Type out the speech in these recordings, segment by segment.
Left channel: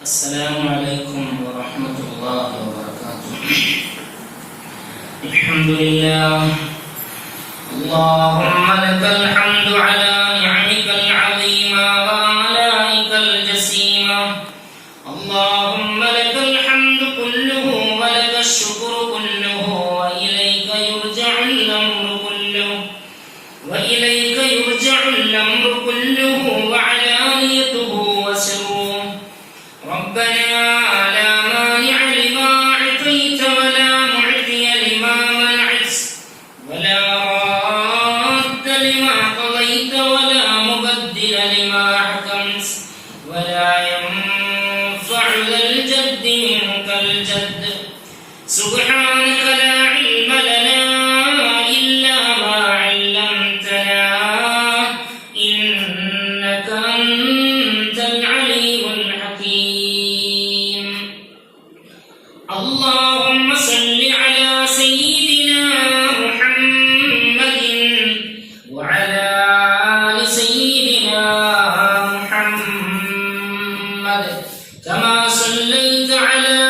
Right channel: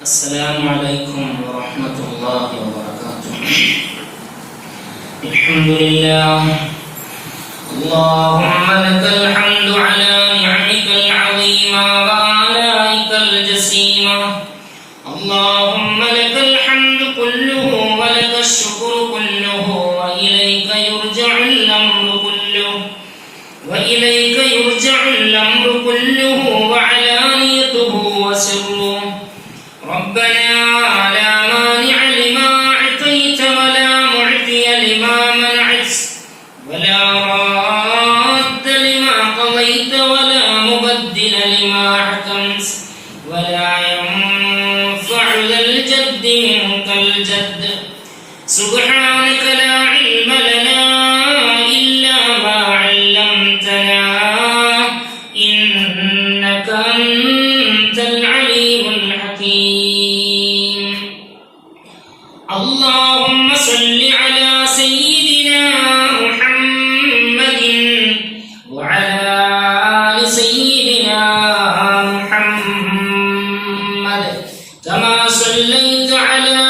السلام عليكم ورحمة الله وبركاته. الحمد لله. اللهم لك الحمد على نعمك العظيمة وآلائك الجسيمة. اللهم لك الحمد كله ولك الشكر كله وإليك يرجع الأمر كله وعلانيته وسره. ربنا لا مانع لما أعطيت ولا معطي لما منعت ولا راد لما قضيت ولا مبدل لما حكمت ولا ينفع ذا الجد منك الجد. سبحانك لا علم لنا إلا ما علمتنا إنك أنت العليم الحكيم. اللهم صل على سيدنا محمد وعلى آل سيدنا محمد كما صليت على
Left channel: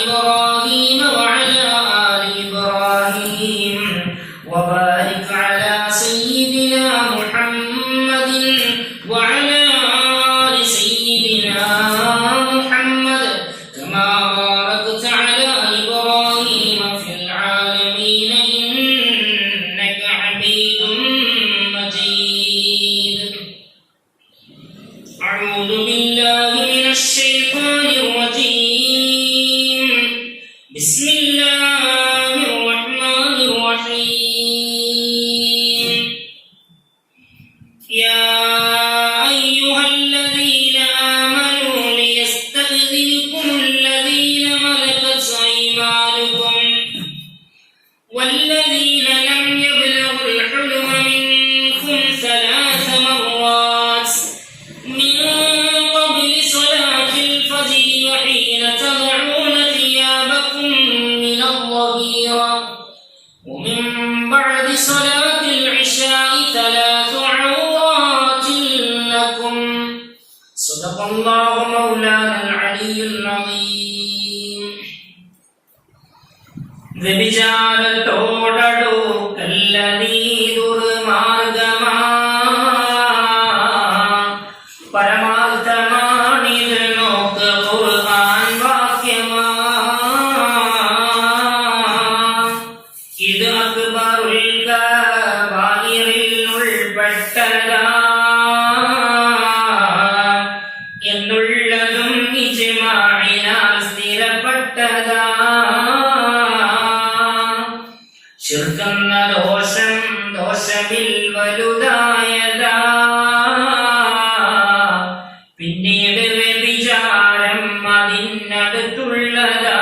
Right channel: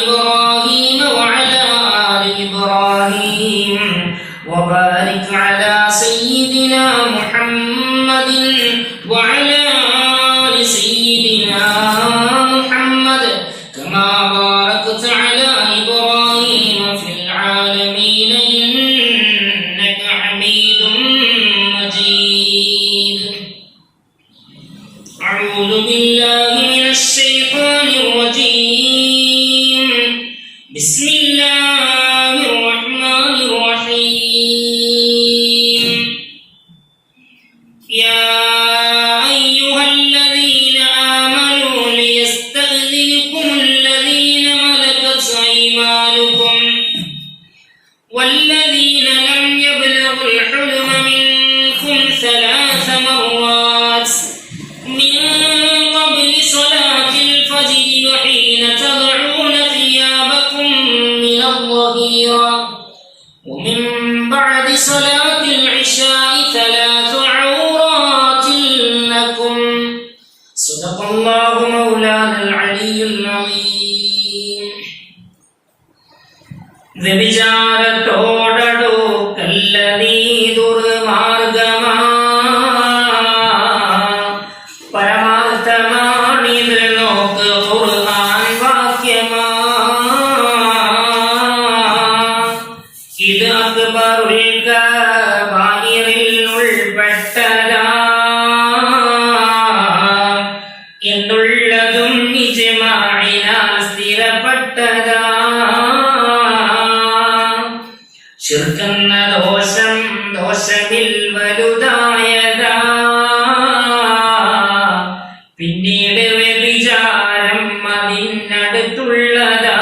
إبراهيم وعلى آل إبراهيم وبارك على سيدنا محمد وعلى آل سيدنا محمد كما باركت على إبراهيم في العالمين إنك حميد مجيد. أعوذ بالله من الشيطان الرجيم. بسم الله الرحمن الرحيم. يا أيها الذين آمنوا ليستأذنكم الذين ملكت أيمانكم والذين لم يبلغوا الحلم منكم 3 مرات من قبل صلاة الفجر وحين تضعون ثيابكم من الظهيرة ومن بعد صلاة العشاء 3 عورات لكم. صدق الله مولانا العلي العظيم. വ്യഭിചാരത്തോടടുക്കല്ലതീ ദുർമാർഗമാ പരമാർത്ഥമാണിത് നോക്ക് ഖുർആൻ വാക്യമാ. ഇത് അക്ബറുൽ കബായിറിൽ ഉൾപ്പെട്ടതാ എന്നുള്ളതും ഇജ്മാഇനാൽ സ്ഥിരപ്പെട്ടതാ. ശിർക്കെന്ന ദോഷമിൽ വലുതായതാ. പിന്നീട് വ്യഭിചാരം അതിനടുത്തുള്ളതാ.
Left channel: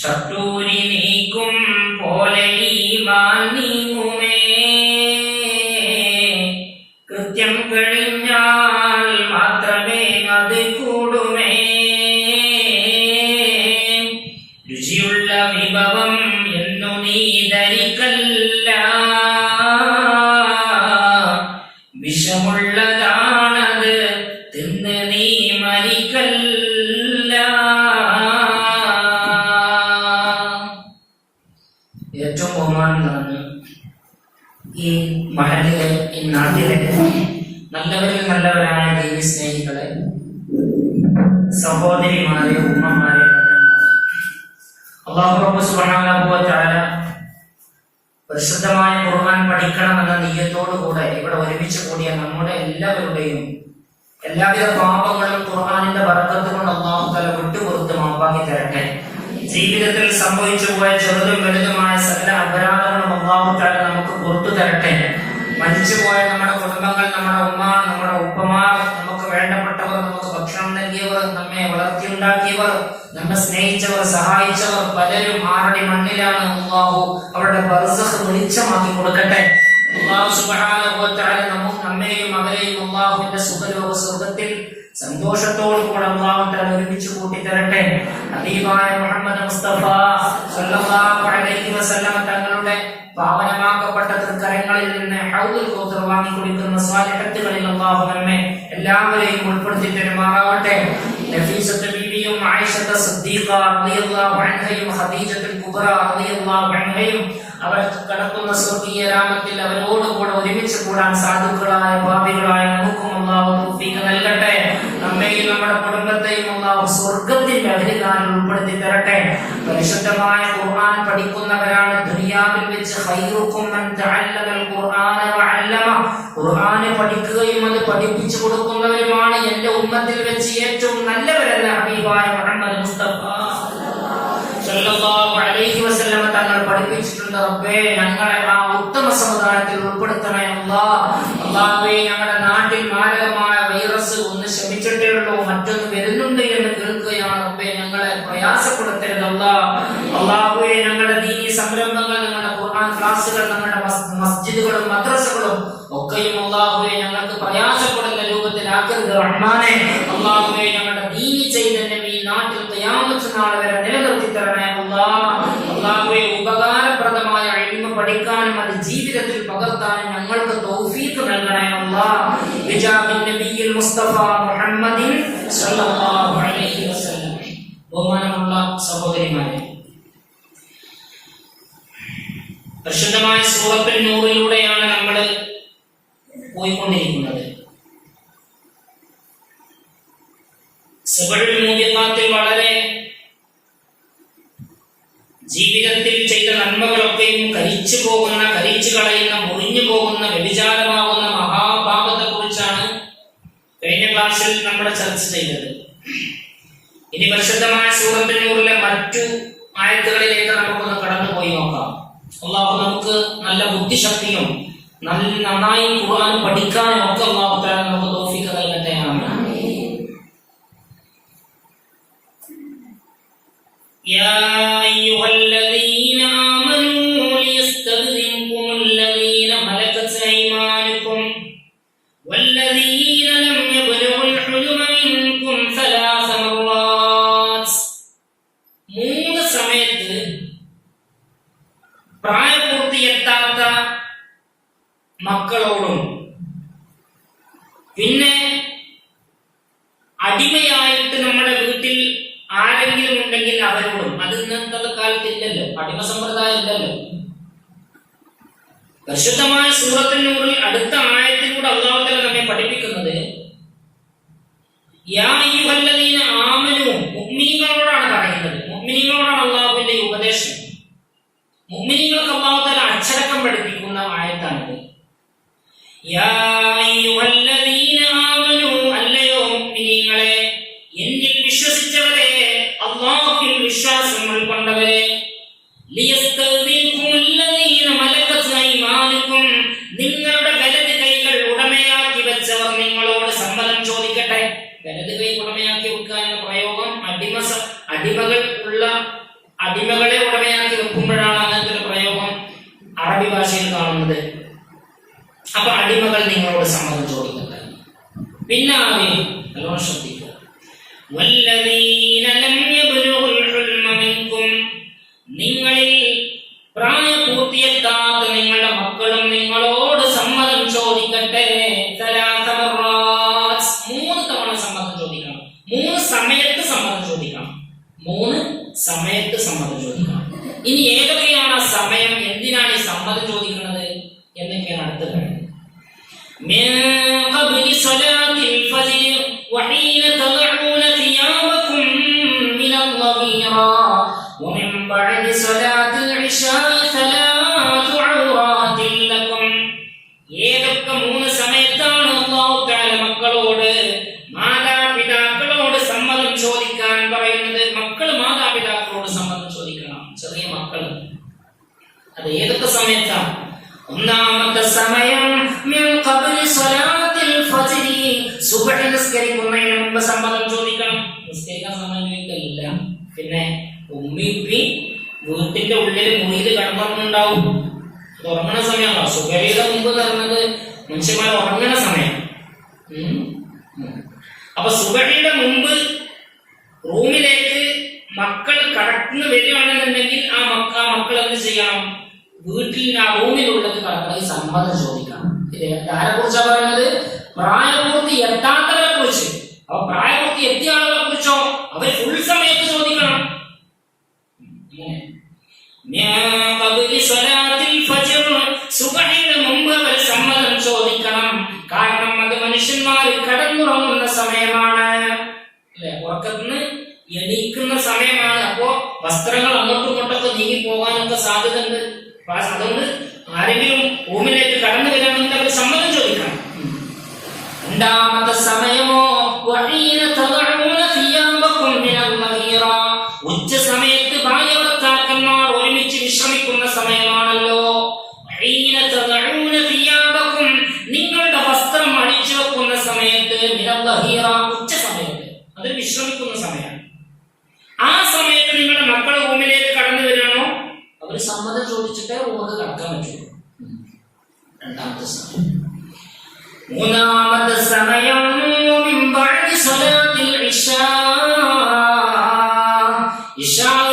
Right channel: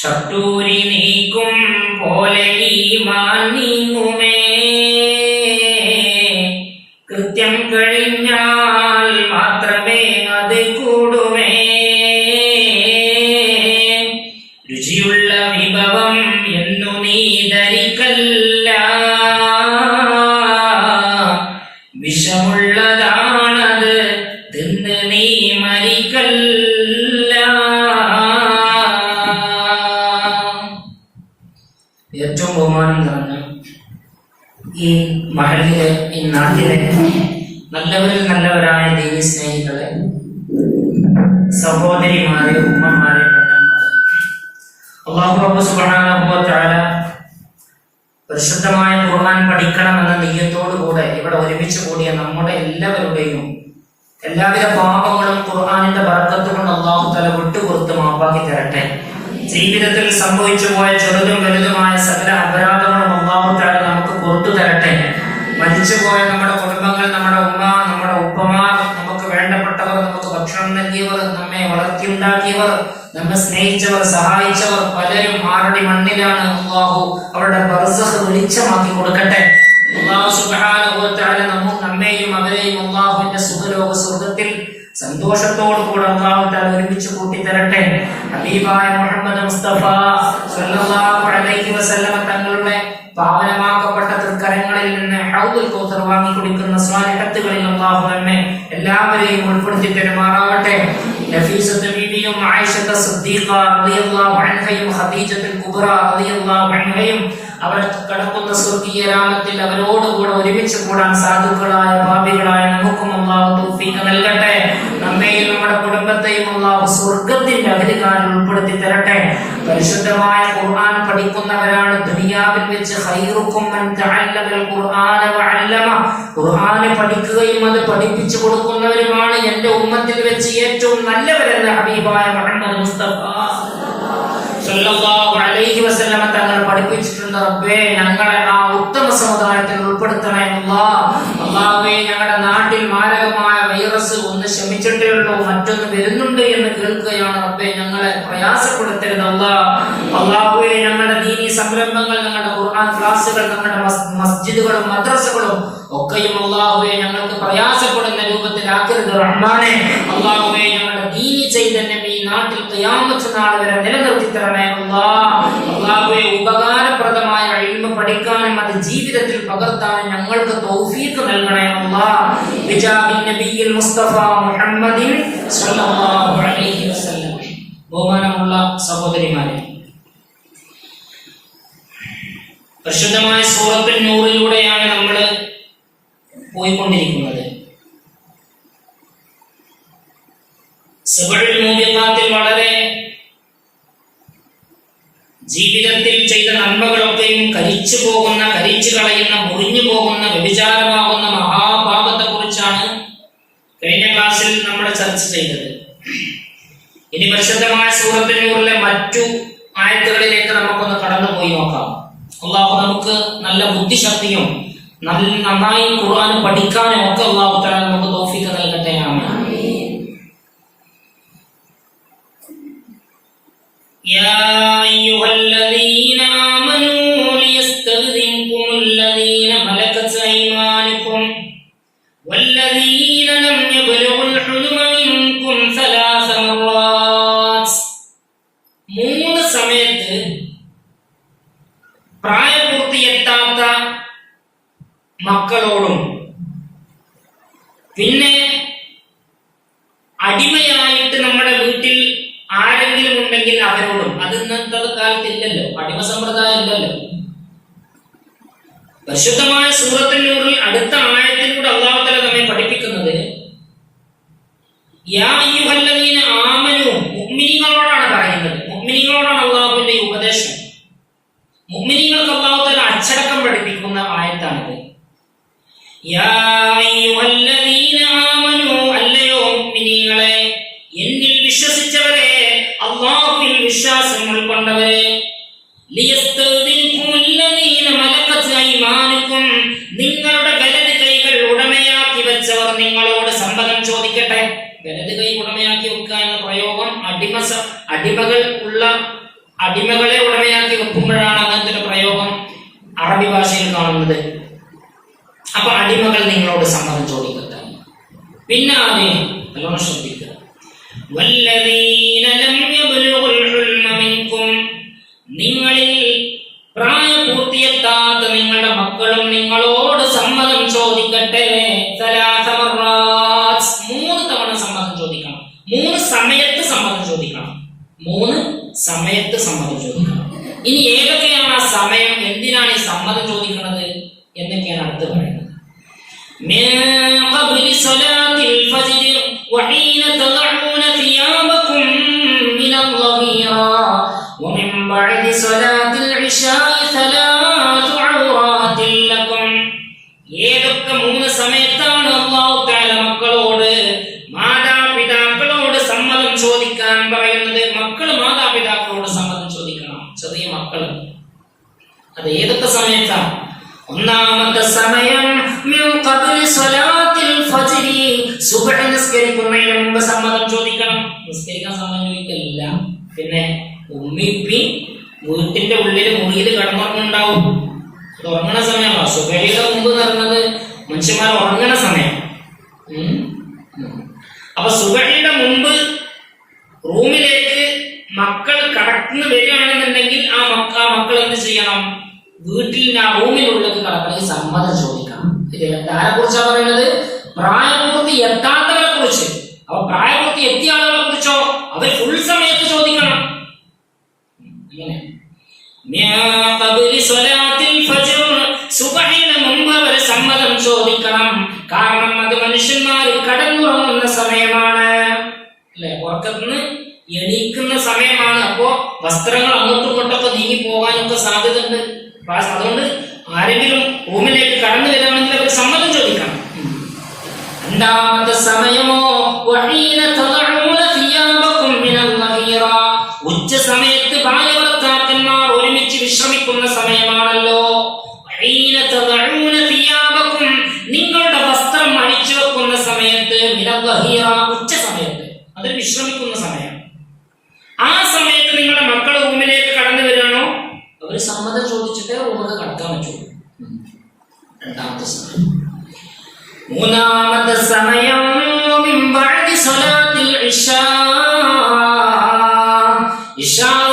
ഷട്ടൂരി നീക്കും പോലെ ഈമാൻ നീങ്ങുമേ. കൃത്യം കഴിഞ്ഞാൽ മാത്രമേ അത് കൂടുമേ. രുചിയുള്ള വിഭവം എന്നു നീ ധരിക്കല്ല. വിഷമുള്ളതാണത് തിന്ന് നീ മരിക്കല്ല. ഏറ്റവും ബഹുമാനം നിറഞ്ഞ ഈ മഹലിലെ ഈ നാട്ടിലെ നല്ലവരിൽ നല്ലവരായ ദൈവ സ്നേഹികളെ, സഹോദരിമാരെ, ഉമ്മമാരെ, അല്ലാഹു റബ്ബ് സുബ്ഹാനഹു വ തആല പരിശുദ്ധമായ ഖുർആൻ പഠിക്കണമെന്ന നിയ്യത്തോടുകൂടെ ഇവിടെ ഒരുമിച്ച് കൂടിയ നമ്മുടെ എല്ലാവരുടെയും എല്ലാവിധ പാപങ്ങളും ഖുർആനിന്റെ ബർക്കത്ത് കൊണ്ട് അല്ലാഹു തആല വിട്ടുപുറത്ത് മാപ്പാക്കി തരട്ടെ. ജീവിതത്തിൽ സംഭവിച്ചു പോയ ചെറുതും വലുതുമായ സകല അപരാധങ്ങളും അല്ലാഹു തആല നമുക്ക് പുറത്തു തരട്ടെ. മരിച്ചുപോയ നമ്മുടെ കുടുംബങ്ങൾ, നമ്മുടെ ഉമ്മ, നമ്മുടെ ഉപ്പമാർ, നമുക്ക് വേണ്ടപ്പെട്ടവർ, നമുക്ക് ഭക്ഷണം നൽകിയവർ, നമ്മെ വളർത്തിയുണ്ടാക്കിയവർ, നമ്മെ സ്നേഹിച്ചവർ, സഹായിച്ചവർ പലരും ആറടി മണ്ണിലാണ്. അല്ലാഹു അവരുടെ ബർസഖ് വെളിച്ചമാക്കി കൊടുക്കട്ടെ. അല്ലാഹു സുബ്ഹാനഹു വ തആല നമ്മെയും അവരെയും അല്ലാഹുവിന്റെ സുഖലോക സ്വർഗ്ഗത്തിൽ സന്തോഷത്തോടുകൂടെ അല്ലാഹു തആല ഒരുമിച്ച് കൂട്ടിത്തരട്ടെ. ഹബീബായ മുഹമ്മദ് മുസ്തഫ സ്വല്ലല്ലാഹു അലൈഹി വസല്ലം തങ്ങളുടെ പാവനമാക്കപ്പെട്ട തൃക്കരങ്ങളിൽ നിന്ന് ഹൗദുൽ കൗസർ വാങ്ങി കുടിക്കുന്ന സ്വാലിഹത്തുകളിൽ അല്ലാഹു നമ്മെ എല്ലാവരെയും ഉൾപ്പെടുത്തി പെരുമാറാട്ടെ. നഫീസത്ത് ബീവിയും ആയിഷത്ത് സിദ്ദീഖ റളിയല്ലാഹു അൻഹയും ഖദീജത്തുൽ കുബ്ര റളിയല്ലാഹു അൻഹയും അവർ കടക്കുന്ന സ്വർഗീയ രാമത്തിൽ അവരോടുകൂടെ ഒരുമിച്ച് കൂടാൻ സാധുക്കളായ പാപികളായ നമുക്കും അല്ലാഹു തൗഫീഖ് നൽകട്ടെ. നമ്മെയും നമ്മുടെ കുടുംബത്തെയും അല്ലാഹു സ്വർഗ്ഗത്തിന്റെ അധികാരിൽ ഉൾപ്പെടുത്തി തരട്ടെ. പരിശുദ്ധമായ ഖുർആൻ പഠിക്കുന്നവരാണ് ദുനിയാവിൽ വെച്ച് ഖൈറുക്കും മൻ തഅല്ലമൽ ഖുർആന വഅല്ലമ. ഖുർആൻ പഠിക്കുകയും അത് പഠിപ്പിച്ചു കൊടുക്കുന്നവരുമാണ് എന്റെ ഉമ്മത്തിൽ വെച്ച് ഏറ്റവും നല്ലവരെന്ന ഹബീബായ മുഹമ്മദ് മുസ്തഫ സല്ലല്ലാഹു അലൈഹി വസല്ലം തങ്ങൾ പഠിപ്പിച്ചിട്ടുണ്ട്. റബ്ബേ, ഞങ്ങളെ ആ ഉത്തമ സമുദായത്തിൽ ഉൾപ്പെടുത്തണേ അല്ലാഹുവേ. ഞങ്ങളുടെ നാട്ടിൽ മാരകമായ വൈറസ് ഒന്ന് ശമിച്ചിട്ടേ ഉള്ളൂ, മറ്റൊന്ന് വരുന്നുണ്ട് എന്ന് കേൾക്കുകയാണ്. റബ്ബേ, ഞങ്ങളെ പ്രയാസപ്പെടുത്തരുത് അല്ലാഹുവേ. ഞങ്ങളുടെ ദീനി സംരംഭങ്ങൾ, ഞങ്ങളുടെ ഖുർആൻ ക്ലാസുകൾ, ഞങ്ങളുടെ മസ്ജിദുകളും മദ്രസകളും ഒക്കെയും അല്ലാഹുവേ ഞങ്ങൾക്ക് പ്രയാസപ്പെടുന്ന രൂപത്തിലാക്കരുത് റഹ്മാനെ. അല്ലാഹുവേ, ഞങ്ങളുടെ ദീനി ചൈതന്യം ഈ നാട്ടിൽ ഖിയാമത്ത് നാൾ വരെ നിലനിർത്തി തരണേ അല്ലാഹുവേ. ഉപകാരപ്രദമായ ഇൽമ പഠിക്കാനും അത് ജീവിതത്തിൽ പകർത്താനും ഞങ്ങൾക്ക് തൗഫീഖ് നൽകണേ അല്ലാഹ്. ബിജാഹിൻ നബിയിൽ മുസ്തഫ മുഹമ്മദിൻ സല്ലല്ലാഹു അലൈഹി വസല്ലം. ബഹുമാനമുള്ള സഹോദരിമാരെ, പരിശുദ്ധമായ സൂറത്തുൽ നൂറിലൂടെയാണ് നമ്മൾ പോയിക്കൊണ്ടിരിക്കുന്നത്. സബഉൽ മൂബിഖാത്തിൽ വളരെ ജീവിതത്തിൽ ചെയ്ത നന്മകളൊക്കെയും കരിച്ചു കളയുന്ന, മുറിഞ്ഞു പോകുന്ന, വ്യഭിചാരമാകുന്ന മഹാപാപത്തെ കുറിച്ചാണ് കഴിഞ്ഞ ക്ലാസ്സിൽ നമ്മൾ ചർച്ച ചെയ്തത്. ഇനി പരിശുദ്ധമായ സൂറത്തുൽ നൂറിലെ മറ്റു ആയത്തുകളിലേക്ക് നമുക്കൊന്ന് കടന്നുപോയി നോക്കാം. അല്ലാഹു നമുക്ക് നല്ല ബുദ്ധിശക്തിയും നന്നായി ഖുർആൻ പഠിക്കാനും ഒക്കെ അല്ലാഹു തആല നമുക്ക് തൗഫീഖ് നൽകട്ടെ. ആമീൻ. യാ അയ്യുഹല്ലദീന ആമനൂ ലിയസ്തഗ്ദിൻകുമുല്ലദീന മലകത് അയ്മാനുകും വല്ലദീന ലം യബ്ലുഗുൽ ഹുലുമ മിൻകും സലാസ മറാത്ത്. 3 സമയത്ത് പ്രായപൂർത്തിയെത്താത്ത മക്കളോടും പിന്നെ അടിമയായിട്ട് നമ്മുടെ വീട്ടിൽ ആരെങ്കിലും ഉണ്ടെങ്കിൽ അവരോടും. അത് ഇന്നത്തെ കാലത്തില്ലല്ലോ, അടിമ സമ്പ്രദായം ഇല്ലല്ലോ. പരിശുദ്ധമായ സൂറത്തുൽ നൂറിൽ അടുത്ത ആയത്തിലൂടെ അല്ലാഹു തആല നമ്മെ പഠിപ്പിക്കുന്നത് യാ അയ്യുഹല്ലദീന ആമനൂ, മുഅ്മിനീങ്ങളോടാണ് പറയുന്നത്. മുഅ്മിനീങ്ങളോടാണ് അല്ലാഹുവിന്റെ ഉപദേശം. മുഅ്മിനീങ്ങൾക്ക് അല്ലാഹു തആല അച്ചടക്കം പഠിപ്പിക്കുന്ന ആയത്താണിത്. യാ അയ്യുഹല്ലദീന ആമനൂ, അല്ലയോ മുഅ്മിനീങ്ങളെ, എന്നിൽ വിശ്വസിച്ചവരെ, അല്ലാഹുവിൽ വിശ്വാസം ഉൾക്കൊണ്ടവരെ, ലിയസ്തഗ്ദിൻകുമുല്ലദീന മലകത് അയ്മാനുകും, നിങ്ങളുടെ വലത് കൈകൾ ഉടമയാക്കി വെച്ചവർ നിങ്ങളോട് സമ്മതം ചോദിക്കട്ടെ. വലത് കൈ ഉടമയാക്കി വെക്കുക എന്ന പ്രയോഗം അടിമകളെ ഉടമയാക്കി വെക്കുമ്പോഴാണ് അങ്ങനത്തെ ഒരു പ്രയോഗം അറബി ഭാഷയിൽ കാണുന്നത്. അപ്പൊ അടിമകൾ നിങ്ങളോട് സമ്മതം ചോദിക്കട്ടെ. പിന്നെ നല്ലോണം ശ്രദ്ധിക്കുക. വല്ലദീന ലം യബ്ലുഗുൽ ഹുൽമ മിൻകും, നിങ്ങളിൽ പ്രായപൂർത്തിയെത്താത്ത നിങ്ങളുടെ മക്കളും നിങ്ങളോട് സമ്മതം ചോദിക്കട്ടെ. സലാസ മറാത്ത്, 3 തവണ സമ്മതം ചോദിക്കണം. 3 സമയത്ത് സമ്മതം ചോദിക്കണം. 3 സമയത്ത് സമ്മതം ചോദിക്കണം. ഇനി ഏതൊക്കെയാണ് ആ സമയം, എന്തിനാണ് ഈ സമ്മതം ചോദിക്കുന്നത് എന്നൊക്കെയാണ് അടുത്ത് പറയുന്നത്. മിൻ ഖബ്ലി സ്വലാത്തിൽ ഫജ്ർ വഹീന തദഊന സിയാബകും മിനൽ ളഗീറ വമിൻ ബഅദി സ്വലാത്തിൽ ഇശാഇ സലാത്തു ഔറാത്തിൽ ലക്കും. ഏതൊക്കെ 3 സമയത്താണ് അല്ലാഹു തആല മക്കളോട്, മാതാപിതാക്കളോട് സമ്മതം ചോദിക്കാൻ പറയുന്നത്. മക്കൾ മാതാപിതാക്കളോട് സമ്മതം ചോദിക്കണം, ചെറിയ മക്കൾ. അത് ഏതൊക്കെ സമയത്താണ്? ഒന്നാമത്തെ സമയം മിൻ ഖബ്ലി സ്വലാത്തിൽ ഫജ്ർ, സുബ്ഹ് നിസ്കരിക്കുന്നതിന് മുമ്പ് സമ്മതം ചോദിക്കണം. നിസ്കരിക്കാൻ സമയം ചോദിക്കില്ല. പിന്നെ ഉമ്മിപ്പി വീട്ടിന്റെ ഉള്ളിൽ മുറിയിൽ കടന്നുറങ്ങുന്നുണ്ടാവും. അത് ഉറങ്ങുന്ന സമയമാണോ? സുബ്ഹിയുടെ മുമ്പ് നടന്നത് മനുഷ്യന്മാർ ഉറങ്ങുന്ന സമയം. അപ്പൊ സുബ്ഹിയുടെ മുമ്പ് റൂമിലേക്ക് മക്കൾ കടന്നു വരികയാണെന്നുണ്ടെങ്കിൽ ആ മക്കൾ എന്ത് ചെയ്യണം? വീട്ടിൽ ആ റൂമിലുള്ളത് കടക്കണമെങ്കിൽ സമ്മതം ചോദിക്കണം. ഇത് ആരെ കുറിച്ചാണ് പറയുന്നത്? പ്രായപൂർത്തി എത്താത്തവരെ അത് മനുഷ്യന്മാർ കടന്നുറങ്ങുന്ന സമയമാണ്, അല്ലെ? ഉറക്കത്തിന് എണീക്കുന്ന സമയമാണ്. അപ്പോ വസ്ത്രങ്ങൾ അങ്ങോട്ടും ഇങ്ങോട്ടൊക്കെ നീങ്ങി പോകാനൊക്കെ സാധ്യത ഉണ്ട്. അതുകൊണ്ട് ആരെങ്കിലും റൂമിലേക്ക് കടന്നു വരികയാണെങ്കിൽ അവർ സമ്മതം ചോദിക്കണം. രണ്ടാമത്തെ സമയമോ ഉച്ച സമയത്ത് ഭാര്യ ഭർത്താക്കന്മാർ ഒരുമിച്ച് വിശ്രമിക്കുന്ന സമയമാണല്ലോ. നിങ്ങളുടെ വസ്ത്രം അഴിച്ചു വെക്കുന്ന സമയത്ത്, ഉച്ച സമയത്ത്, അതൊരു വിശ്രമിക്കുന്ന സമയം. ആ സമയത്ത് നിങ്ങളുടെ മക്കൾ റൂമിലേക്ക് കടന്നു വരികയാണോ, അവർ സമ്മതം ചോദിച്ചിട്ടേ റൂമിൽ കടക്കാൻ പറ്റുള്ളൂ. രണ്ടാമത്തെ സമയം. മൂന്നാമത്തെ സമയം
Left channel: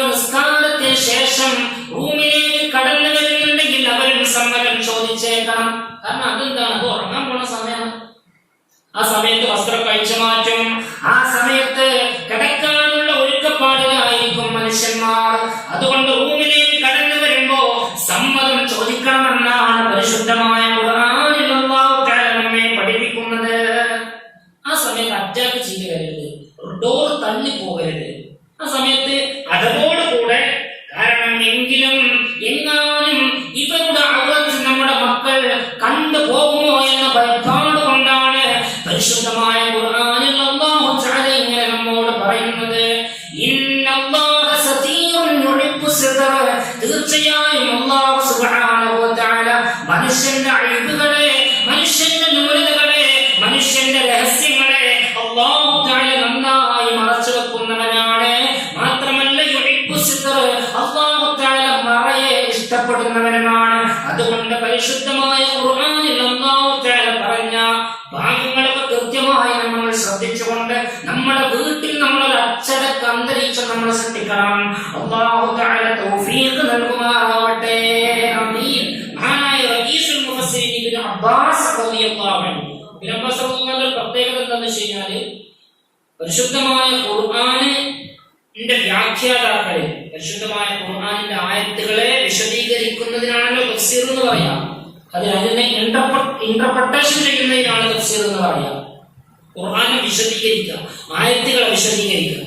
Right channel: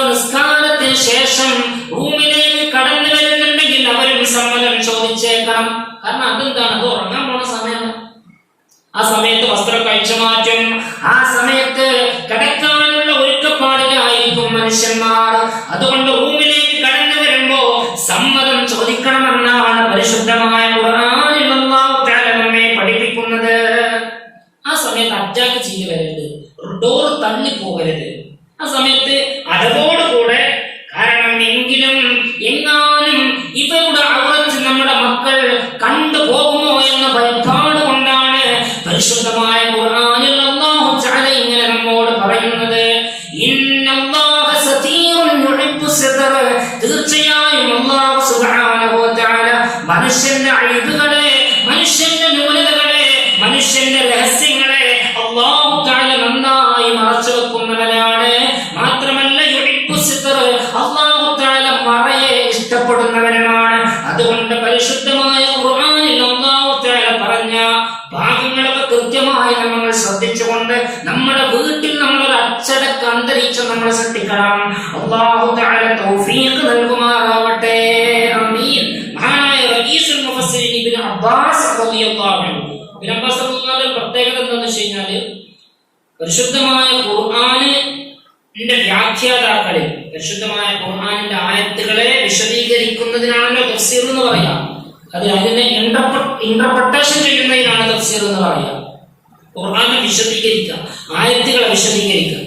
നിസ്കാരത്തിന് ശേഷം റൂമിലേക്ക് കടന്നു വരുന്നുണ്ടെങ്കിൽ അവരും സമ്മതം ചോദിച്ചേക്കണം. കാരണം അതെന്താണ്, അത് ഉറങ്ങാൻ പോണ സമയമാണ്. ആ സമയത്ത് വസ്ത്രം കഴിച്ചു മാറ്റും. ആ സമയത്ത് കിടക്കാനുള്ള ഒരുക്കപ്പാടിലായിരിക്കും മനുഷ്യന്മാർ. അതുകൊണ്ട് റൂമിലേക്ക് കടന്നു വരുമ്പോ സമ്മതം ചോദിക്കണമെന്നാണ് പരിശുദ്ധമായ ഖുർആനിൽ അല്ലാഹു തആല നമ്മെ പഠിപ്പിക്കുന്നത്. ആ സമയത്ത് അറ്റാക്ക് ചെയ്ത് വരരുത്, ഡോർ തള്ളി പോകരുത്. ആ സമയത്ത് അതോടുകൂടെ, കാരണം എങ്ങാനും ഇവരുടെ ഔറത്ത് നമ്മുടെ മക്കൾ കണ്ടുപോകുമോ എന്ന ഭയപ്പാട് കൊണ്ടാണ് പരിശുദ്ധമായ ഖുർആനിൽ അല്ലാഹു തആല ഇങ്ങനെ നമ്മോട് പറയുന്നത്. ഇന്നല്ലാഹ സതീറുൻ യുഹിബ്ബു സിദ്റ. തീർച്ചയായും അല്ലാഹു സുബ്ഹാനഹു വ തആല മനുഷ്യന്റെ അയ്ബുകളെ, മനുഷ്യന്റെ ന്യൂനതകളെ, മനുഷ്യന്റെ രഹസ്യങ്ങളെ അല്ലാഹു തആല നന്നായി മറച്ചു വെക്കുന്നവനാണ്. മാത്രമല്ല യുഹിബ്ബു സിദ്റ, അല്ലാഹു തആല മറയെ ഇഷ്ടപ്പെടുന്നവനാണ്. അതുകൊണ്ട് പരിശുദ്ധമായ ഖുർആനിൽ അല്ലാഹു തആല പറഞ്ഞ ഭാഗങ്ങളൊക്കെ കൃത്യമായി നമ്മൾ ശ്രദ്ധിച്ചുകൊണ്ട് നമ്മുടെ വീട്ടിൽ നമ്മളൊരു അച്ചടക്ക അന്തരീക്ഷം നമ്മൾ സൃഷ്ടിക്കണം. അല്ലാഹു തആല തൗഫീഖ് നൽകുമാറാവട്ടെ. ആമീൻ. മഹാനായ റഈസുൽ മുഫസ്സിരീൻ ഇബ്നു അബ്ബാസ് റളിയല്ലാഹു അൻഹു, ഇബ്നു അബ്ബാസ് റളിയല്ലാഹു അൻഹു പ്രത്യേകത എന്താണെന്ന് വെച്ച് കഴിഞ്ഞാൽ, പരിശുദ്ധമായ ഖുർആനിന്റെ വ്യാഖ്യാതാക്കളിൽ പരിശുദ്ധമായ ഖുർആനിന്റെ ആയത്തുകളെ വിശദീകരിക്കുന്നതിനാണല്ലോ തഫ്സീർ എന്ന് പറയുക. അതിനെ ഇന്റർപ്രിട്ടേഷൻ ചെയ്യുന്നതിനാണ് തഫ്സീർ എന്ന് പറയുക. ഖുർആനെ വിശദീകരിക്കുക, ആയത്തുകളെ വിശദീകരിക്കുക.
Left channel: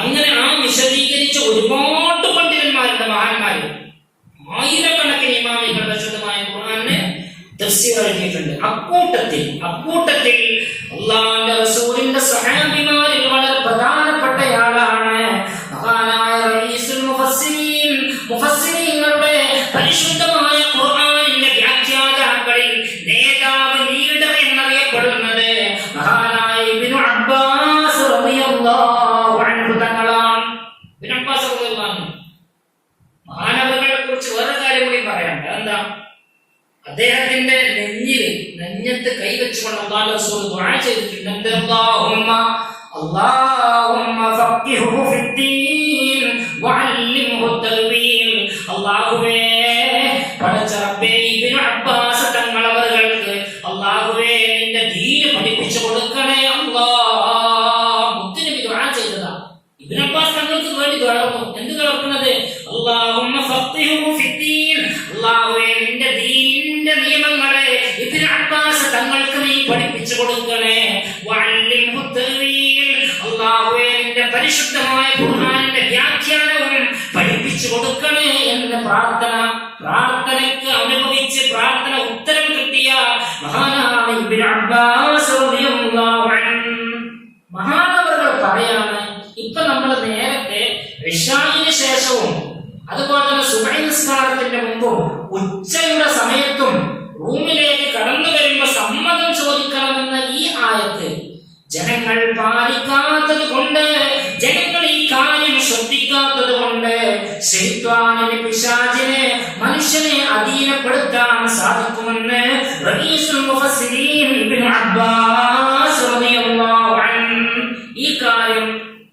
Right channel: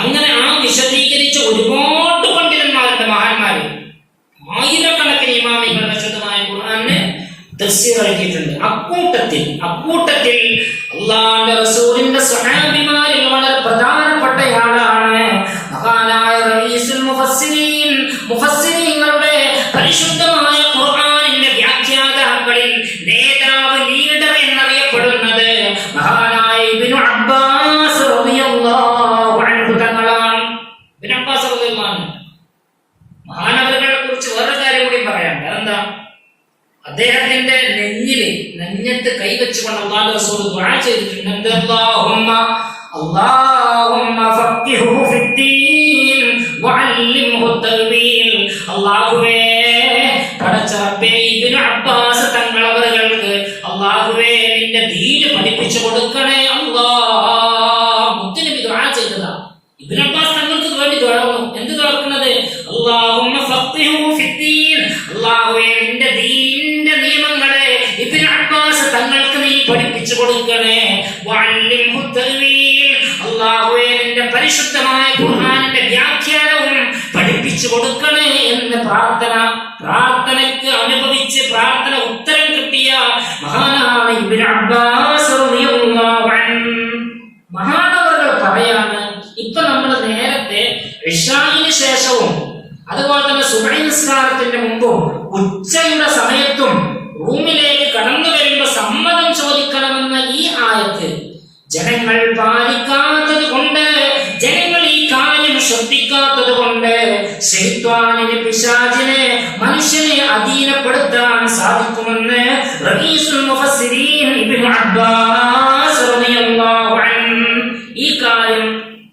അങ്ങനെ ആ വിശദീകരിച്ച ഒരുപാട് പണ്ഡിതന്മാരുണ്ട്, മഹാന്മാര്, ആയിരക്കണക്കിന് ഇമാമികൾ പരിശുദ്ധമായ ഖുർആനെ തഫ്സീർ എഴുതിയിട്ടുണ്ട്. അക്കൂട്ടത്തിൽ അല്ലാഹുവിന്റെ റസൂലിന്റെ സ്വഹാബിമാരിൽ വളരെ പ്രധാനപ്പെട്ടയാളാണ് മഹാനായ റഈസുൽ മുഫസ്സിരീൻ. മുഫസ്സിരീങ്ങളുടെ പരിശുദ്ധമായ ഖുർആനിന്റെ വ്യാഖ്യാതാക്കളിൽ നേതാവ്, ലീഡർ എന്നറിയപ്പെടുന്നത് മഹാനായ ഇബ്നു അബ്ബാസ് റളിയല്ലാഹു അൻഹു തങ്ങളാണ്. ഇബ്നു അബ്ബാസ് റളിയല്ലാഹു അൻഹു മഹാനവറുകളെ കുറിച്ച് വേറെ കാര്യം കൂടി പറയാം. അതെന്താ, അദ്ദേഹത്തിന്റെ നെഞ്ഞത്ത് കൈവച്ചുകൊണ്ട് അല്ലാഹു റസൂൽ ദുആ ചെയ്തിട്ടുണ്ട്. അല്ലാഹുമ്മ ഫഖിഹു ഫിദ്ദീൻ വഅല്ലിംഹു തൽവീൽ. അല്ലാഹുവേ, പടച്ച റബ്ബേ, ഇബ്നു അബ്ബാസ് തങ്ങളവർക്ക് അല്ലാഹുവേ നിന്റെ ദീൻ പഠിപ്പിച്ചു കൊടുക്കണേ അല്ലാഹ്. മുത്തുനബി ദുആ ചെയ്തതാ. ഇബ്നു അബ്ബാസ് തങ്ങൾക്ക് വേണ്ടി ദുആ ചെയ്തു. എന്ത് ദുആക്കുന്നത്? അല്ലാഹുമ്മ ഫഖിഹു ഫിദ്ദീൻ. അല്ലാഹുവേ നിന്റെ ദീനിന്റെ നിയമങ്ങളെ ഇബ്നു അബ്ബാസ് തങ്ങൾക്ക് നീ പഠിപ്പിച്ചു കൊടുക്കണേ. വഅല്ലിംഹു തൽവീൽ. അല്ലാഹുവേ നിന്റെ പരിശുദ്ധമായ ഖുർആനിന്റെ വ്യാഖ്യാനവും പഠിപ്പിച്ചു കൊടുക്കണേ എന്ന് പ്രാർത്ഥനയ്ക്ക് അനുഭവിച്ച് പ്രാർത്ഥന ഉത്തരം കിട്ടിയ മഹാനാണ് ഇബ്നു അബ്ബാസ് റളിയല്ലാഹു അൻഹു. മഹാനവറുകൾ പറയാണ്, ഇപ്പൊ നമ്മൾ നേരത്തെ ഇശാഇന് ശേഷവും അതുപോലെ തന്നെ സുബ്ഹി നിസ്കാരത്തിന്റെ മുമ്പും ഉച്ചയുടെ സമയത്തും റൂമിലേക്ക് കടന്നു വരുമ്പോ സമ്മതം ചോദിക്കണമെന്ന ഈ ആയത്ത് ജനങ്ങൾ പാലിക്കാത്തത് കൊണ്ട്, ജനങ്ങൾ ഈ കാര്യം ശ്രദ്ധിക്കാത്തത് കൊണ്ട് ശൈത്വാനിനെ, പിശാചിനെ മനുഷ്യനെ അധീനപ്പെടുത്താൻ സാധിക്കുമെന്ന് റഈസുൽ മുഫസ്സിരീൻ ഇബ്നു അബ്ബാസ് റളിയല്ലാഹു അൻഹു. ഈ കാര്യം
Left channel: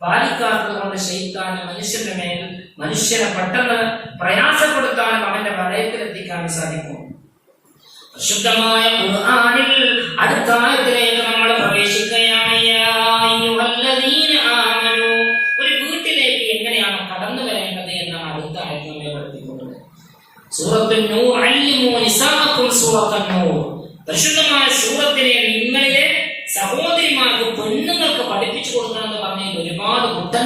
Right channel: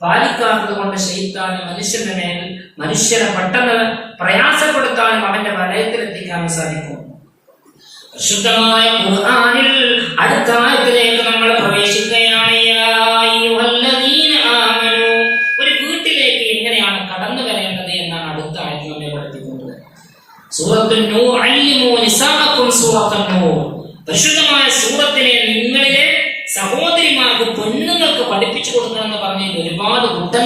പാലിക്കാത്തത് കൊണ്ട് ശൈത്താൻ മനുഷ്യന്റെ മേൽ, മനുഷ്യരെ പെട്ടെന്ന് പ്രയാസപ്പെടുത്താനും അവന്റെ വലയത്തിലെത്തിക്കാനും സാധിക്കും. പരിശുദ്ധമായ ഖുർആനിൽ അടുത്ത ആയത്തിലേക്ക് നമ്മൾ പ്രവേശിക്കുകയാണ്. ഒരു വീട്ടിലേക്ക് എങ്ങനെയാണ് കടന്നു വരേണ്ടത് എന്നാണ് അടുത്ത ആയത്ത് നമ്മെ പഠിപ്പിക്കുന്നത്. സൂറത്തുൻ നൂർ, അല്ലിമൂ നിസാഅക്കും സൂറത്തുൻ നൂർ. പരിശുദ്ധമായ സൂറത്തിനെ നിങ്ങളിൽ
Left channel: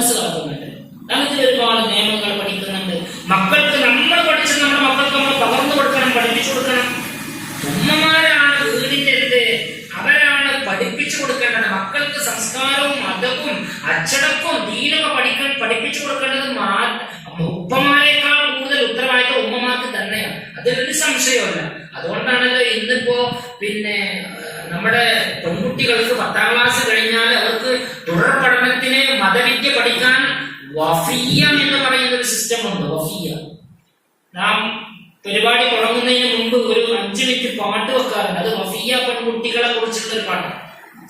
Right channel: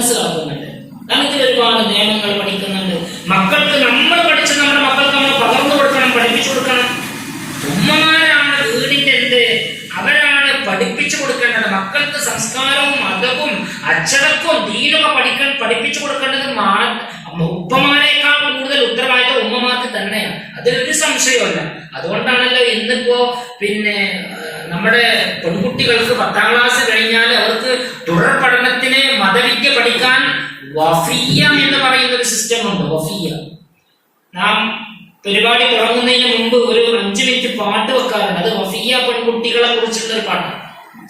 മനസ്സിലാക്കുന്നുണ്ട്. നമുക്ക് ഒരുപാട് നിയമങ്ങൾ പഠിക്കുന്നുണ്ട്. മക്കൾക്ക് നമ്മൾ പഠിച്ച് നമ്മുടെ മക്കൾക്ക് നമ്മൾ പകർന്നു കൊടുക്കണം, പഠിപ്പിച്ചു കൊടുക്കണം. ഉമ്മമാരാണ് വീടിന്റെ എന്ത്, അവരാണ് പഠിപ്പിച്ചു കൊടുക്കേണ്ടത്. മക്കൾക്ക് സംസ്കാരവും മതവും അച്ചടക്കവും ദീനൊക്കെ പഠിപ്പിച്ചു കൊടുക്കേണ്ടത് ഉപ്പമാരെക്കാൾ കൂടുതൽ ഉത്തരവാദിത്തം ഉമ്മമാർക്ക് തന്നെയാണ്. അതിലൊരു സംശയമല്ല. അതുകൊണ്ടാണല്ലോ ഇന്നിപ്പോ നമ്മുടെ പെൺകുട്ടികൾക്ക് 10ാം ക്ലാസ് കഴിഞ്ഞാൽ അവർക്ക് തുടർ പഠനത്തിന് മതവിദ്യ പഠിക്കാൻ വഫിയ എന്ന് പറയുന്ന ഒരു സിസ്റ്റം ഉണ്ട്. വഫിയ, നാം പരിപാടി തുടങ്ങുന്നതിന് മുമ്പ് ഒരു 5 മിനിറ്റ് പാട്ട് വെക്കാറുണ്ട്. അത് വഫിയ പെൺകുട്ടികളെ കുറിച്ചുള്ള ഒരു പാട്ടാണ്.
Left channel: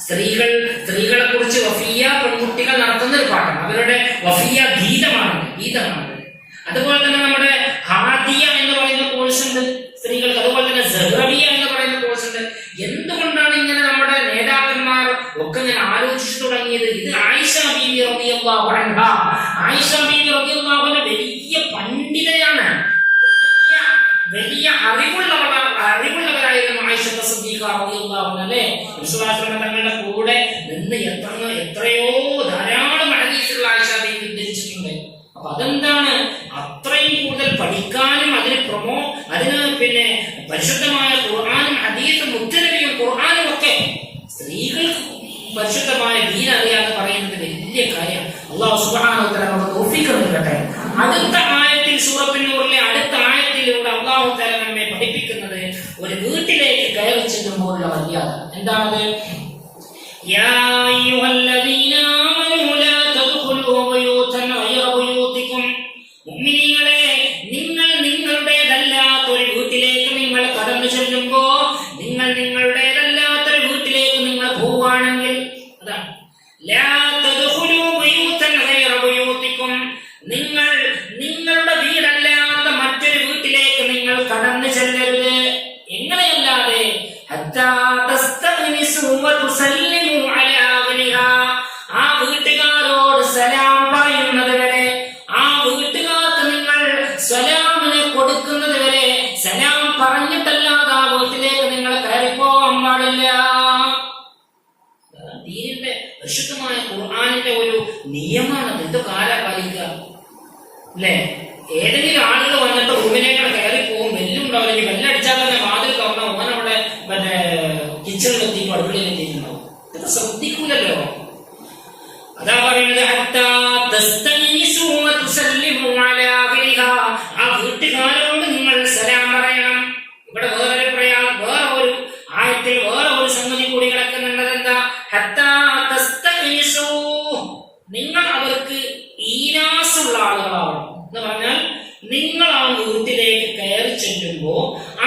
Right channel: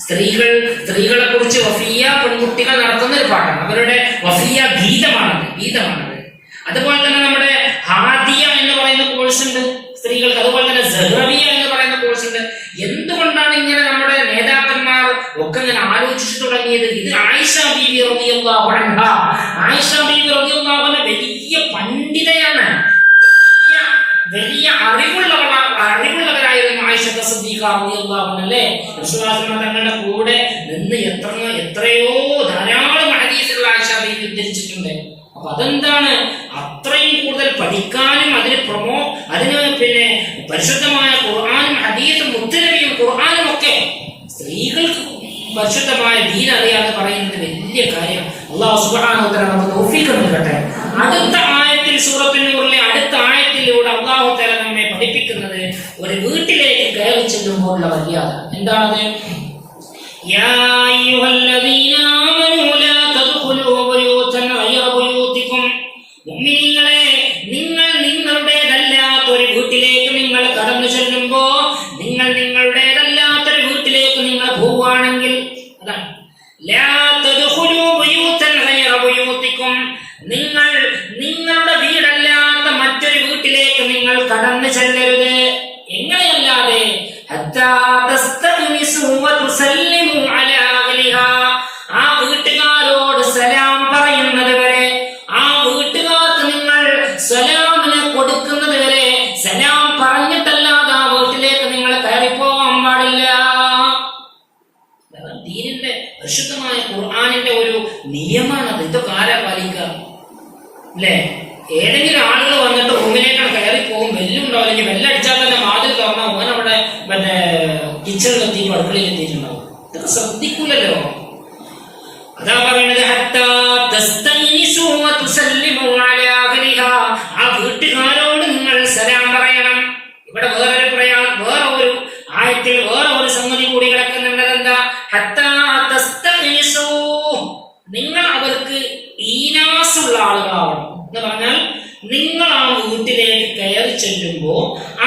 സ്ത്രീകളെ കുറിച്ച് വഫിയ പെൺകുട്ടികൾ നടത്തുന്ന ഒരു പാട്ടാണ്. അവരുടെ വഫിയ ഗീതമാണത്. അതുപോലെ തന്നെ നമ്മുടെ ഹാദിയ എന്ന് പറയുന്ന കോഴ്സ് ഉണ്ട് സ്ത്രീകൾക്ക്. അതുപോലെ തന്നെ സഹറിയ എന്ന് പറയുന്ന കോഴ്സ് ഉണ്ട്. എന്തുകൊണ്ടാണ് ഇങ്ങനെ നമ്മുടെ നേതാക്കന്മാർ ഒക്കെ ഞാൻ ആലോചിച്ചു തുടങ്ങിയത്? ഇത് ആയിഷ ബീവി റളിയല്ലാഹു അൻഹ, ആയിഷ ബീവി റളിയല്ലാഹു അൻഹ വലിയ പണ്ഡിതയാണ്, വലിയ അറിവുള്ളവരായിരുന്നു ആയിഷ സിദ്ദീഖ റളിയല്ലാഹു അൻഹ. അല്ലേ, റസൂലുള്ളാഹി തങ്ങളുടെ കൂടെ നിന്ന് എത്രയോ ധാരാളം ഹദീസുകൾ ആയിഷ ബീവി ഉദ്ധരിച്ചിട്ടുണ്ട്. അപ്പൊ അതെന്താണ്, അത്രയും കൂടുതൽ പഠിക്കാനും അതിന് പരിശുദ്ധമായ ഖുർആനും ഹദീസും മുത്തനബിയും ഖുർആനും ഒക്കെ സ്ത്രീകൾക്ക് പരിശുദ്ധമായ ദീൻ അറിയാന്ന് പറയുന്നത് വലിയ കാര്യം. അല്ലാഹു സുബ്ഹാനഹു വ തആല നമുക്ക് തൗഫീഖ് നൽകട്ടെ. അടുത്ത ആയത്തിൽ, സൂറത്തുൻ നൂറിലെ അടുത്ത ആയത്തിലൂടെ അല്ലാഹു തആല നമ്മെ പഠിപ്പിക്കുന്നത് ഒരു വീട്ടിലേക്ക് കയറി ചെല്ലുമ്പോഴുള്ള മര്യാദ എന്താണത്? യാ അയ്യുഹല്ലദീന ആമനൂ ലാ തദ്ഖുലൂ ബുയൂതൻ ഗൈറ ബുയൂതികും. മുഅ്മിനീങ്ങളെ, നിങ്ങൾ നിങ്ങളുടേതല്ലാത്തൊരു വീട്ടിലേക്ക് നിങ്ങൾ കടന്നു ചെല്ലുമ്പോ, നിങ്ങൾ നിങ്ങളുടേതല്ലാത്തൊരു വീട്ടിലേക്ക് നിങ്ങൾ പോവുകയാണെങ്കിൽ, അതാണ് ലാ തദ്ഖുലൂ ബുയൂതൻ ഗൈറ ബുയൂതികും, നിങ്ങൾ നിങ്ങളുടെ വീടല്ലാത്ത മറ്റൊരു വീട്ടിലേക്ക് നിങ്ങൾ കടന്നു ചെല്ലരുത്. എങ്ങനെയല്ലാതെ? ഹത്താ തസ്തഅനിസു വ തുസല്ലിമു അലാ അഹ്ലിഹാ, ആ വീട്ടുകാരോട് സലാം പറയുന്നത് വരെ, ആ വീട്ടുകാർക്ക് നിങ്ങൾ സലാമിനെ കൊടുക്കുന്നത് വരെ, സലാം പറഞ്ഞിട്ടല്ലാതെ ആ വീട്ടിലേക്ക് നിങ്ങൾ കയറിപ്പോവാൻ പാടില്ല. ദീനിന്റെ പരിശുദ്ധമായ ഖുർആനിന്റെ ഒരു നിയമമാണത്. ഇതൊക്കെ ആരാ പാലിക്കുക? അല്ലേ, ഏതെങ്കിലും ആളുകൾ വന്നിട്ട് റൂമിലേക്കാണ് കയറി പോകും, വെല്ലുണ്ടാവും. അല്ലെങ്കിൽ വെല്ലടിച്ചാൽ തന്നെ വാതിൽ തുറന്നാൽ ഓൻ അവിടെ കിച്ചണിലെത്തിക്കും, അടുക്കളയിലെത്തിയിട്ടുണ്ടാവും. ഇതൊക്കെ ശ്രദ്ധിക്കൂലല്ലോ. അതാ പറയുന്നത് ആ വീട്ടുകാരോട് നിങ്ങൾ സലാം പറയണം. ഇവിടെ വേറൊരു ആയത്തിൽ വേറെ ഒരു സംഗതി കൂടി കിടക്കുന്നുണ്ട്. എന്താ? നിങ്ങൾ അവർക്ക് ഈനാസുള്ള ആളുകളാവണം എന്ന് പറഞ്ഞാൽ, നിങ്ങൾ ആ വീട്ടിലേക്ക് കയറി ചെല്ലുമ്പോ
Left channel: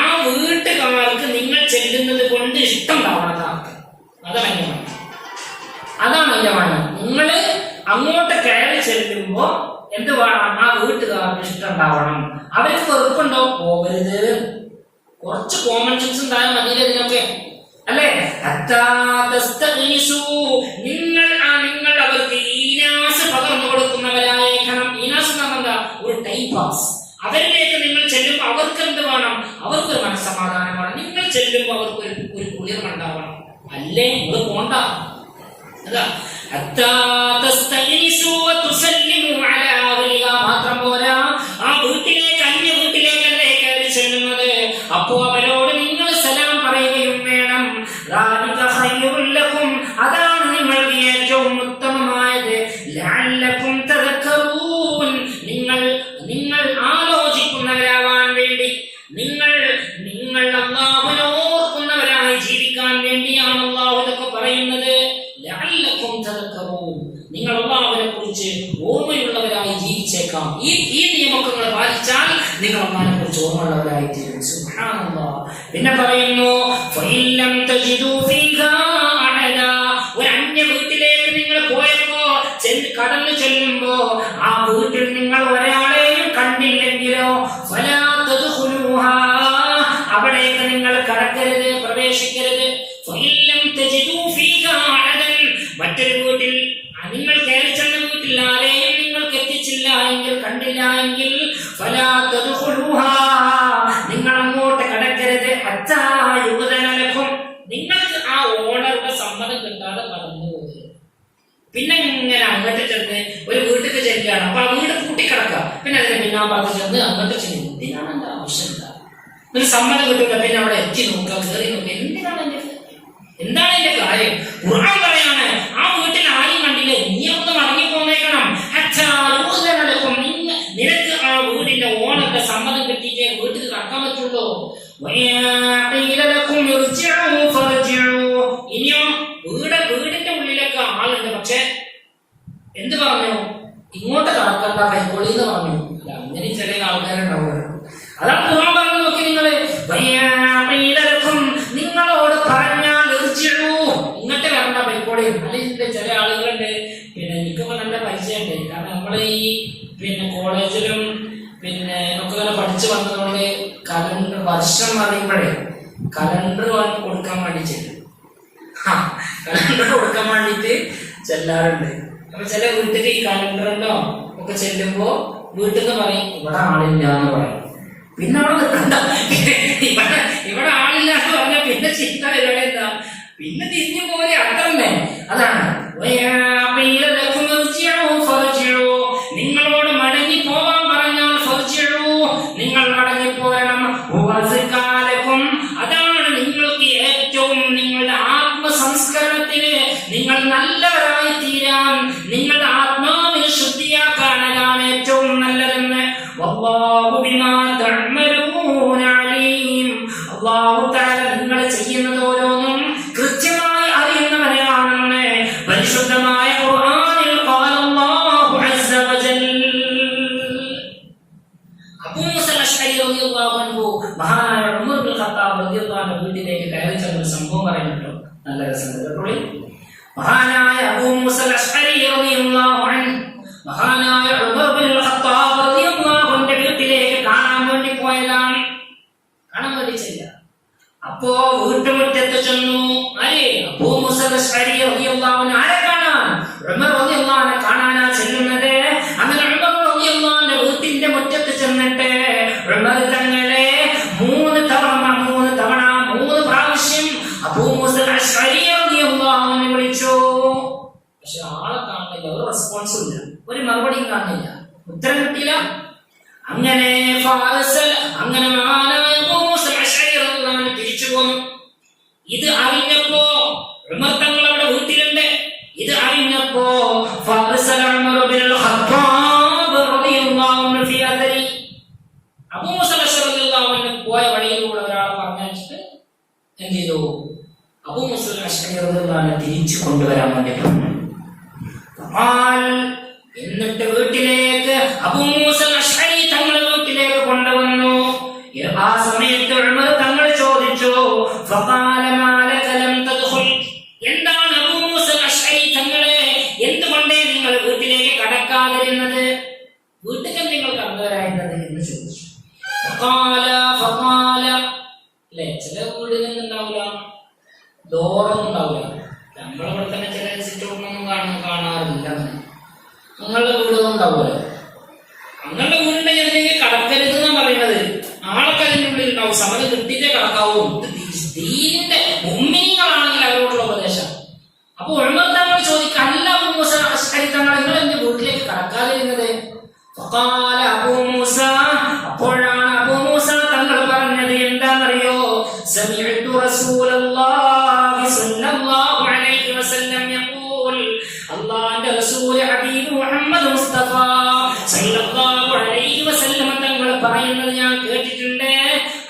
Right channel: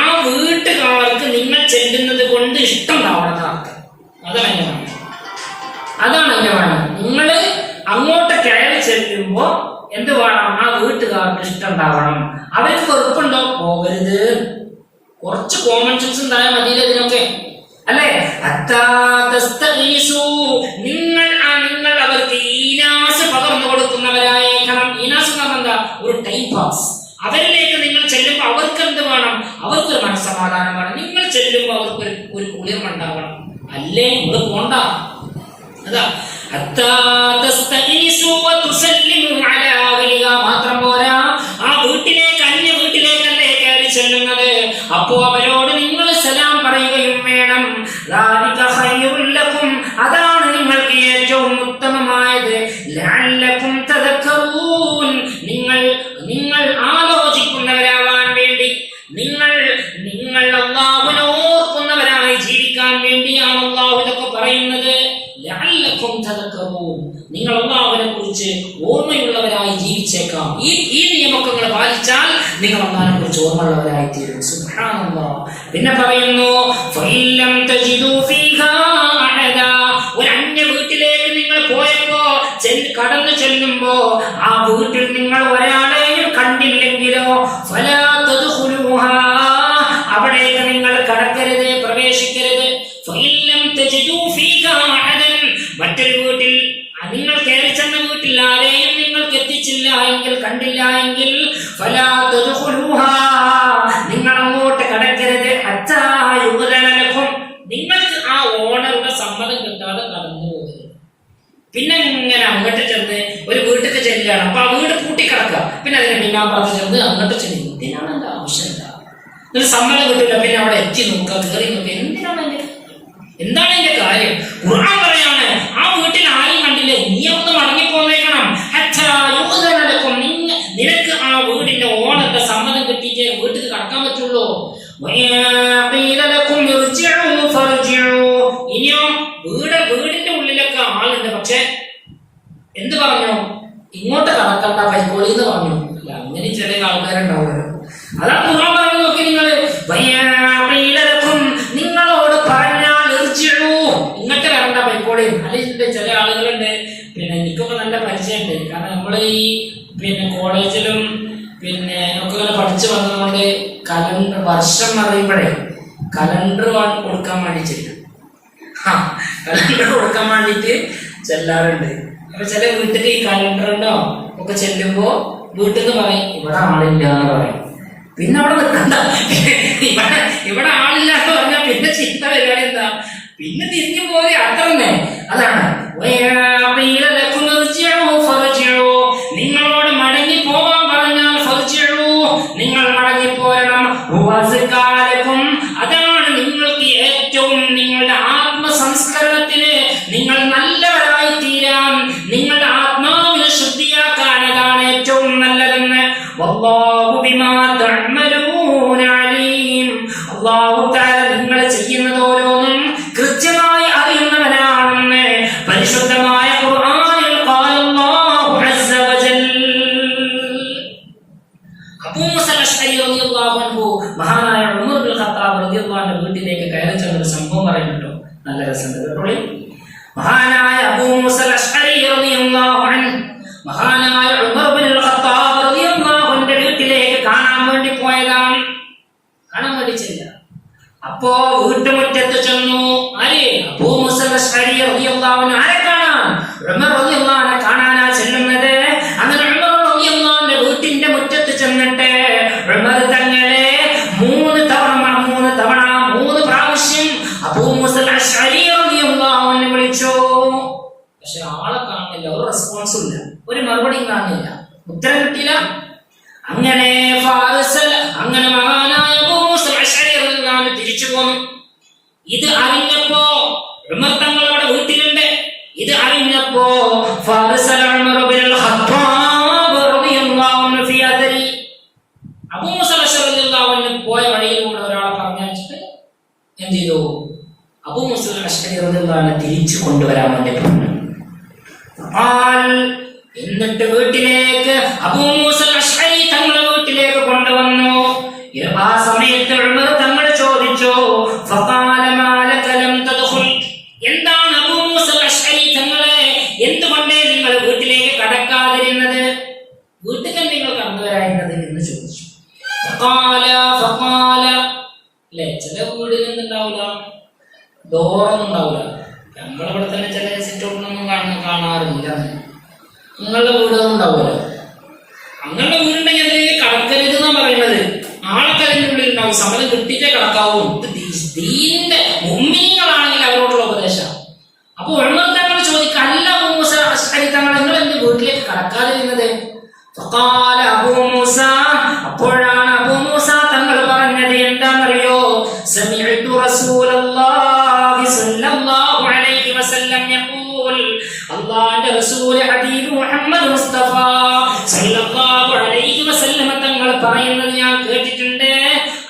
ആ വീട്ടുകാർക്ക് നിങ്ങൾ ചെല്ലുന്നത് കൊണ്ട് ഇഷ്ടം ഉണ്ടാവണം. അതാണ് അതിന്റെ വേണം. നിങ്ങൾ അങ്ങോട്ട് കയറി ചെല്ലുമ്പോ എന്ത് വേണം? ആ വീട്ടുകാർക്ക് ഇഷ്ടം ഉണ്ടാവണം. അവർക്ക് വെറുപ്പുണ്ടോ? പോകരുത്. കുറച്ച് കോമൺ സെൻസ് ഉണ്ടായാൽ മതി ഇതിനൊക്കെ, അല്ലെ? നിങ്ങൾ അവർക്ക് ഈനാസ് പകർന്നു കൊടുക്കുന്നവരായേക്കണം. ഈനാസ് എന്ന് പറഞ്ഞാൽ എന്താ? ഒരു ടൈം പാസ്. അവരിലേക്ക് നിങ്ങൾ ചെല്ലുമ്പോൾ അവർക്ക് എന്ത് വേണം? അവർക്കൊരു മനസ്സമാധാനം വേണം. നിങ്ങൾ ചെല്ലുമ്പോൾ അവർക്ക് ഒരു കുളിർമ ഉണ്ടാവണം. അല്ലേ നിങ്ങൾ പോണ്ട. അതാ മാത്രം പോരാ, ആ വീട്ടിലേക്ക്, അന്യ വീട്ടിലേക്കല്ലേ കയറി ചെല്ലുന്നത്. അപ്പോ അവരോട് നിങ്ങൾ സലാം പറയുകയും വേണം. അതാണ് നിങ്ങൾക്ക് ഏറ്റവും ഉത്തമമായത്. ലഅല്ലകും തദക്കറൂൻ, നിങ്ങൾ ആലോചിക്കുന്നവരാവാൻ വേണ്ടി, നിങ്ങൾ അല്ലാഹുവിനെ ഓർക്കുന്നവരായി ജീവിക്കാൻ വേണ്ടിയാണ് അല്ലാഹു ഇതൊക്കെ പറയുന്നത്. ലഅല്ലകും തദക്കറൂൻ, നിങ്ങൾ അല്ലാഹുവിനെ കുറിച്ച് ഓർമ്മയുള്ളവരായി ജീവിച്ചേക്കാം. ഈ നിയമങ്ങൾ പാലിച്ചാൽ നിങ്ങൾ അല്ലാഹുവിനെ കുറിച്ച് ഓർമ്മയുള്ളവരായി തീരും. സുബ്ഹാനല്ലാഹ്. പിന്നെ പറയുന്നു, ഫഇല്ലം തജിദു ഫീഹാ അഹദാ, ഒരു അന്യ വീട്ടിലേക്ക് നിങ്ങൾ പോയപ്പോ, കടന്നു ചെല്ലുമ്പോ ആ വീട്ടിൽ നിങ്ങൾ ഒരാളെയും കണ്ടില്ലെങ്കിലോ, ഫലാ തദ്ഖുലൂഹാ, അവിടേക്ക് നിങ്ങൾ കടക്കരുത്, പ്രവേശിക്കരുത്. ഫഇല്ലം തജിദു ഫീഹാ അഹദൻ, മറ്റൊരു വീട്ടിൽ നിങ്ങൾ കയറി ചെന്ന വീട്ടിൽ ആരെയും നിങ്ങൾക്ക് എത്തിച്ചില്ല എങ്കിൽ, കണ്ടില്ല എങ്കിൽ, ഫലാ തദ്ഖുലൂഹാ, നിങ്ങൾ അങ്ങോട്ട് കടക്കരുത്. ഹത്താ യുദ്അന ലക്കും, നിങ്ങൾക്ക് ആ ഓണറുടെ സമ്മതം കിട്ടാതെ കടന്നു പോകരുത്. പിന്നെ ഇങ്ങനെ അങ്ങോട്ട് ചെന്ന് ഒരു വീട്ടിൽ ചെല്ലാണ്. അപ്പൊ ആ വീട് പൂട്ടിക്കിടക്കുക. പിന്നെ അതിനെ ഞാൻ പറഞ്ഞു ചെന്ന് അങ്ങോട്ട് ചെന്ന് എന്തിനാണ് എന്റെ ആവശ്യം എന്താ, ഒരു സമ്മതം കിട്ടില്ല. പിന്നെ അവിടെ എത്തി നോക്കുക, കയറി നോക്കുക, എന്താണ് എന്റെ കാര്യം. ഖുർആൻ പറയാണ്, ആ വീട്ടിൽ ആരെയും കണ്ടില്ലേ, നീ ഒന്ന് മടങ്ങിപ്പോന്നേക്കണം. നിനക്ക് ആ വീടിന്റെ ഓണത്തെ സമ്മതം കിട്ടിയിട്ടേ വീട്ടിൽ കടക്കാൻ പറ്റുള്ളൂ. ഇനിയോ വീടിന്റെ ഉള്ളിലൊക്കെ ആളുണ്ട്, പക്ഷെ എന്ത് പറഞ്ഞു, ഇങ്ങോട്ട് കടക്കണ്ട കൈക്കോളി എന്ന് പറഞ്ഞു. അല്ല, അങ്ങനെ ചില ആൾക്കാരുണ്ടാവുമല്ലോ. അതാണ് ഖുർആൻ പറഞ്ഞു. നോക്കി നിങ്ങള്, നിങ്ങളോട് പറഞ്ഞാൽ ഇങ്ങോട്ട് വരണ്ട കൈക്കോളി. അല്ലെങ്കിൽ ചില ആളുകളുണ്ട്, പിന്നെ എനിക്കൊക്കെ നല്ല പരിചയമുണ്ട്. കാരണം നമ്മള് ഈ കോളേജിലും ഒക്കെ പഠിച്ചു വന്നതുകൊണ്ട് കലണ്ടർ വർഷം അറിയുമ്പോഴേ കലണ്ടർ കൊടുക്കാൻ വേണ്ടി ചെല്ലും. കലണ്ടർ കൊടുക്കാൻ വേണ്ടിട്ട് ചെല്ലാറുണ്ട്. അപ്പൊ ചില വീട്ടിൽ ഈ കലണ്ടറിനോ ഒക്കെ ചെല്ലുമ്പോ വീട്ടിൽ നിന്ന് പറയും ഇവിടെ ആളില്ല എന്ന് പറയും. പിന്നെ അവിടെ നിൽക്കണ്ട, ഇവിടെ ആളില്ല എന്ന് പറഞ്ഞാൽ പിന്നെ ചിന്ത പരിപാടി എന്താ, പിന്നെ തിരിഞ്ഞു പോലെ അത്ര തന്നെ. അതാണ് നിങ്ങളോട് മടങ്ങി പോവാൻ പറഞ്ഞാൽ നിങ്ങൾ മടങ്ങി പോരണം. അതാണ് നിങ്ങൾക്ക് ഏറ്റവും, നിങ്ങളുടെ ആത്മസംസ്കരണത്തിന് നിങ്ങൾ നല്ലവരായി തീരാൻ, നിങ്ങളുടെ ആത്മാവിനെ ശുദ്ധിയാക്കാൻ അതാണ് ഏറ്റവും നല്ലതെന്ന്. വല്ലാഹു ബിമാ തഅമലൂന അലീം. അല്ലാഹു തആല നിങ്ങൾ ചെയ്യുന്നത് ഓരോന്നും കൃത്യമായി അറിയുന്നവനാണെന്ന് പരിശുദ്ധമായ ഖുർആനിൽ ഖാല അല്ലാഹു അസ്സ വജൽ. അബൂ മൂസ അശ്അരി റളിയല്ലാഹു അൻഹു മഹാനായ ഉമർ ഇബ്നുൽ ഖത്താബ് റളിയല്ലാഹു അൻഹു വീട്ടിലേക്ക് കയറി ചെന്ന സംഭവം പറയുന്നുണ്ടോ, നല്ല രസമുണ്ട് കേട്ടോളി. മഹാനായ അബൂ മൂസ അശ്അരി റളിയല്ലാഹു അൻഹു മഹാനായ ഉമർ ഇബ്നുൽ ഖത്താബ് റളിയല്ലാഹു അൻഹു വീട്ടിലേക്ക് കാണാൻ വേണ്ടി പോയതാണ്. കാണാൻ വേണ്ടി ചെല്ല. അപ്പോ വീട്ടുമുറ്റത്ത് ചെന്നു. ആരെ? അബൂ മൂസ അശ്അരി റളിയല്ലാഹു അൻഹു. ആരെ കാണാൻ? ഉമർ റളിയല്ലാഹു അൻഹു കാണാനാ ചെല്ലുന്നത്. അങ്ങനെ ഉമർ റളിയല്ലാഹു അൻഹു വീട്ടിന്റെ മുറ്റത്ത് ചെന്നിട്ട് ഉമർ തങ്ങളെ മൂന്ന് പ്രാവശ്യം അബൂ മൂസ അശ്അരി റളിയല്ലാഹു അൻഹു വിളിച്ചു. പക്ഷെ ആളെ കാണുന്നില്ല, ഒരു റെസ്പോൺസും ഇല്ല, ഒരു മറുപടിയും കാണുന്നില്ല, ഉത്തരം കിട്ടില്ല. അങ്ങനെ മഹാനായ അബൂ മൂസ അശ്അരി റളിയല്ലാഹു അൻഹു തിരിച്ചു പോന്നു. ഇത് അറിഞ്ഞപ്പോ ഉമർ തങ്ങൾ അവിടെ വീട്ടിലുണ്ട്. ഇത് അറിഞ്ഞപ്പോ അബൂ മൂസ അശ്അരി റളിയല്ലാഹു അൻഹു പോയ വഴിയിലൂടെ ഒരാളെ പറഞ്ഞിട്ട് എന്ത് ചെയ്തു? അബൂ മൂസ അശ്അരി റളിയല്ലാഹു അൻഹു തിരിച്ചു കൊണ്ടുവരാൻ വേണ്ടി പറഞ്ഞു. എന്നിട്ട് വീട്ടിലേക്ക് അബൂ മൂസ അശ്അരി തങ്ങളുടെ വീട്ടിലേക്ക് കൊണ്ടുവന്നു. ആ സമയത്ത് ഉമർ തങ്ങൾ ചോദിച്ചു, എന്താണ് അബൂ മൂസ അശ്അരി തങ്ങളെ, എന്തുകൊണ്ടേ നിങ്ങൾ വീട്ടിലേക്ക് കടക്കാതിരുന്നത്, വീട്ടിൽ നിങ്ങൾ കടന്നു വരായിരുന്നത് എന്ന് ചോദിച്ചു. അല്ലെ, ചില വീടുകളിൽ ഉണ്ടാവില്ല, ഡോറൊന്നും ഉണ്ടാവില്ല. നമ്മളിവിടെ തന്നെ ചില സിറ്റൗട്ടൊന്നും കാണാറില്ല. നിങ്ങളുടെ വീടുകൾ ഉണ്ടാവുമല്ലോ. അങ്ങനെ വീടുണ്ടെങ്കിൽ അതിലേക്ക് കടക്കരുത് എന്നാ പറയുന്നത്. ആളൊക്കെ അതിൻ്റെ ഉള്ളിൽ ഉണ്ടാവും, സമയം കിട്ടിയിട്ടേ കടക്കാവൂ. ദീനിന്റെ മുഅ്മിനീങ്ങളാണെങ്കിൽ അവരോടുള്ള ഉപദേശം. അപ്പൊ ഉമർ തങ്ങൾ ചോദിക്കുക, അല്ല അബൂ മൂസ അശ്അരി തങ്ങൾ, നിങ്ങൾ എന്ത് വീട്ടിലേക്ക് കടക്കാതിരുന്നത്? അപ്പോഴാണ് അബൂ മൂസ തങ്ങൾ പറഞ്ഞത് എന്താണെന്നറിയോ? സമിഅ്തു റസൂലല്ലാഹി സ്വല്ലല്ലാഹു അലൈഹി വസല്ലം യഖൂൽ, അല്ലാഹുവിന്റെ റസൂൽ ഹബീബ് മുഹമ്മദ് മുസ്തഫ സല്ലല്ലാഹു അലൈഹി വസല്ലം തങ്ങൾ പറയുന്നത് ഞാൻ കേട്ടിട്ടുണ്ട്.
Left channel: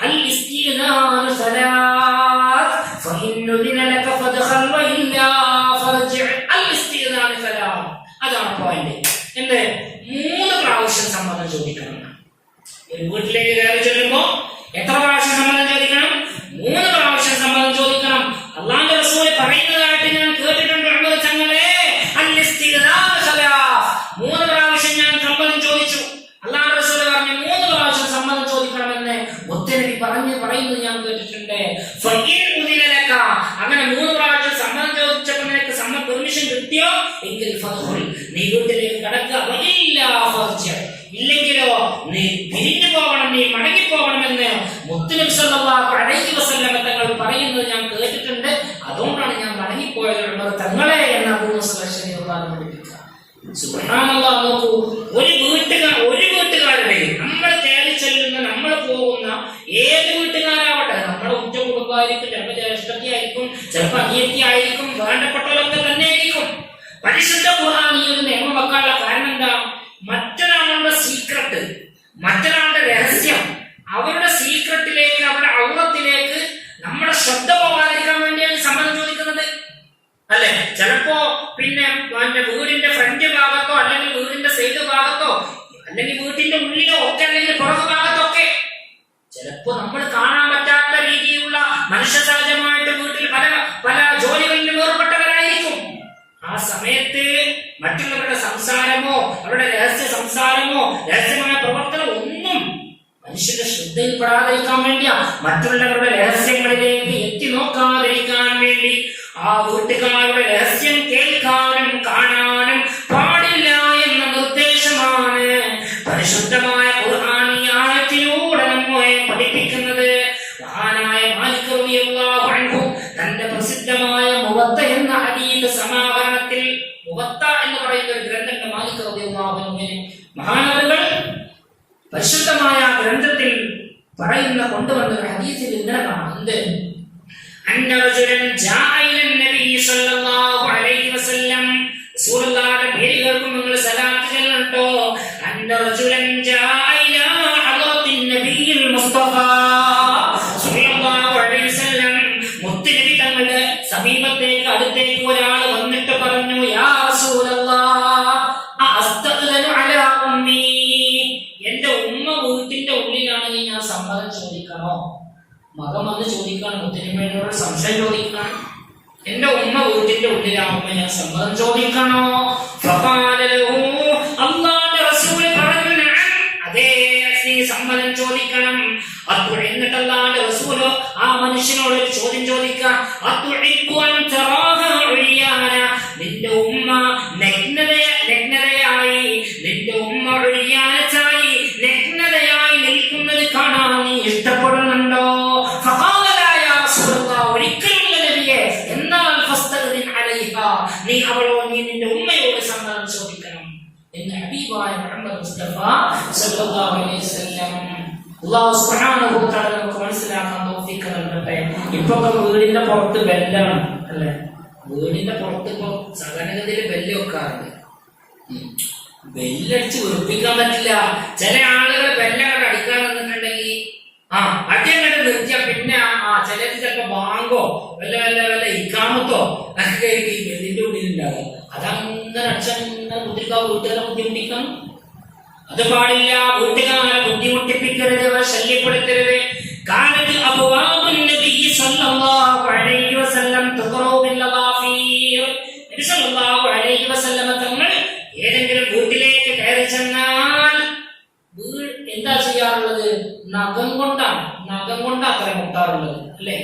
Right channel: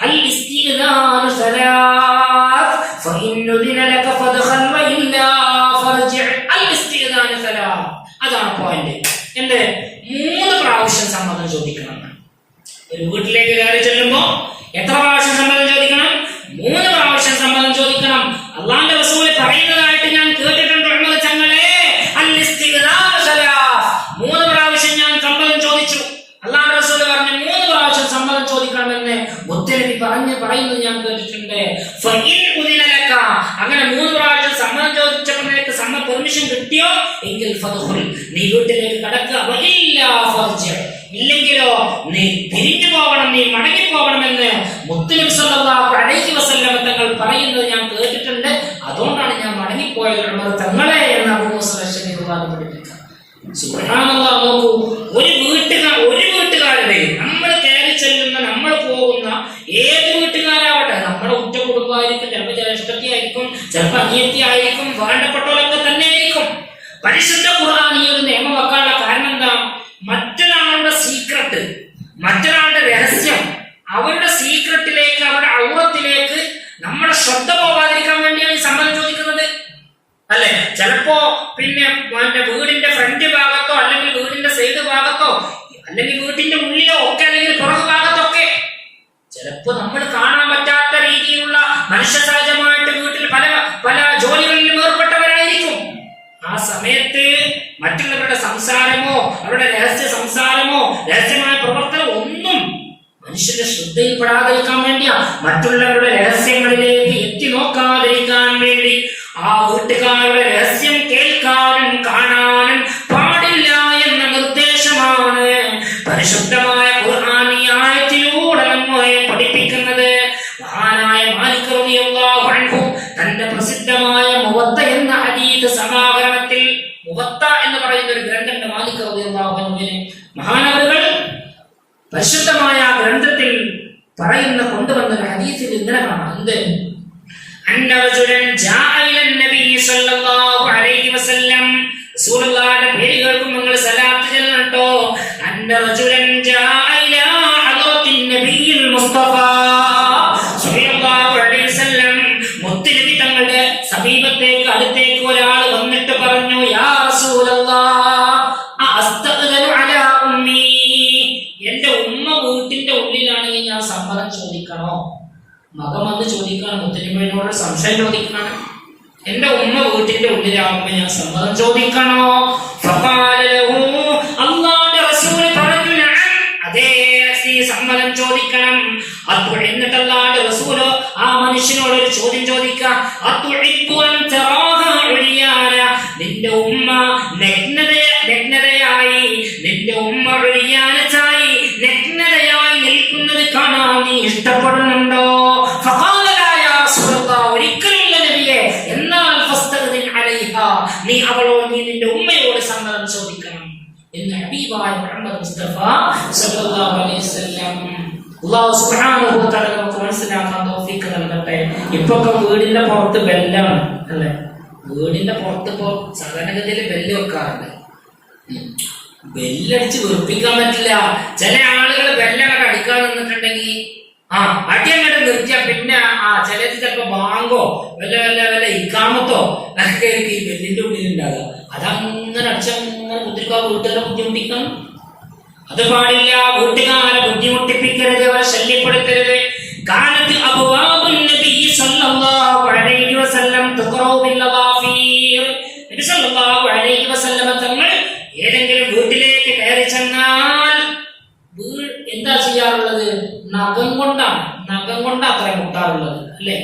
അൽ ഇസ്തിഗ്നാനു സലാത്ത് ഫഇൻ ഉദിന ലക ഫദ്ഖൽ വഇല്ലാ ഫർജി. അൽ ഇസ്തിഗ്നാനു സലാത്ത്, അതാണ് പോയിന്റ്. എന്ത്? 3 പ്രാവശ്യം സമ്മതം ചോദിക്കണം. ഒരു വീട്ടിലേക്ക് കയറി ചെല്ലുമ്പോ എത്ര പ്രാവശ്യം സമ്മതം ചോദിക്കണം? 3 പ്രാവശ്യം സമ്മതം ചോദിക്കണം. അല്ലാഹുവിന്റെ റസൂൽ പറയുന്നതായിട്ട് ഞാൻ കേട്ടിട്ടുണ്ട്. ഉമർ തങ്ങളെ, അൽ ഇസ്തിഗ്നാനു സലാത്ത്, 3 പ്രാവശ്യം ഞാൻ സമ്മതം ചോദിച്ചു. അല്ലാഹുവിന്റെ റസൂൽ പറഞ്ഞു 3 പ്രാവശ്യം സമ്മതം ചോദിക്കണമെന്ന് മുത്തനബി പറയുന്നത് ഞാൻ കേട്ടിട്ടുണ്ട്. ഫഇൻ ഉദിന ലക, അങ്ങനെ 3 പ്രാവശ്യം സമ്മതം ചോദിച്ചപ്പോൾ നിനക്ക് പെർമിഷൻ കിട്ടിയോ എങ്കിൽ ഫദ്ഖുൽ, നീ വീട്ടിലേക്ക് കടക്കുക. വഇല്ലാ ഫർജി, ഇല്ലെങ്കിലോ നീ പിരിഞ്ഞു പോകണം, നീ മടങ്ങി പോകണമെന്ന് മുത്തനബി സല്ലല്ലാഹു അലൈഹി വസല്ലം തങ്ങൾ പറയുന്നത് ഞാൻ കേട്ടിട്ടുണ്ട്. അതുകൊണ്ടാണ് ഞാൻ മടങ്ങിപ്പോയത് ഉമർ തങ്ങളെ എന്ന് അബൂ മൂസ അശ്അരി പഠിപ്പിക്കുക. സുബ്ഹാനല്ലാഹ്, നോക്കൂ, പരിശുദ്ധ ഖുർആൻ ഈ ഒരു നിയമം വെക്കാനുള്ള കാരണം എന്താ? മറ്റൊരാളുടെ സീക്രട്ട്, മറ്റൊരാളുടെ രഹസ്യം, അവരുടെ സീക്രട്ടിലേക്ക്, അവരുടെ ഔറത്തിലേക്ക് നമ്മുടെ ശ്രദ്ധ പോകാതിരിക്കാൻ വേണ്ടിയാണ് ഈ സമ്മതം ചോദിക്കുന്നത്, അല്ലെ? ചിലപ്പോ പിന്നെ വീടിന്റെ ഫ്രണ്ട് ഭാഗത്തോ, അല്ലെങ്കിൽ വീടിന്റെ സൈഡ് ഭാഗത്തോ, അല്ലെങ്കിൽ വീട്ടിന്റെ ഉള്ളിലോ ഒക്കെ, അല്ലെങ്കിൽ പുറകു ഭാഗത്തൊക്കെ ചിലപ്പോ നമ്മൾ കാണാൻ പറ്റാത്ത രീതിയിലുള്ള മനുഷ്യ സഹജമായിട്ട് വീട്ടിൽ പല പല ജോലികളിലും ഏർപ്പെട്ടവരായിരിക്കും. ആ സമയത്ത് മറ്റുള്ളവരുടെ സംസാരമോ, അവരുടെ രഹസ്യ സംസാരമോ, രഹസ്യമായ പ്രവർത്തനം ഒന്നും മനുഷ്യന്റെ ശ്രദ്ധയിൽപ്പെടാതിരിക്കാൻ വേണ്ടിയാ, മറ്റുള്ളവരുടെ രഹസ്യങ്ങളിലേക്ക് എത്തി നോക്കാതിരിക്കാൻ വേണ്ടി, ആ വീട്ടുകാരുടെ രഹസ്യം കേൾക്കാനും കാണാനും പാടില്ല എന്ന നിർദ്ദേശമാണ് പരിശുദ്ധമായ ഖുർആൻ ഈ ആയത്തിലൂടെ നമ്മെ പഠിപ്പിക്കുന്നത്. മഹാനായ മാലിക് റളിയല്ലാഹു അൻഹു തന്റെ പ്രസിദ്ധമായ മുവത്ത എന്ന ഹദീസ് സമാഹരണത്തിൽ, മുവത്ത എന്ന് പറയുന്ന ഒരു ഗ്രന്ഥം മാലിക് റളിയല്ലാഹു അൻഹു മഹാനവറുകൾ പരിശുദ്ധമായ ഗ്രന്ഥത്തിൽ പറയുന്ന കൊണ്ടുവന്ന ഒരു ഹദീസിൽ ഇങ്ങനെ കാണാം. എന്ത്? അന്ന റജുലൻ ജാഅ ഇല നബി സല്ലല്ലാഹു അലൈഹി വസല്ലം, റസൂലുള്ളാഹിയുടെ പേര് കേൾക്കുമ്പോൾ നിങ്ങൾ സലാത്ത് ചൊല്ലട്ടോ. അന്ന റജുലൻ ജാഅ ഇല ഹളറത്തിൻ നബിയിൽ മുസ്തഫ സല്ലല്ലാഹു അലൈഹി വസല്ലം, മുത്തുനബി തങ്ങളുടെ സമീപത്തേക്ക്, അടുത്തേക്ക് ഒരാൾ വന്നിട്ട് പറഞ്ഞു, യാ റസൂലല്ലാഹ് അസ്തഗ്ഫിറു അലാ ഉമ്മി, എന്റെ ഉമ്മ വീട്ടിന്റെ ഉള്ളിലാണെങ്കിൽ ഞാൻ സമ്മതം ചോദിക്കണോ? മകൻ വന്ന് ചോദിക്കാണ്, മുത്തലിമയോട് സംശയം ചോദിക്കാണ്, എന്റെ ഉമ്മ വീട്ടിന്റെ ഉള്ളിലാവുമ്പോ ഞാൻ സമ്മതം ചോദിക്കണോ? അല്ലാഹുവിന്റെ റസൂൽ പറഞ്ഞു, നഅം, അതെ, നീ സമ്മതം ചോദിക്കണം. എന്നിട്ട് അല്ലാഹുവിന്റെ റസൂൽ ആ മനുഷ്യനോട് ഒരു ചോദ്യം ചോദിക്കാം, നിന്റെ ഉമ്മ നഗ്നതയായി, നിന്റെ ഉമ്മ ഒഴിയാനായി നഗ്നതയായി നിൽക്കുന്നത് കാണാൻ നീ ഇഷ്ടപ്പെടുന്നുണ്ടോ? ഒരിക്കലുള്ള നബിയെ, എന്നാൽ നീ അവളോട്, നീ നിന്റെ ഉമ്മയോട് സമ്മതം ചോദിക്കണം എന്ന് ഹബീബായ മുഹമ്മദ് മുസ്തഫ സല്ലല്ലാഹു അലൈഹി വസല്ലം. അല്ലാഹു സുബ്ഹാനഹു വ തആല നമുക്ക് മനസ്സിലാക്കാൻ തൗഫീഖ് നൽകട്ടെ. ഇപ്പൊക്കെ വീടിന്റെ പുറത്ത് ബെല്ലാണ്, അല്ലേ? വീടിന്റെ പുറത്ത് ഇപ്പോ സാധാരണഗതിയിൽ ബെല്ല് വെക്കാറുണ്ട്. ബെല്ലടിച്ച് വെറുപ്പിക്കാൻ പറ്റില്ല. ചില ആളുകൾ ബെല്ലൊക്കെ അടിക്കാൻ നിന്നിട്ടുണ്ടെങ്കിൽ അടിയങ്ങോട്ട് നിർത്തിയ പിന്നെ ചിലത് ചിലപ്പോ ബാങ്കോ വല്ല വല്ല വല്ല ഇക്കാമത്തോ ഒക്കെ ഈ ബെല്ലിന്റെ ഉള്ളിൽ ഉണ്ടാകുക. അതങ്ങനെ അടിച്ചങ്ങനെ കുത്തിരിക്കാൻ വീട്ടുകാരെ ബുദ്ധിമുട്ടിക്കണം. അത് പാടില്ല. വീട്ടുകാരെ ബുദ്ധിമുട്ടിപ്പിക്കരുത്, അവരെ ശല്യപ്പെടുത്തരുത്. കാലത്ത് അബ്വാബുൻ നബി സല്ലല്ലാഹു അലൈഹി വസല്ലം തുഖറു ബിൽ ലവാഫീർ, നബി സല്ലല്ലാഹു അലൈഹി വസല്ലം തങ്ങൾ ഏതെങ്കിലും വീട്ടിലേക്ക് കയറി ചെന്നാൽ എന്താ ചെയ്യാറുള്ളത്? നഖം കൊണ്ടാണ്, നഖം കൊണ്ട് അത്ര മുട്ടാറുള്ളത്, അല്ലെ?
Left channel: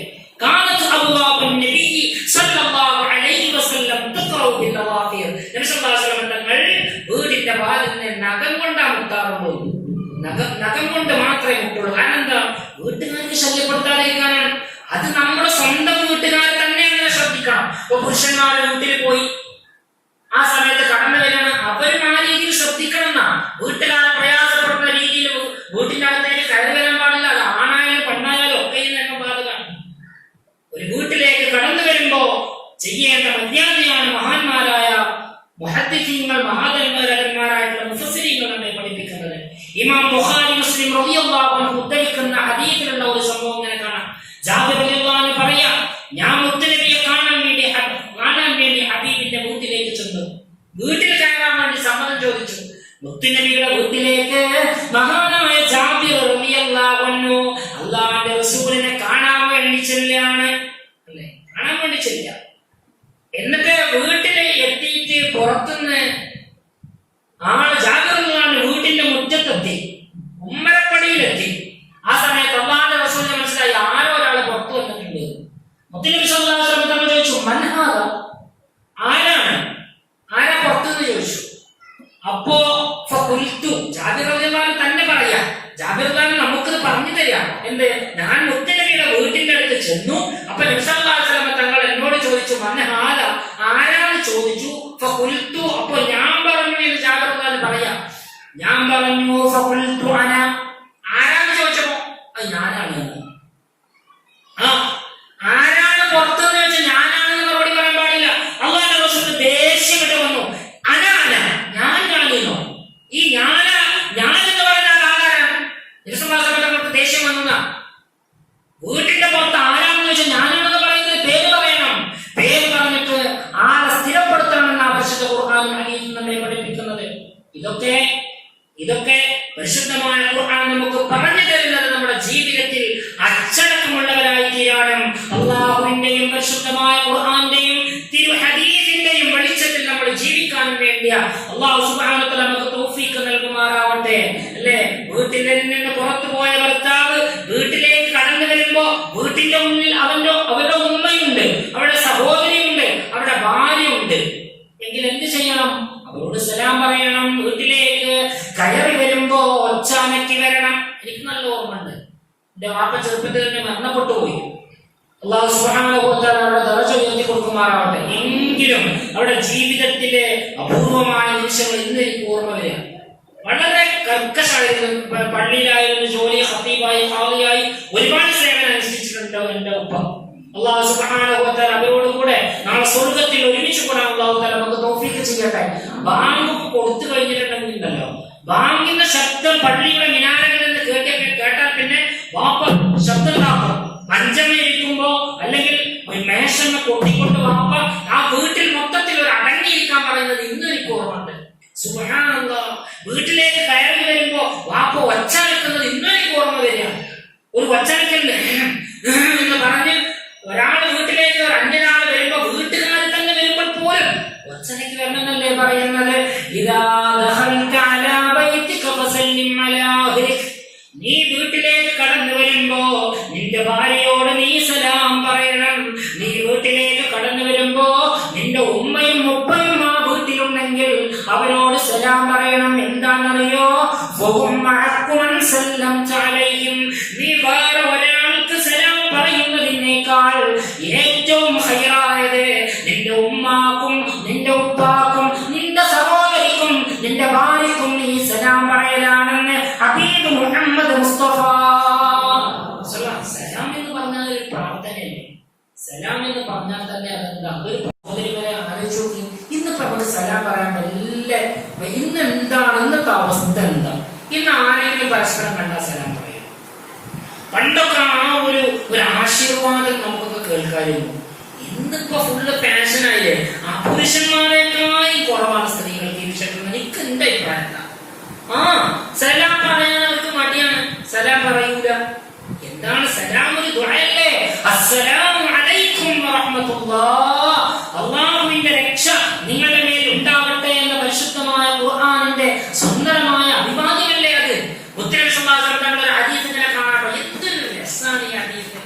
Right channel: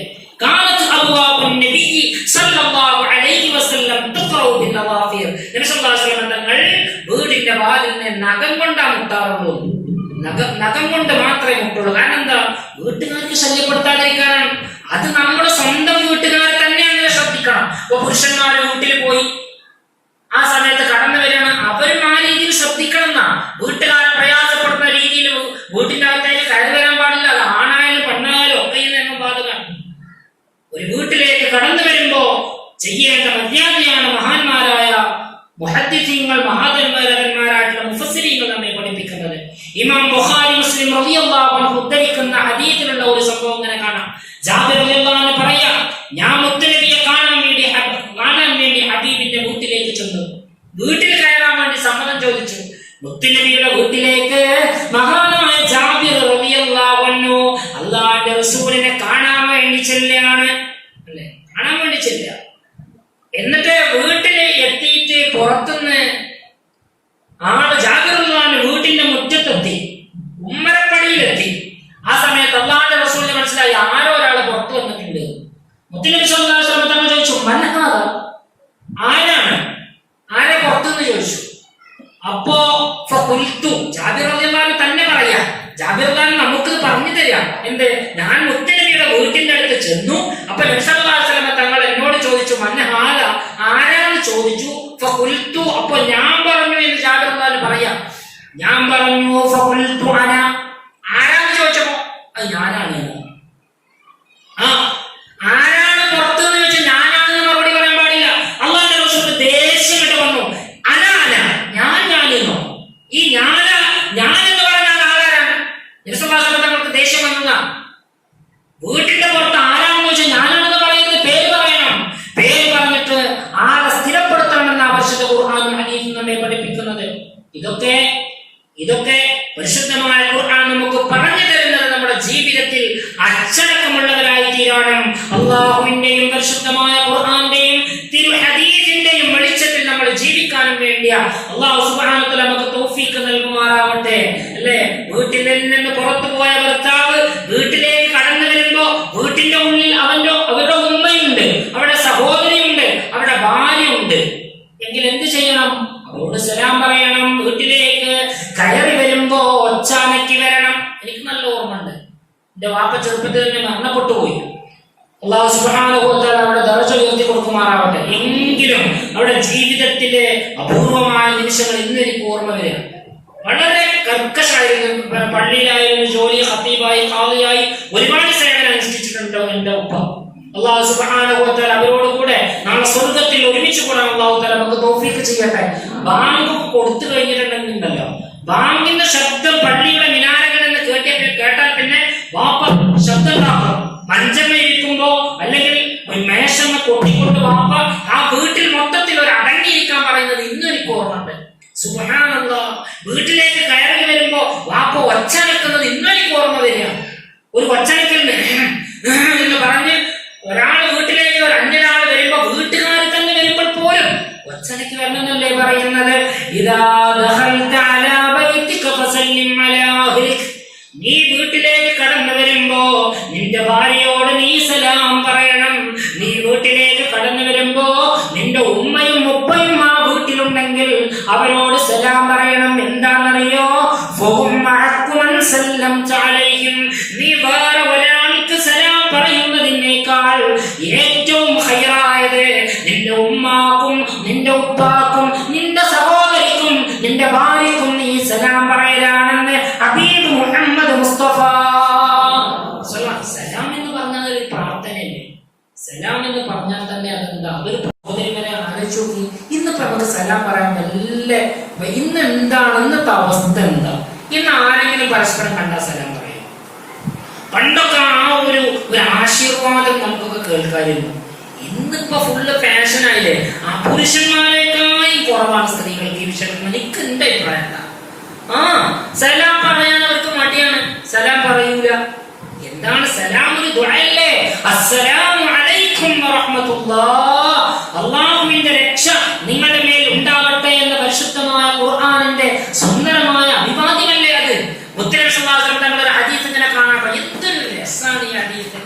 കാലത്ത് അബ്വാബുൻ നബി സല്ലല്ലാഹു അലൈഹി വസല്ലം തുഖറു ബിൽ ലവാഫീർ, നബി സല്ലല്ലാഹു അലൈഹി വസല്ലം തങ്ങൾ വീടിന്റെ വാതിലിനെ നഖം കൊണ്ടാണ് മുട്ടാറുള്ളത്. നഖം കൊണ്ട് മാത്രമേ മുട്ടുള്ളൂ. കാരണം എന്താ? വീട്ടുകാർക്ക് ശല്യപ്പെടുത്താതിരിക്കാനാണ്. അത് നമ്മുടെ സ്വന്തം വീട്ടുകാരെ തന്നെ അങ്ങനെ ശ്രദ്ധിക്കണം. ഇപ്പൊ പുരുഷന്മാരെ വീട്ടിൽ പോയി ആ സമയത്ത് കടന്നു വരികയാണ്, അവരും ആ രീതിയിൽ ശ്രദ്ധിക്കണം എന്നാ. വീട്ടുകാരെ പ്രയാസപ്പെടുന്ന രീതിയിൽ വീട്ടിന്റെ അകത്തേക്ക് കയറി വരാൻ പാടില്ല. അത് ആണായാലും പെണ്ണായാലും ഒക്കെ നിയമം ബാധകമാണ്. ഒരു വീട്ടിലേക്ക് കടന്നു വരുമ്പോ ചെയ്യേണ്ട മര്യാദയാണ് മഹാന്മാരായ മുഹദ്ദിഥീങ്ങൾ, മഹാന്മാരായിട്ടുള്ള മുഫസ്സിരീങ്ങൾ നമ്മെ പഠിപ്പിക്കുന്നത്. ഇമാം ബുഖാരി, മുസ്ലിം റളിയല്ലാഹു അൻഹു ഉദ്ധരിക്കുന്ന ഹദീസിലുള്ള ഒരു സംഭവം ഇങ്ങനെ കാണാം. ജാബിർ റളിയല്ലാഹു അൻഹു പറയാ, ഞാൻ മുത്തുനബിയെ കാണാൻ വേണ്ടി ഹബീബിന്റെ വീട്ടിലേക്ക് ചെന്നു. വീട്ടിൽ കയറാൻ വേണ്ടി സമ്മതം ചോദിച്ചു. മുത്തുനബിയുടെ വീട്ടിലേക്ക് മഹാനായ ജാബിർ റളിയല്ലാഹു അൻഹു അല്ലാഹുവിന്റെ റസൂലിനെ കാണാൻ വേണ്ടി ചെല്ലുകയാണ്, അല്ലേ? കാണാൻ വേണ്ടി ചെല്ലുക. എന്നിട്ട് വീട്ടിൽ എത്തിയിട്ട് പുറത്തുനിന്ന് ജാബിർ റളിയല്ലാഹു അൻഹു വീട്ടിന്റെ മുറ്റത്തെത്തി, ഉമ്മരപ്പടിയിലെത്തി. ആ സമയത്ത് അല്ലാഹുവിന്റെ റസൂലിനെ മനസ്സിലായി, ആരോ ഒരാൾ പുറത്തു വന്നിട്ടുണ്ട്. മുത്തുനബി സല്ലല്ലാഹു അലൈഹി വസല്ലം തങ്ങൾ ചോദിച്ചു, മൻ ഹാദ, ആരാ പുറത്തുനിന്ന് ചോദിച്ചു. അപ്പോ ജാബിർ റളിയല്ലാഹു അൻഹു തന്നെ പറയാ, ജാബിർ റളിയല്ലാഹു അൻഹു നമുക്കിത് പറഞ്ഞു തരാം. എന്ത്? ഞാൻ മുത്തുനബിയുടെ വീട്ടിന്റെ അടുത്ത് ചെന്നു. അപ്പൊ നബി സല്ലല്ലാഹു അലൈഹി വസല്ലം തങ്ങൾ എന്നോട് ചോദിച്ചു, മൻ ഹാദ, ആരാന്ന് ചോദിച്ചു. അപ്പൊ ഞാൻ പറഞ്ഞു എന്ന് ജാബിർ റളിയല്ലാഹു അൻഹു പറയാ. ഞാൻ പറഞ്ഞു അന, ആരാന്ന് ചോദിച്ചപ്പോ അത് ഞാനാണ്. ആരാണ് പുറത്തുനിന്ന് ചോദിച്ചാൽ ഞാനാണെന്ന് മറുപടി പറയാൻ പാടില്ല. അല്ലാഹുവിന്റെ റസൂൽ ദേഷ്യം കിട്ടും ഇല്ല. അല്ലാഹു സുബ്ഹാനഹു വ തആല നമുക്ക് തൗഫീഖ് നൽകുമാറാവട്ടെ. അല്ലേ, വീട്ടിൽ നിന്ന് പുറത്തു പോയ ഭർത്താവ് വീട്ടിലേക്ക് കടന്നു വരുമ്പോ വീട്ടിന്റെ ഉള്ളിൽ അവരുടെ ഉമ്മയുണ്ട്, അവരുടെ സഹോദരിയുണ്ട്, അവരുടെ ഭാര്യയുണ്ട് എങ്കിൽ എന്ത് ചെയ്യണം? അവരോട് സലാം പറയണം. വീട്ടിലേക്ക് കയറി വരുമ്പോ ഒച്ചാനക്കി വരണം. എനിക്ക് നല്ല ഓർമ്മയുണ്ട്, എന്റെ വാപ്പ ചെറുപ്പത്തിൽ തന്നെ മരണപ്പെട്ടു പോയി. അല്ലാഹു സുബ്ഹാനഹു വ തആല അവരുടെ ദറജ ഉയർത്തി കൊടുക്കുമാറാവട്ടെ. എങ്കിലും അവരുടെ ജീവിതത്തിലെ അപൂർവമായ നിമിഷങ്ങൾ ഇന്ന് എനിക്ക് ഓർമ്മ വരിക. വളരെ കർക്കശായിരുന്നു. പള്ളിയിലായിരുന്നു ജോലി, ഖത്തീബായി, ഖാദിയായി ഒരുപാട് സേവനം അനുഷ്ഠിച്ചിട്ടുണ്ട് എന്റെ ഉപ്പ. അല്ലാഹു സുബ്ഹാനഹു വ തആല അവരോട് കൂടെ നാളെ സ്വർഗ്ഗത്തിൽ ഒരുമിച്ച് കൂടാൻ അല്ലാഹു തആല നമുക്ക് തൗഫീഖ് ചെയ്യട്ടെ. ബാങ്ക് കൊടുത്തു കഴിഞ്ഞിട്ടുണ്ടെങ്കിലോ, ബാങ്കിന്റെ ശബ്ദം പള്ളിയുടെ മിനാരങ്ങളിൽ നിന്ന് കേട്ടാൽ പിന്നെ വാപ്പ ശബ്ദം ഉണ്ടാക്കും. മഞ്ചമേരിക്കുമ്പോ അല്ലെങ്കിൽ മേശമ കൊട്ടിക്കൊണ്ട് വാപ്പ ആ വീട്ടിൽ മൊത്തത്തിൽ ഒരു അടങ്ങിയിരിക്കാൻ പറയുന്നത് ഇന്നും എനിക്ക് ഓർമ്മയുണ്ട്. സുബ്ഹാനല്ലാഹ്, വീട്ടിലേക്ക് കയറി വരുമ്പോ വാപ്പ ഒച്ചനക്കുന്നത് ഇന്നും എനിക്ക് ഓർമ്മ വരിക. ഒരു ഒച്ചനക്കലുണ്ട് എന്ന് പറഞ്ഞ് ഒരാൾ വീട്ടിലേക്ക് ഒരു അന്യനാൾ വരുമ്പോ വീട്ടുകാർ തന്നെ വരുമ്പോൾ പോലും ഒച്ചനക്ക് വരണമെന്നല്ലേ പറയുന്നത്. ഇദാ ദഖൽത അലാ ബൈതിക ഫസല്ലിം അലാ അഹ്ലിക, നീ വീട്ടിലേക്ക് കടന്നു വരുമ്പോ നിന്റെ ഭാര്യയോട് നീ സലാം പറയണം. നീ വീട്ടിലേക്ക് കടന്നു വരുമ്പോ നിന്റെ ഉമ്മയും ഉപ്പയും ആ വീട്ടിലുണ്ടെങ്കിൽ അവരോട് സലാം പറയണം. എന്താണെന്നറിയോ? നീ വേറെ ഒരാൾക്ക് സലാം പറയുന്നതിനേക്കാൾ ഏറ്റവും ഹൈറായത് നിന്റെ ഉമ്മാക്കും നിന്റെ ഉപ്പാക്കും നിന്റെ സഹോദരിക്കും നിന്റെ ഭാര്യക്കും നീ സലാം പറയലാണെന്ന് ഹബീബ് മുഹമ്മദ് മുസ്തഫ. സലാം എന്ന് പറഞ്ഞാൽ ഒരു പ്രാർത്ഥനയല്ലേ? സലാം എന്ന് പറഞ്ഞാൽ തന്നെ അതെന്താ? അതൊരു സഹോദരികളെ ആലോചിച്ചു നോക്കി. ഇന്നിപ്പോ നമുക്ക് സലാം പറയാൻ വല്ല ഇന്ന് എന്താണ് ഇന്നത്തെ അവസ്ഥ? എന്താ ഇന്ന് ആരെങ്കിലും പരസ്പരം കണ്ടാൽ സലാം പറയും? പണ്ടൊക്കെ ആ ഒരു ആശീർവാദം നമുക്കൊക്കെ കേൾക്കാറില്ല. ഇന്നിപ്പോ ഫുള്ള് ഫാഷനായില്ലേ? ആ പുരുഷന്മാരെക്കാളും കുറവാണ് സ്ത്രീകൾക്ക് ഈ വിഷയത്തിൽ. എനിക്ക് എന്റെ അഭിപ്രായം സലാം പറയാൻ അവർക്ക് മടിയാണ്, സലാം പറയൂല. എന്താണ് സലാം? ഒരു ദുആയല്ലേ? അസ്സലാമു അലൈക്കും വറഹ്മത്തുള്ളാഹ്, അല്ലാഹുവിന്റെ രക്ഷ നിങ്ങളുടെ മേൽ ഉണ്ടാവട്ടെ എന്ന പരിശുദ്ധമായ ഖുർആനിന്റെ സുന്ദരമായ അഭിവാദ്യമല്ലേ അത്? മുത്തനബി സല്ലല്ലാഹു അലൈഹി വസല്ലം തങ്ങളുടെ ഹദീസ് ഇങ്ങനെ കാണാൻ എന്തൊരു രസമാണ് ഈ ഹദീസ്.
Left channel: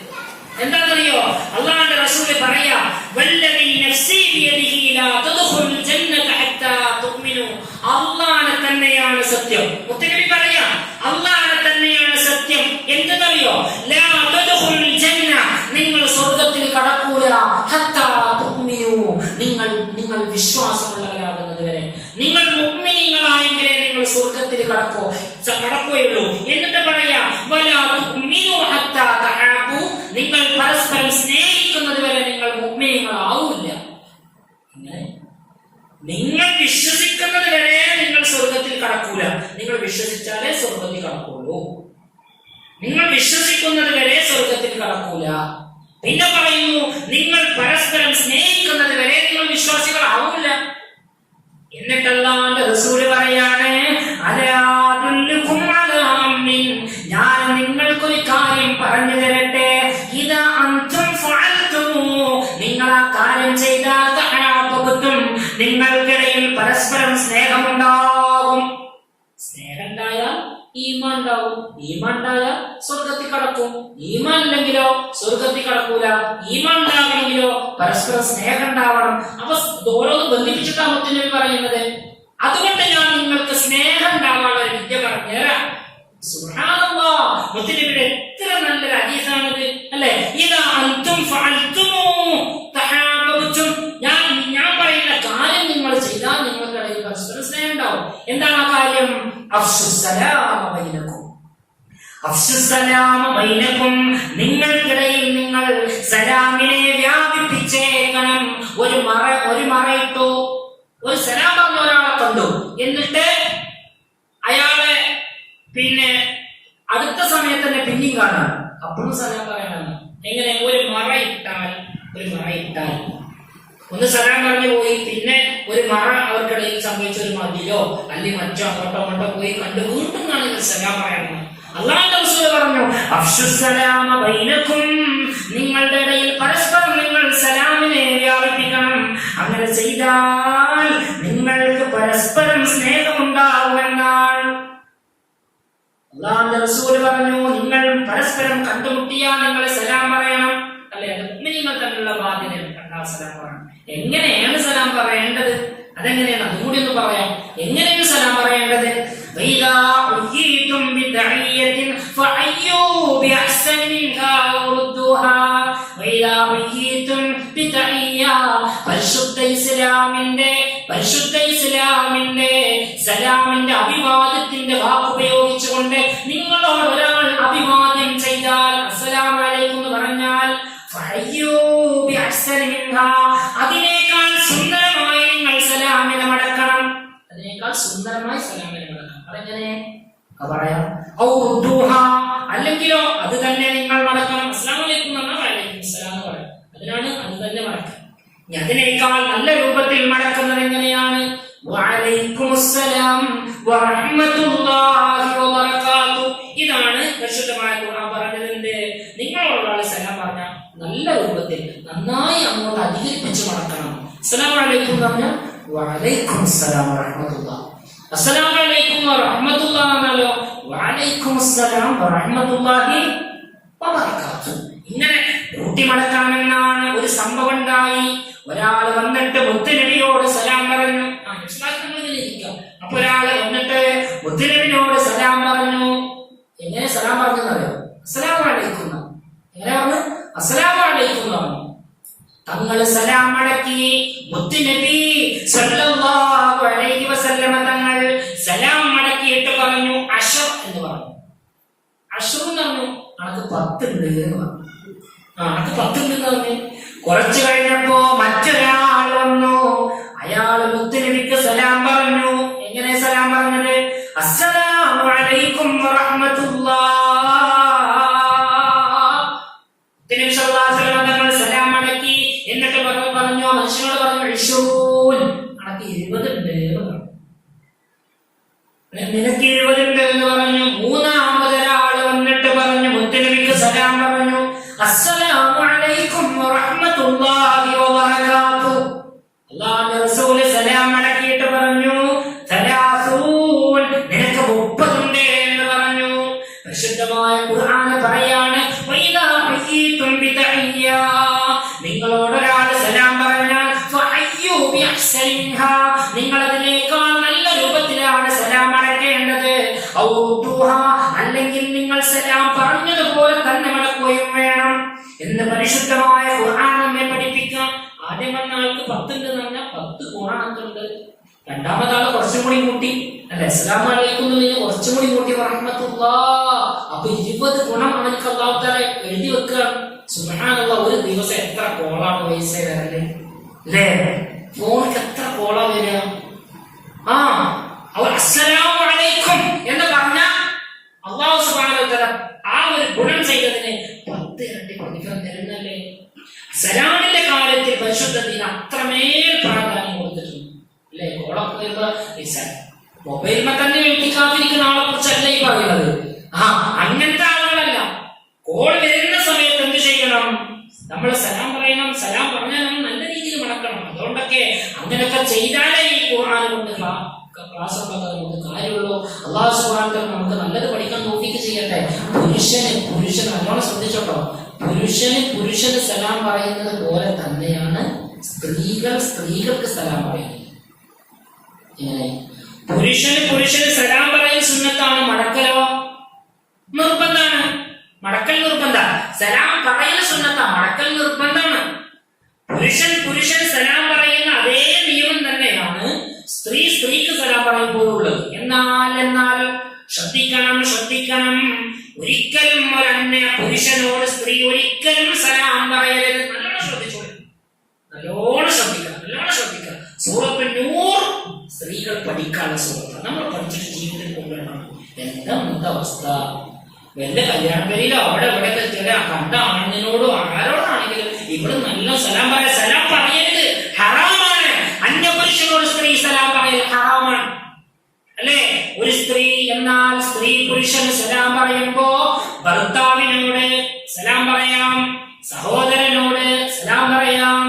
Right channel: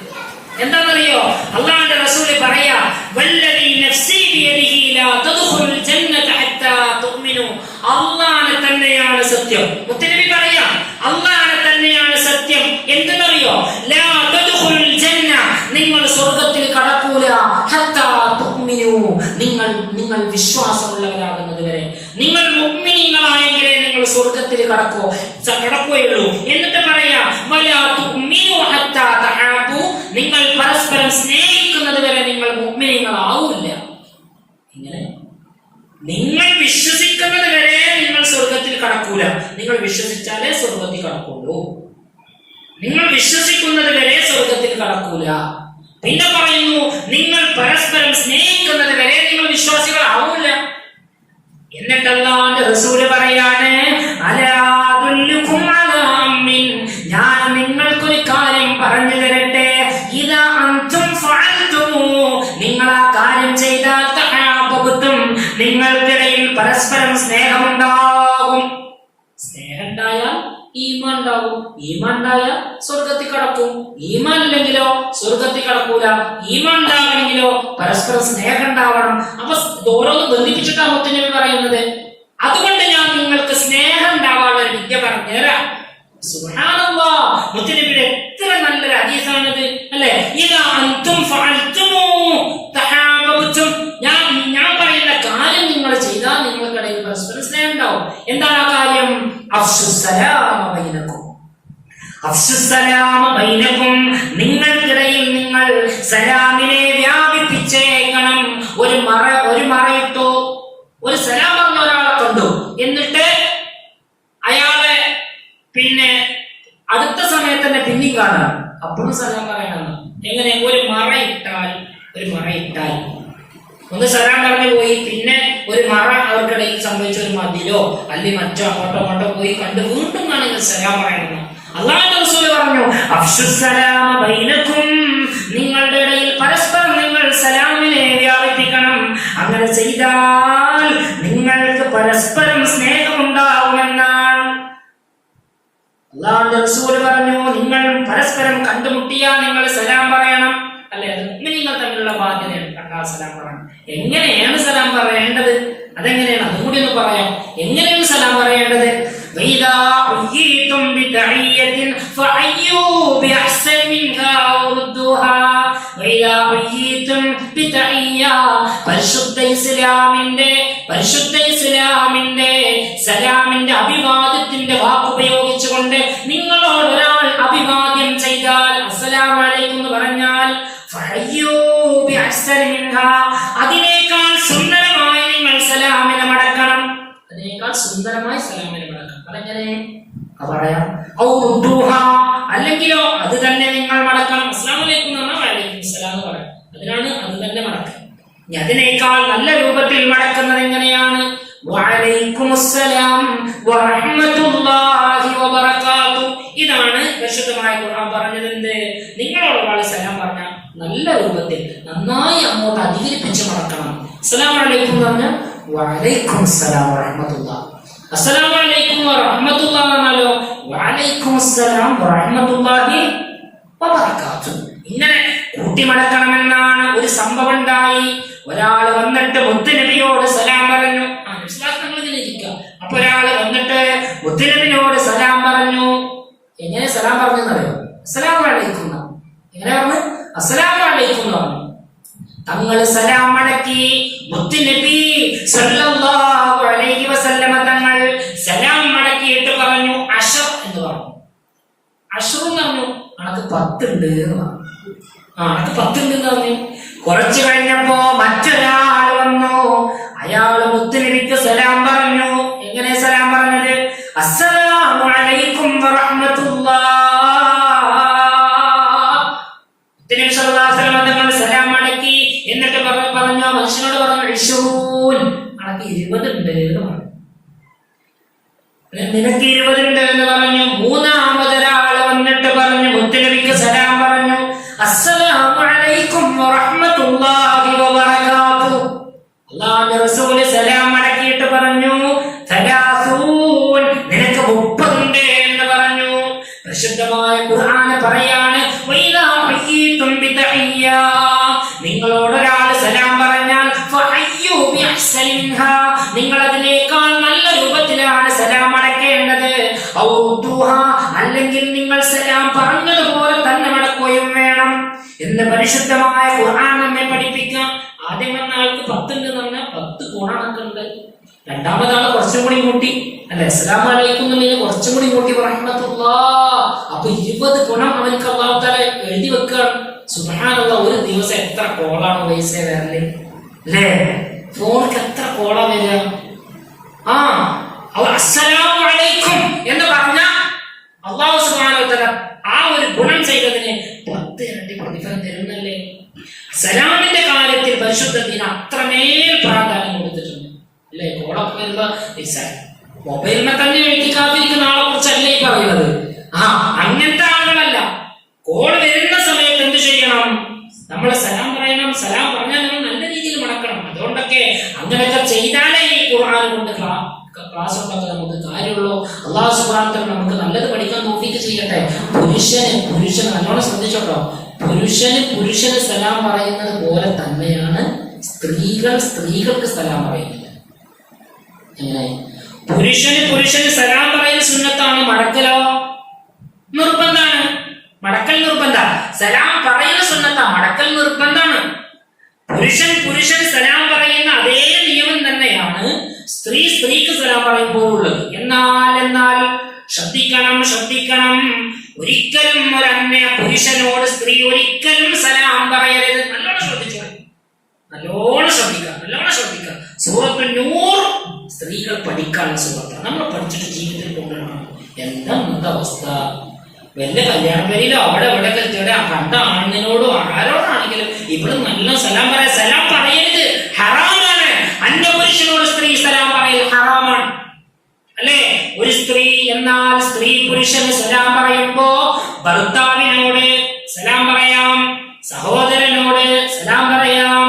എന്താണെന്നറിയോ? അല്ലാഹുവിന്റെ റസൂൽ പറയാ, വല്ലദീ നഫ്സി ബിയദിഹി ലാ തദ്ഖുലുൽ ജന്നത ഹത്താ തുഅ്മിനു, അല്ലാഹു തന്നെയാണ് സത്യം. മുത്തനബി പറയാ, അല്ലാഹു തന്നെയാണ് സത്യം. എന്തെന്നറിയോ? ലാ തദ്ഖുലുൽ ജന്ന, നിങ്ങൾ സ്വർഗ്ഗത്തിൽ കടക്കൂല, ഹത്താ തുഅ്മിനു, നിങ്ങൾ വിശ്വാസമുള്ളവരാകുന്നത് വരെ. നിങ്ങൾ മുഅ്മിനീങ്ങളായെങ്കിലേ നിങ്ങൾ സ്വർഗ്ഗത്തിൽ കടക്കുകയുള്ളൂ. എന്നിട്ട് പറയാ, വലാ തുഅ്മിനു ഹത്താ തഹാബു, നിങ്ങൾ പരസ്പരം സ്നേഹിക്കുന്നത് വരെ നിങ്ങൾ മുഅ്മിനീങ്ങളാവില്ല. ഇങ്ങനെ നിങ്ങൾ വിശ്വസിക്കുന്നത് വരെ നിങ്ങൾ സ്വർഗത്തിൽ കടക്കൂല. നിങ്ങൾ വിശ്വസിച്ചാലേ സ്വർഗത്തിൽ കടക്കുള്ളൂ. നിങ്ങൾ വിശ്വസിക്കുന്നത് വരെ സ്വർഗത്തിൽ കടക്കൂല. പിന്നെ പറയുന്നു, നിങ്ങൾ പരസ്പരം സ്നേഹിക്കുന്നത് വരെ നിങ്ങൾ വിശ്വാസികളാവില്ല. എന്നിട്ട് അല്ലാഹുവിന്റെ റസൂൽ പറയാണ്, അലാ അദുല്ലുകും അലാ അംരിൻ, ഞാൻ നിങ്ങൾക്കൊരു കാര്യം പറഞ്ഞു തരട്ടെ. ഇദാ അൻതും ഫഅൽതുമു, നിങ്ങൾ ആ കാര്യം ചെയ്താൽ തഹാബബതും, നിങ്ങൾക്കിടയിൽ പരസ്പരം സ്നേഹമുണ്ടാകും. സ്നേഹം ഉണ്ടായാൽ ഈമാൻ ഉണ്ടാവും. ഈമാൻ ഉണ്ടായാൽ സ്വർഗത്തിൽ കടക്കും. ഈമാൻ ഇല്ലെങ്കിലോ സ്വർഗത്തിൽ കടക്കൂല. ഈമാൻ ഉണ്ടാകണമെങ്കിലോ പരസ്പരം സ്നേഹം ഉണ്ടാവണം. അപ്പൊ ഓരോന്ന് ബന്ധിപ്പിച്ചിട്ടാണ് മുത്തനബി പറയുന്നത്. അതുകൊണ്ട് ഞാൻ നിങ്ങൾക്ക് സ്നേഹം ഉണ്ടാവാനുള്ള വിദ്യ പറഞ്ഞുതരാം. സുബ്ഹാനല്ലാഹ്, മുത്തനബിയുടെ എത്ര നല്ലൊരു ഹദീസാണിത് അല്ലേ? ഇദാ അൻതും ഫഅൽതുമു തഹാബബതും, ഞാൻ പറയുന്ന കാര്യം നിങ്ങൾ ചെയ്താൽ നിങ്ങൾക്കിടയിൽ പരസ്പരം സ്നേഹം ഉണ്ടാവും. എന്താണ് ആ കാര്യം? അഫ്ശുസ്സലാമ ബൈനകും, അഫ്ശുസ്സലാമ ബൈനകും, നിങ്ങൾക്കിടയിൽ നിങ്ങൾ സലാമിനെ വ്യാപിപ്പിച്ചേക്കണം. ഒരു മറയിട്ടു ഒരു സലാം പറഞ്ഞ ഒരാളെ കണ്ടു, എന്നിട്ട് അയാളെ പിന്നെ അടുത്ത സമയത്ത് തന്നെ പിന്നെയും കാണാം, അപ്പോഴും സലാം പറയണം. എങ്ങനെ? ഒരു മറയിട്ടാൽ ഒന്ന് സലാം പറഞ്ഞു പോയി, പിന്നെ ഒരു മറ അവർക്കിടയിൽ സംഭവിച്ച ഒരു മതിലോ അല്ലെങ്കിൽ മറ്റോ അങ്ങോട്ടോ പോയി കണ്ട് വീണ്ടും കാണുന്നത് സലാം പറയണം. അല്ലാഹുവിന്റെ റസൂൽ പറഞ്ഞു, അഫ്ശുസ്സലാമ ബൈനകും, നിങ്ങളുടെ ഇടയിൽ പരസ്പരം നിങ്ങൾ സലാമിനെ വ്യാപിപ്പിക്കണം. അങ്ങനെ ചെയ്താൽ നിങ്ങൾക്ക് പരസ്പരം സ്നേഹമുണ്ടാവുമെന്നാണ്. അല്ലാഹുവിന്റെ റസൂൽ പറഞ്ഞു, നിങ്ങൾ പരസ്പരം കണ്ടുമുട്ടിയാൽ നിങ്ങൾ സലാം പറയണം. അല്ലെ, അത് മുഅ്മിനീങ്ങൾ തമ്മിലുള്ള ബാധ്യതയാണ്. കണ്ടാൽ സലാം പറയണം. എങ്ങനെയാണ് സലാം പറയേണ്ടത്? അതെങ്ങനെയാണ്? അതും കൂടി ഒന്ന് പറയാം. എങ്ങനെയാണ് സലാം പറയേണ്ടത്? വൈദാ ഉയ്യിതും ബിതഹിയ്യത്തിൻ ഫഅയ്യൂ ബിഅഹ്സനി മിൻഹാ റുദ്ദുഹാ. വൈദാ ഉയ്യിതും ബിതഹിയ്യ, പരിശുദ്ധ ഇസ്ലാമിന്റെ സലാമിന്റെ അഭിവാദ്യത്തിന്റെ വാക്ക് ഉപയോഗിച്ചുകൊണ്ട് നിങ്ങളോട് ഒരാൾ അഭിവാദ്യം ചെയ്താൽ, അസ്സലാമു അലൈക്കും എന്ന് പറഞ്ഞാൽ, ഫഅയ്യൂ ബിഅഹ്സനി മിൻഹാ, അതിനേക്കാൾ സുന്ദരമായി നിങ്ങൾ സലാമിനെ മടക്കണം. അതിനേക്കാൾ സുന്ദരമായി സലാമിനെ മടക്കണം. അതെങ്ങനെ പറയാം? ഔ റുദ്ദുഹാ, അല്ലെങ്കിലോ അത് തന്നെ നിങ്ങൾ മടക്കണം. അസ്സലാമു അലൈക്കും എന്ന് പറഞ്ഞാൽ വഅലൈക്കും സലാം എന്ന് പറയാം. അതിനാണ് അത് തന്നെ മടക്കുക. ഇനി അതിനേക്കാൾ നല്ല രൂപത്തിൽ മടക്കുന്നത് എങ്ങനെയാണ്? വഅലൈക്കുമുസ്സലാം വറഹ്മത്തുള്ളാഹി വബറകാതുഹു. ഇതാണ് പരിശുദ്ധമായ ഖുർആൻ പറഞ്ഞത്. എന്ത്? നിങ്ങളോട് സലാം പറഞ്ഞ നല്ല രൂപത്തിൽ നന്നായി അങ്ങോട്ട് അധികരിപ്പിച്ച് മടക്കണം. അസ്സലാമു അലൈക്കും എന്ന് പറഞ്ഞാൽ വഅലൈക്കുമുസ്സലാം വറഹ്മത്തുള്ളാഹി. അസ്സലാമു അലൈക്കും വറഹ്മത്തുള്ളാഹി എന്ന് പറഞ്ഞാലോ വഅലൈക്കുമുസ്സലാം വറഹ്മത്തുള്ളാഹി വബറകാതുഹു. ഇങ്ങനെ കൂട്ടിമടക്കണമെന്നാണ്. ഒരു സംഭവം ഉണ്ടായി. ഒരാൾ വന്നിട്ട് മുത്തുനബിയോട് സലാം പറഞ്ഞു. അപ്പൊ ഒരാള് വന്നിട്ട് മുത്തുനബിയോട് സലാം പറഞ്ഞു. എങ്ങനെ സലാം പറഞ്ഞെന്നറിയോ? അസ്സലാമു അലൈക്കും. എങ്ങനെ പറഞ്ഞു? അസ്സലാമു അലൈക്കും എന്ന് പറഞ്ഞു. തങ്ങൾ സലാം മടക്കി. മുത്തുനബി സല്ലല്ലാഹു അലൈഹി വസല്ലമ തങ്ങൾ സലാം മടക്കിയിട്ട് പറഞ്ഞു അശർ എന്ന് പറഞ്ഞു. അശർ എന്ന് പറഞ്ഞു അനക്ക് 10 ഉണ്ട് എന്ന് പറഞ്ഞു. അനക്ക് 10 ഉണ്ട് എന്ന് പറഞ്ഞു. കുറച്ചു കഴിഞ്ഞപ്പോ മറ്റൊരാൾ വന്നു. അയാള് മുത്തുനബിക്ക് സലാം പറഞ്ഞു. എങ്ങനെ സലാം പറഞ്ഞത്? അസ്സലാമു അലൈക്കും വറഹ്മത്തുള്ളാഹ്. മുത്തുനബി സല്ലല്ലാഹു അലൈഹി വസല്ലം തങ്ങൾ സലാം മടക്കി. എന്നിട്ട് പറഞ്ഞു മനുഷ്യനോട് പറഞ്ഞു 20 അനക്ക് 20 ഉണ്ട് എന്ന് പറഞ്ഞു. നിനക്ക് 20 ഉണ്ട് എന്ന് പറഞ്ഞു. മൂന്നാമതൊരാൾ വന്നിട്ട് പറഞ്ഞു മുത്തുനബിക്ക് സലാം പറഞ്ഞു അസ്സലാമു അലൈക്കും വറഹ്മത്തുള്ളാഹി വബറകാതുഹു. അല്ലാഹുവിന്റെ റസൂൽ സലാം മടക്കിയിട്ട് പറഞ്ഞു 30, നിനക്ക് 30 ഉണ്ട് എന്ന് പറഞ്ഞു. പരിശുദ്ധമായ ഖുർആൻ പറയാണ് വൈദാ ഹയ്യിതും ബിതഹിയ്യ, നിങ്ങളോട് ഒരാൾ സലാം പറഞ്ഞാൽ ഫഅയ്യൂ ബിഅഹ്സനി മിൻഹാ, നിങ്ങൾ അതിനേക്കാൾ നല്ല രൂപത്തിലാണ് സലാം മടക്കേണ്ടത്. ഔ റുദ്ദുഹാ, അല്ലെങ്കിൽ നിങ്ങൾ സലാം പറഞ്ഞതുപോലെ തന്നെ മടക്കുകയും വേണം എന്ന് പരിശുദ്ധമായ ഖുർആൻ നമ്മെ പഠിപ്പിക്കാം. ആദ്യം വന്ന ആൾക്ക് 10 ഉണ്ട് എന്ന് പറഞ്ഞാൽ 10 ഗുണമുണ്ട്. രണ്ടാമതാള് കുറച്ചും കൂടി കൂട്ടി, അല്ലെ, അസ്സലാമു അലൈക്കും എന്നുള്ളത് കുറച്ചും കൂടി കൂട്ടി റഹ്മത്തുള്ളാഹ്. അപ്പൊ 20 ഗുണം അവർക്ക് അല്ലാഹു തആല എഴുതി വെക്കുകയാണ്. സുബ്ഹാനല്ലാഹ്, ഒരു ദിവസം എത്ര കോളാണ് പൈസ വരല്, അല്ലേ? ഫോണിക്ക് എത്ര കോളാ വരിക? അസ്സലാമു അലൈക്കും എന്ന് പറഞ്ഞ അല്ലാഹു സുബ്ഹാനഹു വ തആല ആ ഒരു ഗുണം ചെയ്തതിന് 10 ഇരട്ടി പ്രതിഫലം തരുന്നല്ലേ. സലാമിന്റെ കാര്യത്തിൽ പരിശുദ്ധ ദീൻ അത്രമേൽ പ്രാധാന്യം കൊടുത്തിട്ടുണ്ട്, അല്ലേ? കോളൊക്കെ വരുമ്പോ മൊബൈലിനെ തന്നെ എഴുതിക്കാതിരിക്കുന്ന ആളെ കുറിച്ചല്ല ഈ പറയുന്നത്. അങ്ങനത്തെ ആളുകളല്ല. കോൾ വരുന്ന സമയത്ത് എന്ത് ചെയ്യണം? നമ്മൾ സലാം പറയണം. സലാം പറഞ്ഞാൽ നമ്മൾ നല്ല രീതിയിൽ മടക്കണം. അതുകൊണ്ടൊക്കെ അങ്ങനെയൊക്കെ ചെയ്താലേ ഈ ഖുർആൻ കൊണ്ട് ക്ലാസ് കൊണ്ടൊക്കെ നമുക്ക് കാര്യമുള്ളൂ. അല്ലാഹു സുബ്ഹാനഹു വ തആല നമുക്ക് നല്ലത് പഠിക്കാൻ തൗഫീഖ് ചെയ്യട്ടെ. പുരുഷന് നല്ലോണം ശ്രദ്ധിച്ചോട്ടോ. പുരുഷന് സലാം പറയുന്നത് പോലെ തന്നെയാണ് സ്ത്രീകൾക്ക് സലാം പറയുന്നത്. പുരുഷന് സലാം പറയൽ സുന്നത്താണ്. മടക്കലോ നിർബന്ധാണ്. മടക്കൽ നിർബന്ധ. സലാം പറയൽ സുന്നത്താ, മടക്കൽ നിർബന്ധാണ്. പുരുഷൻ സലാം പറയുന്ന അതേ നിയമം തന്നെയാണ് സ്ത്രീക്ക് സലാം പറയുമ്പോഴുള്ളത്. എന്നാൽ ശ്രദ്ധിക്കണം. ഒരിക്കലും ഒരന്യ പുരുഷനോട് സ്ത്രീ ഒരിക്കലും സലാം പറയരുത്. നല്ലോണം ശ്രദ്ധിക്കുക. സൂറത്തുൻ നൂർ സ്ത്രീകൾ പഠിക്കാനുള്ള സൂറത്താണ്. നമ്മൾ പഠിച്ചിട്ട് ജീവിതത്തിൽ കൊണ്ടുവരണം. എന്താ അവസ്ഥ? വല്ല കല്യാണ പേരിലോ അവിടെ കണ്ട ആണിനോടും ആരോടാണെങ്കിലും ഇവിടെ നല്ല സലാം പറയരുത്. ഹറാമാണ്. അന്യപുരുഷനോട് സ്ത്രീ സലാം പറയൽ ഹറാമാണ്, അല്ലേ? ഒരു സ്ത്രീ പുരുഷന് സലാം പറയുമ്പോ ഭർത്താവിനോട് സലാം പറയാം, സഹോദരനോട് സലാം പറയാം,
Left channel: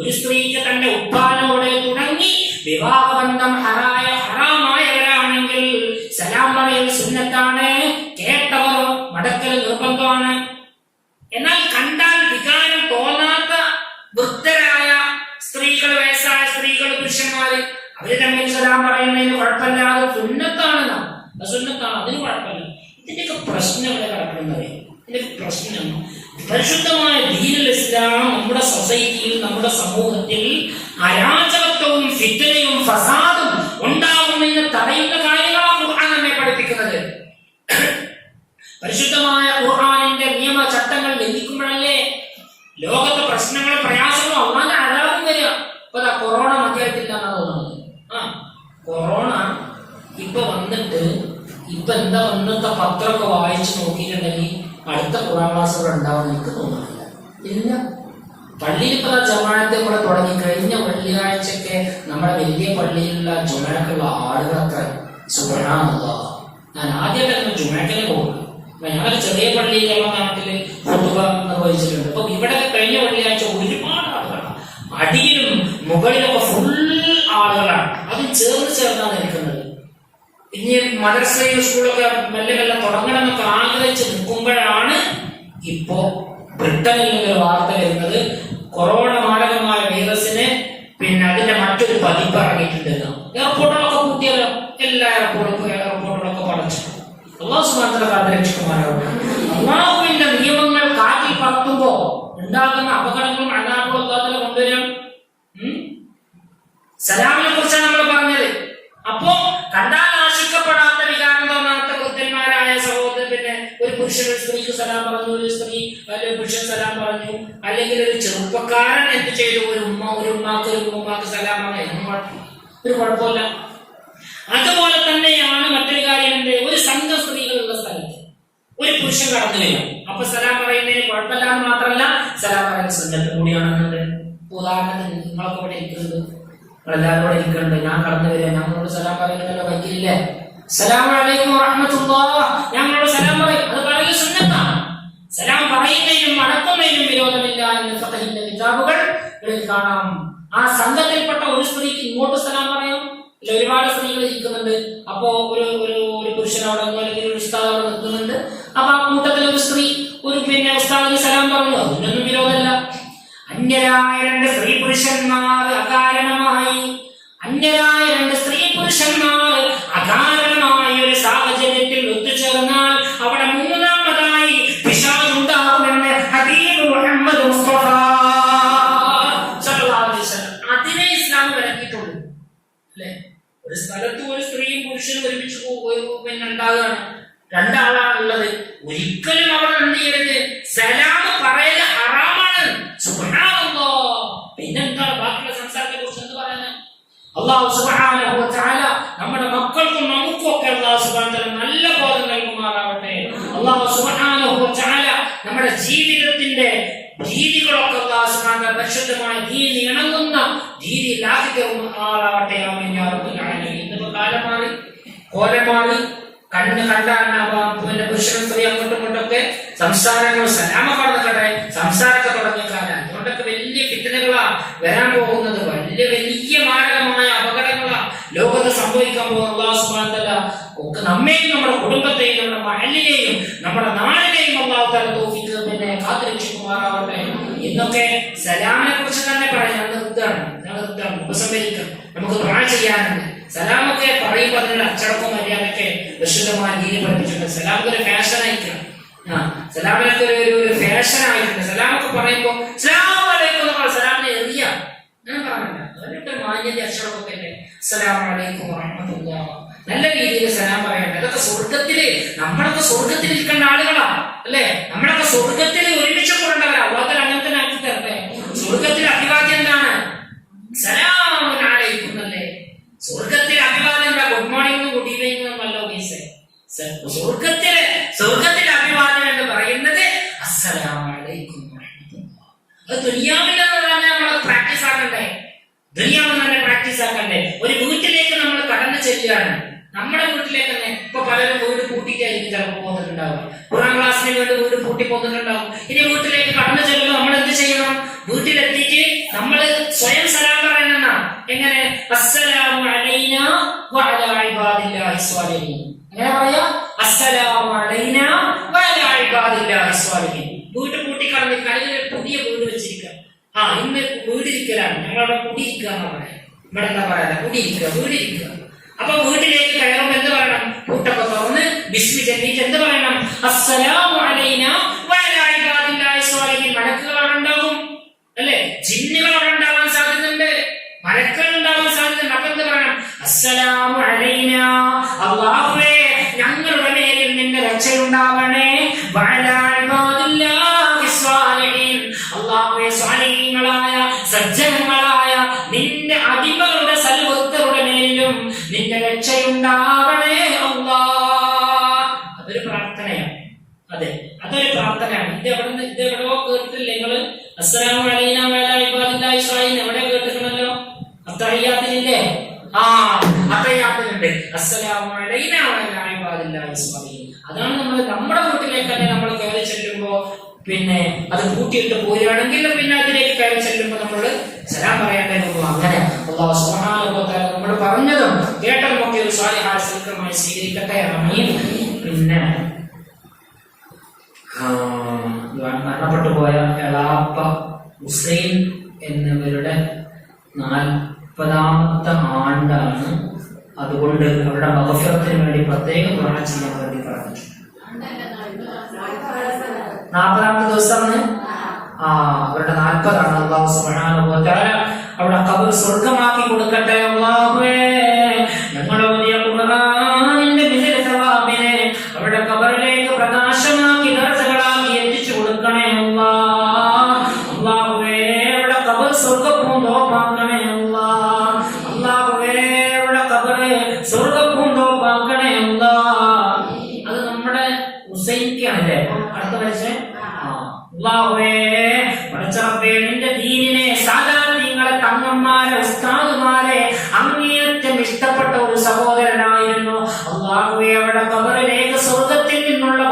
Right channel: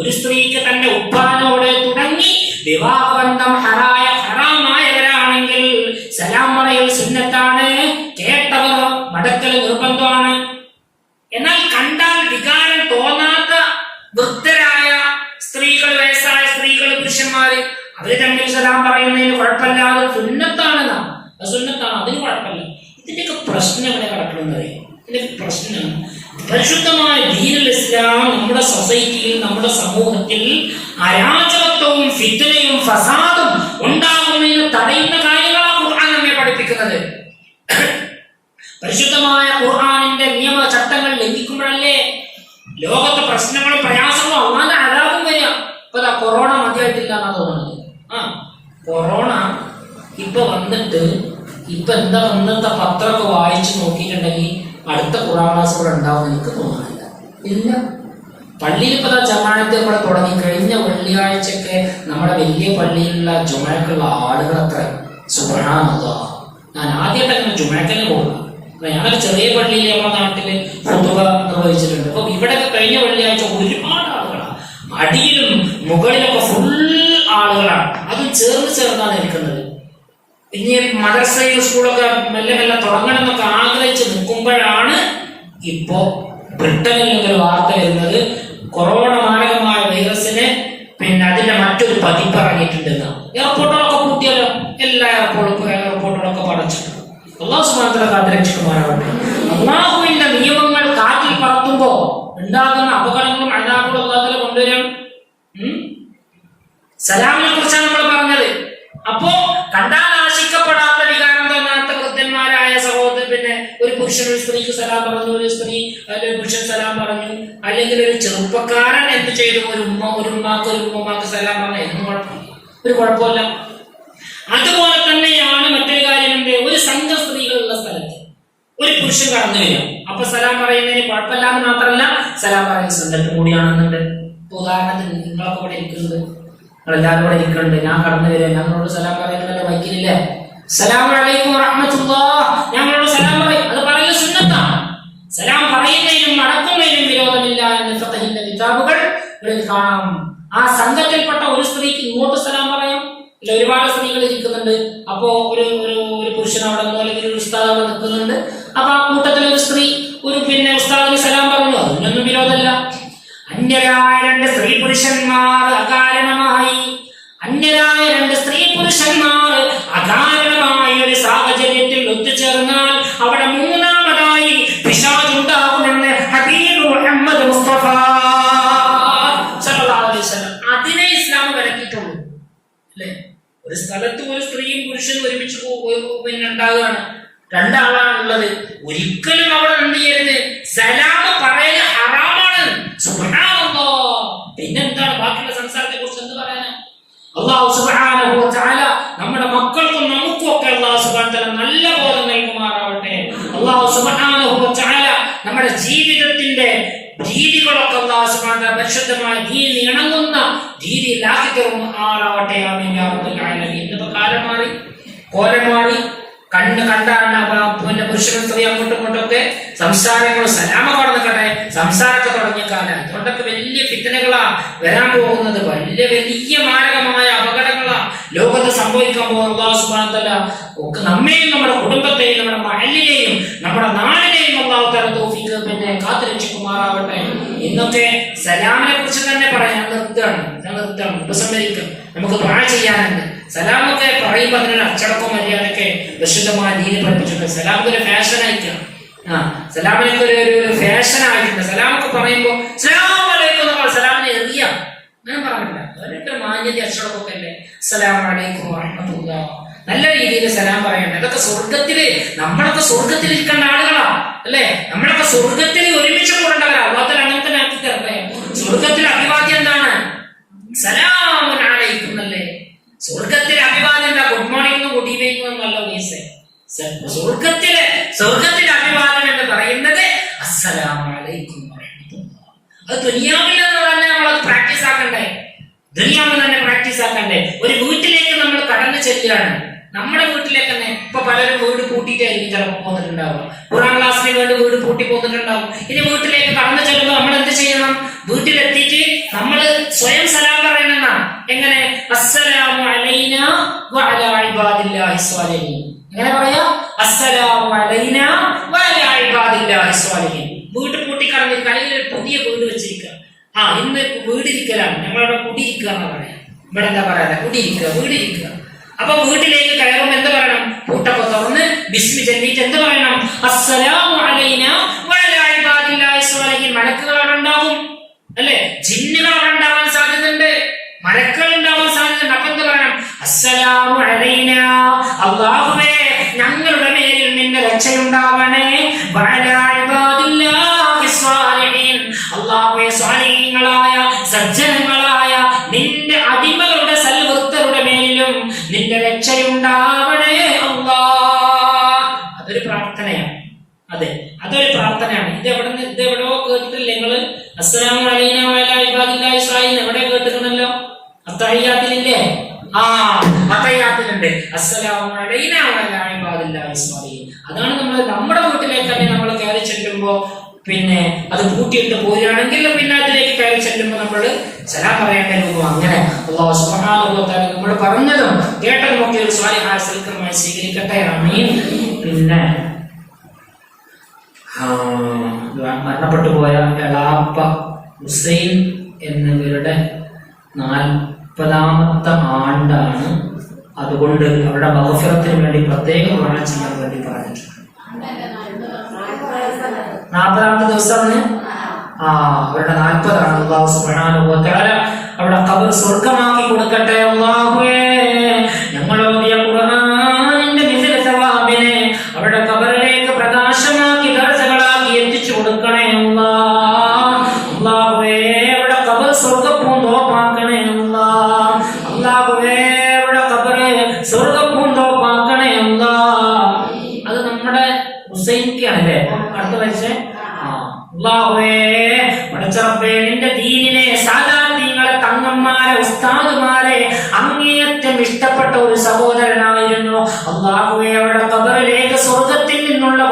ഒരു സ്ത്രീക്ക് തന്റെ ഉപ്പാനോട് തുടങ്ങി വിവാഹബന്ധം ഹറായ നിർബന്ധമാണ്. എന്നാൽ കണ്ടാൽ വികാരം തോന്നാത്ത വൃദ്ധരായ സ്ത്രീകൾ, വയസ്സായ സ്ത്രീകൾ, പുരുഷന്മാര് അവര് തമ്മിൽ സലാം പറയുന്നതിന് കുഴപ്പമില്ലാതെ സുന്നത്താണ്, സുന്നത്താണ്, അതിന് കുഴപ്പമില്ല. ഇതിന്റെയൊക്കെ പ്രശ്നം എവിടെ കിടക്കുന്നത്? ഇതിന്റെ പ്രശ്നം പരിശുദ്ധമായ ദീനുൽ ഇസ്ലാം നമ്മുടെ സൊസൈറ്റിയിൽ, നമ്മുടെ സമൂഹത്തിൽ അരാജകത്വവും ഫിത്നയും ഫസാദും ഉണ്ടാകുന്നതിന് തടയുന്ന കാര്യങ്ങളാണ് ഖുർആൻ നമ്മെ പഠിപ്പിക്കുന്നത്. പരിശുദ്ധമായ ഖുർആനിന്റെ നിയമ ചട്ടങ്ങൾ ലംഘിക്കുമ്പോഴല്ലേ ലോകത്തെ പ്രശ്നങ്ങളും പ്രയാസങ്ങളും അള്ളാന്റെ അതാപം വരിക. ഇപ്പൊ കൊറോണ മതിയായിട്ടില്ല എന്നാ തോന്നുന്നത്. കൊറോണ ഇപ്പൊ വന്നിട്ട് ഇപ്പൊ എന്താ ഇന്നത്തെ പത്രമൊക്കെ വായിച്ചു നോക്കിയിട്ടുണ്ടെങ്കിൽ അടുത്ത ഖുർആൻ ക്ലാസ്സുകൾ ഉണ്ടാവും എനിക്ക് തോന്നുന്നില്ല. ഇല്ല. പള്ളിയിൽ ഇപ്പൊ ജമാഅത്ത് നമ്മളെ തുടങ്ങി. കഴിഞ്ഞ വെള്ളിയാഴ്ചയൊക്കെ നമ്മുടെ വലിയ പള്ളിയിലുള്ള ജുമഅക്കുള്ള ആളുകൾ അത്ര സുബ്ഹാനല്ലാഹ്. ഞാൻ ആദ്യമായിട്ട് അങ്ങനെ ജുമഅക്കിന് പോകും. ഞാനൊരു ചെറിയ പള്ളിയിൽ നമ്മുടെ നാട്ടില് ഖുതുബ നിർവഹിച്ചിട്ടുണ്ട്. അപ്പൊ ഇവിടെ കഴിഞ്ഞ വെള്ളിയാഴ്ച ഒരുപാട് ആളുകളാണ്. അടിയിലും മുകളിലൊക്കെ ഫുൾ ആളുകളാണ്. അതും ചേർന്നാണ് ഇരിക്കുന്നത്. ഇനി മദ്രസയും സ്കൂളൊക്കെ മെല്ലെ മെല്ലെ തുടങ്ങണമെന്നൊക്കെ ആഗ്രഹിച്ച് നിൽക്കുമ്പോഴാണ് ഇപ്പോ ബ്രിട്ടനിൽ നിന്നൊരു വാർത്ത വരുന്നത്. കൊറോണ മാരകമായ വൈറസിന് പിന്നെ അതിന്റെ മറ്റൊരു പതിപ്പ് ഇറങ്ങിയിട്ടുണ്ട്. എയർപോർട്ടുകളൊക്കെ പൂട്ടിയല്ലോ, എല്ലാ എയർപോർട്ടുകളൊക്കെ പടച്ചു. അല്ലാഹു സുബ്ഹാനഹു വ തആല കാത്തുരക്ഷിക്കുമാറാവട്ടെ. അല്ലാഹുവിന്റെ നിയമങ്ങൾ കാറ്റിൽ പറത്തുമ്പോ ഉണ്ടാകുന്ന അപകടങ്ങളും അനാഥകളും അല്ലാഹു കൊണ്ടുവരും. സലാമിനെ കുറിച്ചാണ് നമ്മൾ പറഞ്ഞത്. അപ്പോ കണ്ടാൽ ആശിക്കപ്പെടാത്ത വികാരം തോന്നാത്ത വൃദ്ധന്മാരായ സഹോദരൻ, പിന്നെ ഒരു പുരുഷൻ ഒരു സ്ത്രീക്ക് സലാം പറഞ്ഞു, ഒരു സ്ത്രീ അല്ലെങ്കിൽ പുരുഷൻ സലാം പറഞ്ഞു, അല്ലെങ്കിൽ ഒരു ചെറുപ്പക്കാരൻ എന്ത് ചെയ്തു, ഒരു ഉമ്മാക്ക് സലാം പറഞ്ഞു, ഒരു കുഴപ്പമില്ല. അതുപോലെ തന്നെയാണ് മറ്റൊരു കാര്യമുണ്ട്. ഒരു സംഘം സ്ത്രീകളുള്ള സ്ഥലത്ത് ഒരു പുരുഷൻ കടന്നു വരും. അപ്പൊ സലാം പറയുന്നതിന് കുഴപ്പമില്ലാന്ന് മാത്രമല്ല, സലാം പറയുന്ന സുന്നത്ത് കൂടിയാണെന്നുണ്ട്. ഉദാഹരണത്തിന് നിങ്ങളൊക്കെ ഇവിടെ ഇരിക്കുന്നത്, നിങ്ങളെല്ലാവരും കൂടെ ഇരിക്കുന്നുണ്ട്, ഞാൻ കടന്നു വരിക, ഞങ്ങളോട് സലാം പറയുന്നല്ലോ വൈക്കില്ലേ, സലാം അലൈക്കും വറഹ്മത്തുള്ളാഹ്, ഞങ്ങളോട് സലാം പറയും. അത് പറയുന്നത് സുന്നത്താണ്. സലാം പറയുന്നതിനും മടക്കുന്നതിനും വിരോധമില്ല എന്ന് ഫഖഹിന്റെ കിതാബുകളിൽ കാണാം. ആ സംഘത്തിൽപ്പെട്ട ഒരു സ്ത്രീക്ക് ഇങ്ങോട്ട് സലാം പറയാം. ഒരുപാട് സ്ത്രീകൾ ഇരിക്കുന്നുണ്ട്. അപ്പോ ഒരു പുരുഷനോട് അല്ലെങ്കിൽ ഒരു ഉസ്താദ് അവിടെ നിൽക്കുന്നുണ്ട്. അപ്പൊ ആ കൂട്ടത്തിൽ ഒരു സ്ത്രീ ഒരു പിന്നെ ഉസ്താദിന് സലാം പറഞ്ഞു, അതിനൊന്നും വിരോധമില്ല. അന്യരായ രണ്ട് സ്ത്രീ പുരുഷന്മാർ അകാരണമായി ഒരു സാഹചര്യത്തിൽ ഒത്തുചേർന്നാൽ അവിടെ മൂന്നാമതായി പിശാച് ഉണ്ടാകുമെന്ന് ഹബീബ് മുഹമ്മദ് മുസ്തഫ സല്ലല്ലാഹു അലൈഹി വസല്ലം അതിനെ ഇസ്ലാം വിലക്കിയിട്ടുള്ളൂ. അല്ലെ, ഒരു സ്ഥലത്ത് ഒരു സ്ത്രീയും പുരുഷനും ഒരുമിച്ച് പിന്നെ ഉണ്ടാകുകയാണ്, രണ്ടാളാണുള്ളത്. ഒരിക്കലും അവിടെ എന്ത് ചെയ്യരുത്, സലാം പറയൽ ഹറാമാണ്. സുബ്ഹാനല്ലാഹ്. പിന്നെന്താണ് ബാക്കിയുള്ള സംസാരത്തെ കുറിച്ച് എന്ത് പറയാനാ? അല്ലാഹു സുബ്ഹാനഹു വ തആല നമ്മുടെ മക്കൾക്കും നമുക്കും ഒക്കെ അല്ലാഹു സുബ്ഹാനഹു വ തആല നല്ല ബോധം നൽകുമാറാവട്ടെ. അല്ലാഹു സുബ്ഹാനഹു വ തആല നമ്മുടെ ജീവിതത്തിന്റെ രീതികളൊക്കെ അല്ലാഹു സുബ്ഹാനഹു വ തആല പരിശുദ്ധമായ ദീനിന് ഇണങ്ങുന്ന രീതിയിലാക്കി തരുമാറാവട്ടെ. ആമീൻ യാ റബ്ബൽ ആലമീൻ. ഇന്നത്തെ കാലം മാറി, കോലം മാറി. കണ്ണ് കണ്ടാണ് പിന്നെ പുരുഷനും സ്ത്രീ അങ്ങോട്ടും ഇങ്ങോട്ടൊക്കെ സംസാരങ്ങൾ സലാമ കടന്നിക്കട്ടെ സംസാരമൊക്കെ തുടങ്ങിയ കാലം. അതുകൊണ്ടൊക്കെ വലിയ ഫിത്നകളാ വരാൻ പോകുന്നത്. വലിയ മാരകമായ അപകടങ്ങളാ ലോകത്ത് സംഭവിക്കാൻ പോകുന്നത്. അല്ലാഹു സുബ്ഹാനഹു വ തആല ഒക്കെ നമ്മെയും നമ്മുടെ കുടുംബത്തെയും നമ്മുടെ മഹല്ലിനെയും നമ്മുടെ നാടിനെയും അല്ലാഹു തആല തൗഫീഖ് പിന്നെ കാത്തുരക്ഷിക്കുമാറാവട്ടെ. ഇന്നൊക്കെ സലാമിനെ കുറിച്ച് തന്നെ പറയാൻ നിർത്തുകയാണ്, ഉപസംഹരിക്കും. നമുക്ക് ദുആ ചെയ്യാനുണ്ട്. സലാമൊക്കെ പറയുമ്പോൾ അതിനുള്ള അച്ചടക്കവും മര്യാദയൊക്കെ വിശുദ്ധമായ ദീനിൽ പഠിപ്പിച്ചിട്ടുണ്ട്. സലാമൊക്കെ ഒരു ഫാഷൻ ആയിരിക്കണം. സലാമിനൊക്കെ ഒരു ഫാഷൻ ആയിട്ടുണ്ട്. സലാമൊക്കെ പറയുമ്പോൾ സലാം അലൈക്കും സലാമിനെ എറിയാം, ഞാൻ പറഞ്ഞില്ല. അവരുടെ മാന്യത അച്ചടക്കമൊക്കെ അല്ലേ. അസ്സലാമു അലൈക്കും വറഹ്മത്തുള്ളാഹി, നല്ല രീതിയിൽ സലാം പറയണം. അതൊക്കെ സ്വർഗത്തില്, നമ്മളൊക്കെ സ്വർഗത്തിൽ ഇരിക്കേണ്ട ആളുകളാ അല്ലെ. നമ്മളൊക്കെ സ്വർഗത്തിൽ ഒരുമിച്ച് കൂടേണ്ടവരാ. അല്ലാതെ അങ്ങനെ തന്നെ ആക്കി തരട്ടെ. സ്വർഗത്തിലെ അഭിവാദ്യം എന്താണ്? സലാമുൻ അലൈക്കും അല്ലേ. സ്വർഗത്തിലെ അഭിവാദ്യം എന്താ? ഗുഡ് മോർണിംഗ് ഗുഡ് ഈവനിംഗ് എന്നല്ല ഉദ്ദേശിച്ചത്. സ്വർഗത്തിലെ അഭിവാദ്യം എന്ന് പറയുന്നത് അസ്സലാമു അലൈക്കും വറഹ്മത്തുള്ളാഹി. അത് ദുനിയാവിൽ തന്നെ നമ്മളത് പ്രാക്ടീസ് ആക്കണ്ടേ, ദുനിയാവിൽ തന്നെ പ്രാക്ടീസ് ആക്കണ്ടേ. ഒരു വീട്ടിലേക്ക് നമ്മൾ കടന്നു ചെല്ലുകയാണ്, നമ്മുടെ വീട്ടിലേക്ക് തന്നെ. ഇപ്പൊ പലരും വീട് പൂട്ടിയിട്ടായിരിക്കും ചിലപ്പോൾ പോന്നിട്ടുണ്ടാവും. ഖുർആൻ ക്ലാസ്സിന് വേണ്ടി വീട് പൂട്ടി പോന്നിട്ടുണ്ടാവും. ഇനി വീട്ടിലേക്ക് കടന്നു ചെല്ലുമ്പോൾ നമ്മൾ എന്ത് ചെയ്യണം? വീട്ടിലെത്തിയിട്ട് നമ്മൾ സ്വയം സലാം പറയണം. എങ്ങനെ? അസ്സലാമു അലൈനാ വഅലാ ഇബാദില്ലാഹി സ്വാലിഹീൻ. എങ്ങനെ പറയാ? അസ്സലാമു അലൈനാ വഅലാ ഇബാദില്ലാഹി സ്വാലിഹീൻ. വീട് പൂട്ടിക്കളഞ്ഞ് കടലിൽ പുതിയ വീട് വെച്ചിരിക്കുക. ഇന്ന് വീടിരിക്കലാണ്, ഞങ്ങളവിടെ കുടിയിരിക്കുക എന്നാ പറയാം. ഇവിടെ എന്താ പറയാ? കുടിയിരിക്കുക, വീടിരിക്കുക. അപ്പൊ വീട്ടിലേക്ക് കയറുമ്പോൾ എന്ത് പറയണം? പൂട്ടൊക്കെ തുറന്ന് ബിസ്മി ചൊല്ലിയിട്ട് എന്ത് പറയണം? അസ്സലാമു അലൈനാ വഅലാ ഇബാദില്ലാഹി സ്വാലിഹീൻ. മലക്കുകൾ അവിടെ ഉണ്ടാവും അല്ലെ? ജിന്നുകൾ അവിടെ ഉണ്ടാവാൻ സാധ്യതയുണ്ട്, മലക്കുകൾ ഉണ്ടാവാൻ സാധ്യതയുണ്ട്. അപ്പൊ എന്ത് പറയണം? അസ്സലാമു അലൈനാ, അല്ലാഹുവേ ഞങ്ങളുടെ മേലിൽ നിന്റെ രക്ഷയുണ്ടാവണേ. വഅലാ ഇബാദില്ലാഹി സ്വാലിഹീൻ, അല്ലാഹുവേ സ്വാലിഹീങ്ങളായ സജ്ജനങ്ങളായ നിന്റെ അടിമകളുടെ സൽവൃത്തരുടെ മേലിലും നിന്റെ രക്ഷയുണ്ടാവണേ അല്ലാഹ്. അതൊരു പ്രാർത്ഥനയാണ്. അതെ, അതൊരു പ്രാർത്ഥനയാണ്. ഇതെവിടോ കേട്ടിട്ടില്ല നിങ്ങള്? അസ്സലാമു അലൈനാ വഅലാ ഇബാദില്ലാഹി സ്വാലിഹീൻ എവിടെ കേട്ടിട്ടുണ്ടല്ലോ? അത്തഹിയ്യാത്തിലില്ലേ? അത്തഹിയ്യാത്തിലുണ്ട് അസ്സലാമു അലൈനാ വഅലാ ഇബാദില്ലാഹി സ്വാലിഹീൻ. അതാണ് നമ്മുടെ വീട്ടിലേക്ക് തന്നെ നമ്മൾ കയറി ചെല്ലുമ്പോ, പിന്നെ അത് കൂട്ടിയിട്ട് പോരുകയാണെങ്കിൽ പിന്നെ അതിലേക്ക് കയറി ചെല്ലുമ്പോൾ നമ്മൾ സലാം പറയേണ്ടത്. അങ്ങനെ അല്ലാഹു സുബ്ഹാനഹു വ തആല നമ്മൾ പറഞ്ഞതും കേട്ടതും ഒക്കെ ഒരു സ്വാലിഹായ സൽക്കർമ്മമായി സ്വീകരിക്കട്ടെ. ആമീൻ. പിന്നെ മരണപ്പെട്ടു പോയ എളാപ്പ ഹുസൈൻ എന്നിവരുടെ 40ാമത്തെ ആണ്ടാണ്. അതുകൊണ്ട് അവരുടെ മഗ്ഫിറത്തിന് വേണ്ടി പ്രത്യേകം ദുആ ചെയ്യാൻ വേണ്ടി പറഞ്ഞിട്ടുണ്ട്. 40ാമത്തെ ദിവസമാണ് അവരുടെ 40ആണ്. അല്ലാഹു സുബ്ഹാനഹു വ തആല അവരുടെ ഖബർ സ്വർഗ്ഗമാക്കി കൊടുക്കട്ടെ. അല്ലാഹുവേ ഞങ്ങൾ ഓതിയ ഖുർആനിന്റെ മിഥില സവാബിനെ അവരുടെ ഖബറിലേക്ക് പ്രകാശമാക്കി ദർജകളാക്കി എത്തിച്ചു കൊടുക്കണേ അല്ലാഹ്. അല്ലാഹുവേ അവരുടെ ഖബർ സ്വർഗ്ഗപ്പൂന്തോപ്പാക്കണേ അല്ലാഹ്. അല്ലാഹുവേ അവരുടെ ഖബർ സ്വർഗ്ഗപ്പൂന്തോപ്പാക്കണേ അല്ലാഹ്. അത് നമ്മുടെ ഹുസൈൻക്കാണല്ലേ അടുത്ത വയസ്സ്. അല്ലാഹുവേ പടച്ചറബ്ബേ നിന്റെ ദീനിനെ, സാധാരണങ്ങളെ, തങ്ങന്മാരെ, ഉസ്താദുമാരെ അങ്ങേയറ്റം ഇഷ്ടപ്പെട്ട ഒരു സഹോദരനായിരുന്നു. അല്ലാഹുവേ അവരുടെ ഖബറിലേക്ക് സ്വർഗ്ഗത്തിൽ നിന്നുള്ള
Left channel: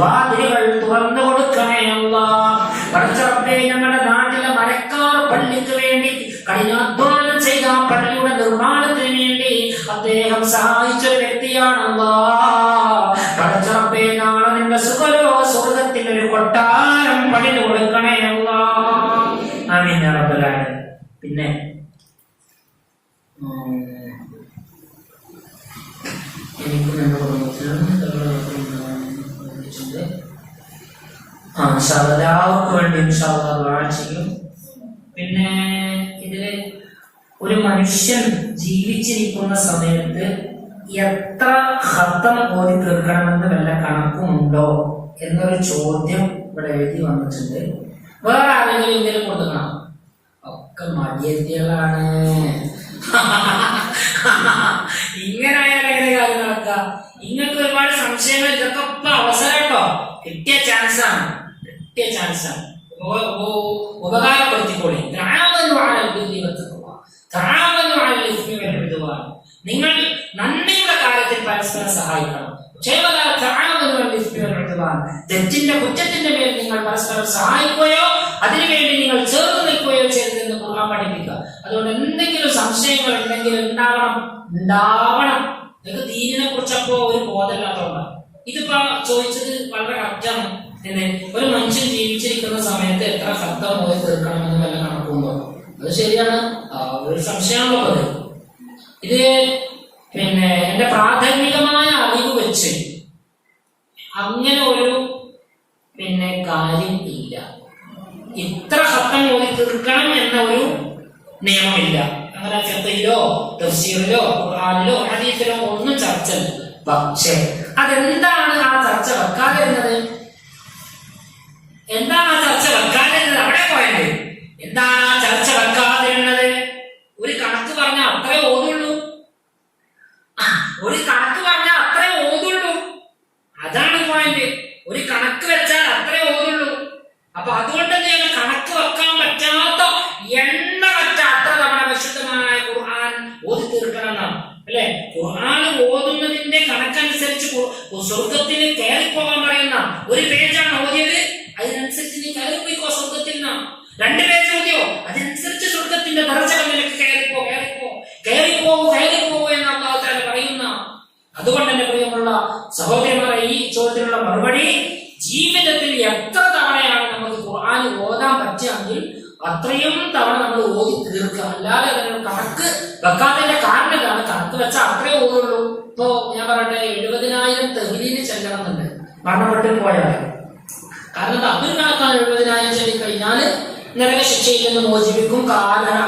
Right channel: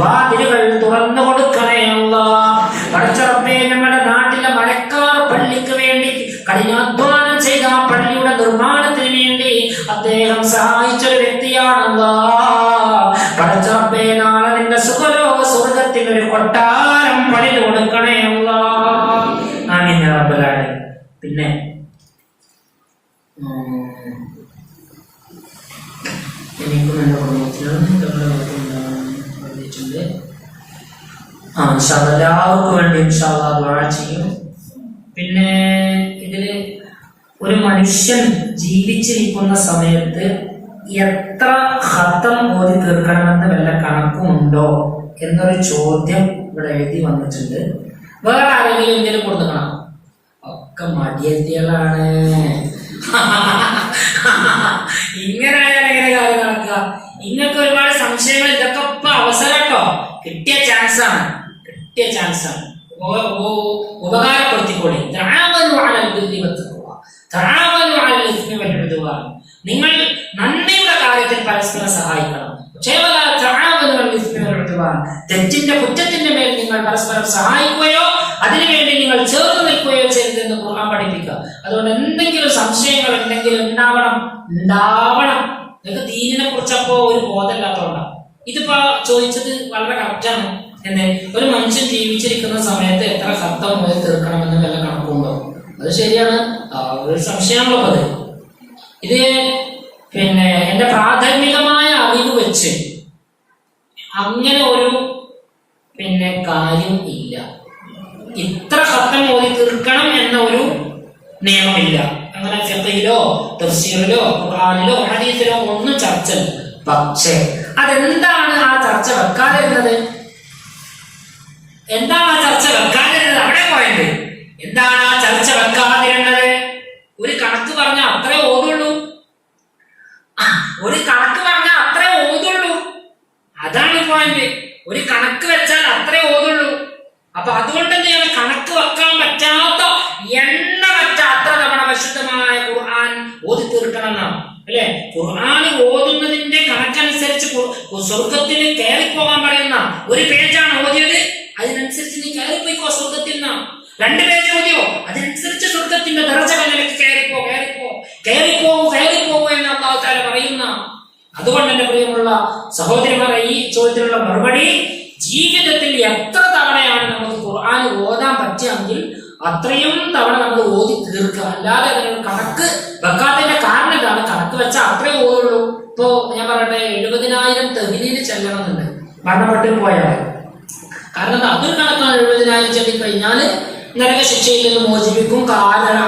വാതിലുകൾ തുറന്നു കൊടുക്കണേ അല്ലാഹ്. പടച്ചറബ്ബേ ഞങ്ങളുടെ നാട്ടിലെ മരക്കാർ പള്ളിക്ക് വേണ്ടി കഠിനാധ്വാനം ചെയ്ത പള്ളിയുടെ നിർമ്മാണത്തിന് വേണ്ടി അദ്ദേഹം സഹായിച്ചൊരു വ്യക്തിയാണ് അല്ലാഹ്. പടച്ചറബ്ബേ നാളെ നിന്റെ സ്വർഗ്ഗത്തിൽ ഒരു കൊട്ടാരം പണിത് കൊടുക്കണേ അല്ലാഹ്. ആമീൻ യാ റബ്ബൽ ആലമീൻ. പിന്നെ എല്ലാവർക്കും വേണ്ടി ഇൻഷാല്ലാഹ് ദുആ ചെയ്യും. പിന്നെ ഇതില് ഒരു മനുഷ്യൻ ജീവിച്ചിരിക്കുന്ന സമയത്ത് എത്ര ഖത്തം ഓതി തീർക്കണമെന്ന് വല്ല കണക്കുമുണ്ടോ എന്നൊരു ചോദ്യം ഇവിടെ എഴുതി വന്നിട്ടുണ്ട്. വേറെ ആരെങ്കിലും ഇങ്ങനെ കൊടുക്കണം? ഒക്കെ മടിയത്തികളാണ്. ഇങ്ങനെ ആയാൽ എങ്ങനെ കാര്യം നടക്കുക? ഇങ്ങനൊക്കെ ഒരുപാട് സംശയങ്ങൾ. ഇതൊക്കെ ഇപ്പൊ അവസരം കേട്ടോ, കിട്ടിയ ചാൻസാണ്. ഉപകാരപ്പെടുത്തിക്കോളി. നിങ്ങൾ നന്മയുടെ കാര്യത്തിൽ പരസ്പരം സഹായിക്കണം. തെറ്റിന്റെ കുറ്റത്തിന്റെ മേൽ നിങ്ങൾ പരസ്പരം സഹായിക്കുകയോ അതിനുവേണ്ടി നിങ്ങൾ ചേർന്ന് നിൽക്കുകയോ ചെയ്തെന്ന് ഖുർആൻ പഠിപ്പിക്കുക. അതുകൊണ്ട് എന്തെങ്കിലും സംശയങ്ങൾ എന്തെങ്കിലും ഉണ്ടാവണം. നിങ്ങൾക്ക് ദീനിനെ കുറിച്ചപ്പോ ഒരു ബോധമില്ലാത്തതുകൊണ്ടാണ്. ഇതിപ്പോ ചോദിച്ചത് വളരെ കറക്റ്റാണ്. ഒരു മനുഷ്യൻ ജീവിച്ചിരിക്കുന്ന സമയത്ത് എത്ര ശബ്ദം പോയി തീർക്കണമെന്ന് വല്ല കണക്കുണ്ടോ? അത് ശരിയാണ്, ഒരു സംശയമാണല്ലോ അത്. ഇത് പിന്നെ എന്റെ പ്രാഥമികമായ അറിവ് വെച്ച് അങ്ങനെ ഒരു കാര്യം ഇല്ല. ഇത്ര ശബ്ദം പോയി തീർക്കണം എന്ന ഒരു നിയമമില്ല. അങ്ങനെ ഫിഖ്ഹിലോ തഫ്സീറിലോ ഖുർആനിലോ ഹദീസിലോ ഒന്നും ചർച്ചയില്ല. പക്ഷേ അതെന്താണ് ആ ചർച്ച വെക്കാതിരുന്നത്? അവിടെ പോയത് എന്താണ് ആ ചർച്ച വെക്കാതിരുന്നത്? ഒരു കണക്ക് പറഞ്ഞാൽ അത്രേ ഓതുള്ളൂ. അതാണ് പോയിന്റ്. ഒരു കണക്ക് വെച്ചാൽ അത്രേ ഓതുള്ളൂ. അപ്പൊ അതുകൊണ്ട് തന്നെയാണ് കണക്ക് വെക്കാൻ പറ്റാത്ത എണ്ണ വെച്ച അത്ര തവണ പരിശുദ്ധമായ ഖുർആൻ ഓതി തീർക്കണം എന്നാണ് അല്ലെ? ഖുർആൻ ഓതുന്നതിന്റെ കണക്കനുസരിച്ച് സ്വർഗത്തിന് കയറിപ്പോകാൻ പറയുന്ന ഒരു പേജാണ് ഓതിയത്, അതിനനുസരിച്ച് നീ കയറിപ്പോയിക്കോ സ്വർഗത്തിൽ നിന്നാണ്. 2 പേജ് ഓതിയോ അതിനനുസരിച്ച് സ്വർഗത്തിന്റെ ദർജകളിലേക്ക് കയറിപ്പോ എന്ന് അല്ലാഹു തആല പറയുന്ന. അതുകൊണ്ട് എന്റെ പ്രിയമുള്ള സഹോദരിമാരെ, ഈ ചോദ്യത്തിനുള്ള മറുപടി, ജീവിതത്തിൽ എത്ര തവണയാണ് നമുക്ക് ഖുർആൻ ഓതാൻ പറ്റുമെങ്കിൽ അത്രയും തവണ നമ്മൾ ഓതി തീർക്കുക. അല്ലാതെ അതിന് കണക്ക് വെക്കാത്തതിന്റെ കാരണം ഇതാണ്. കണക്ക് വെച്ചാൽ അത്രേ ഓതുള്ളൂ. ഇപ്പോ ഞാൻ പറയട്ടെ, 70,000 തെഹ്ലീല് ചെല്ലണമെന്നുണ്ട് മരണപ്പെട്ട് പോയാൽ. കാരണം അതൊരു കണക്കാണ്. 70,000 ചൊല്ലിക്കഴിഞ്ഞാൽ നരക ശിക്ഷയിൽ നിന്ന് മോചിപ്പിക്കും.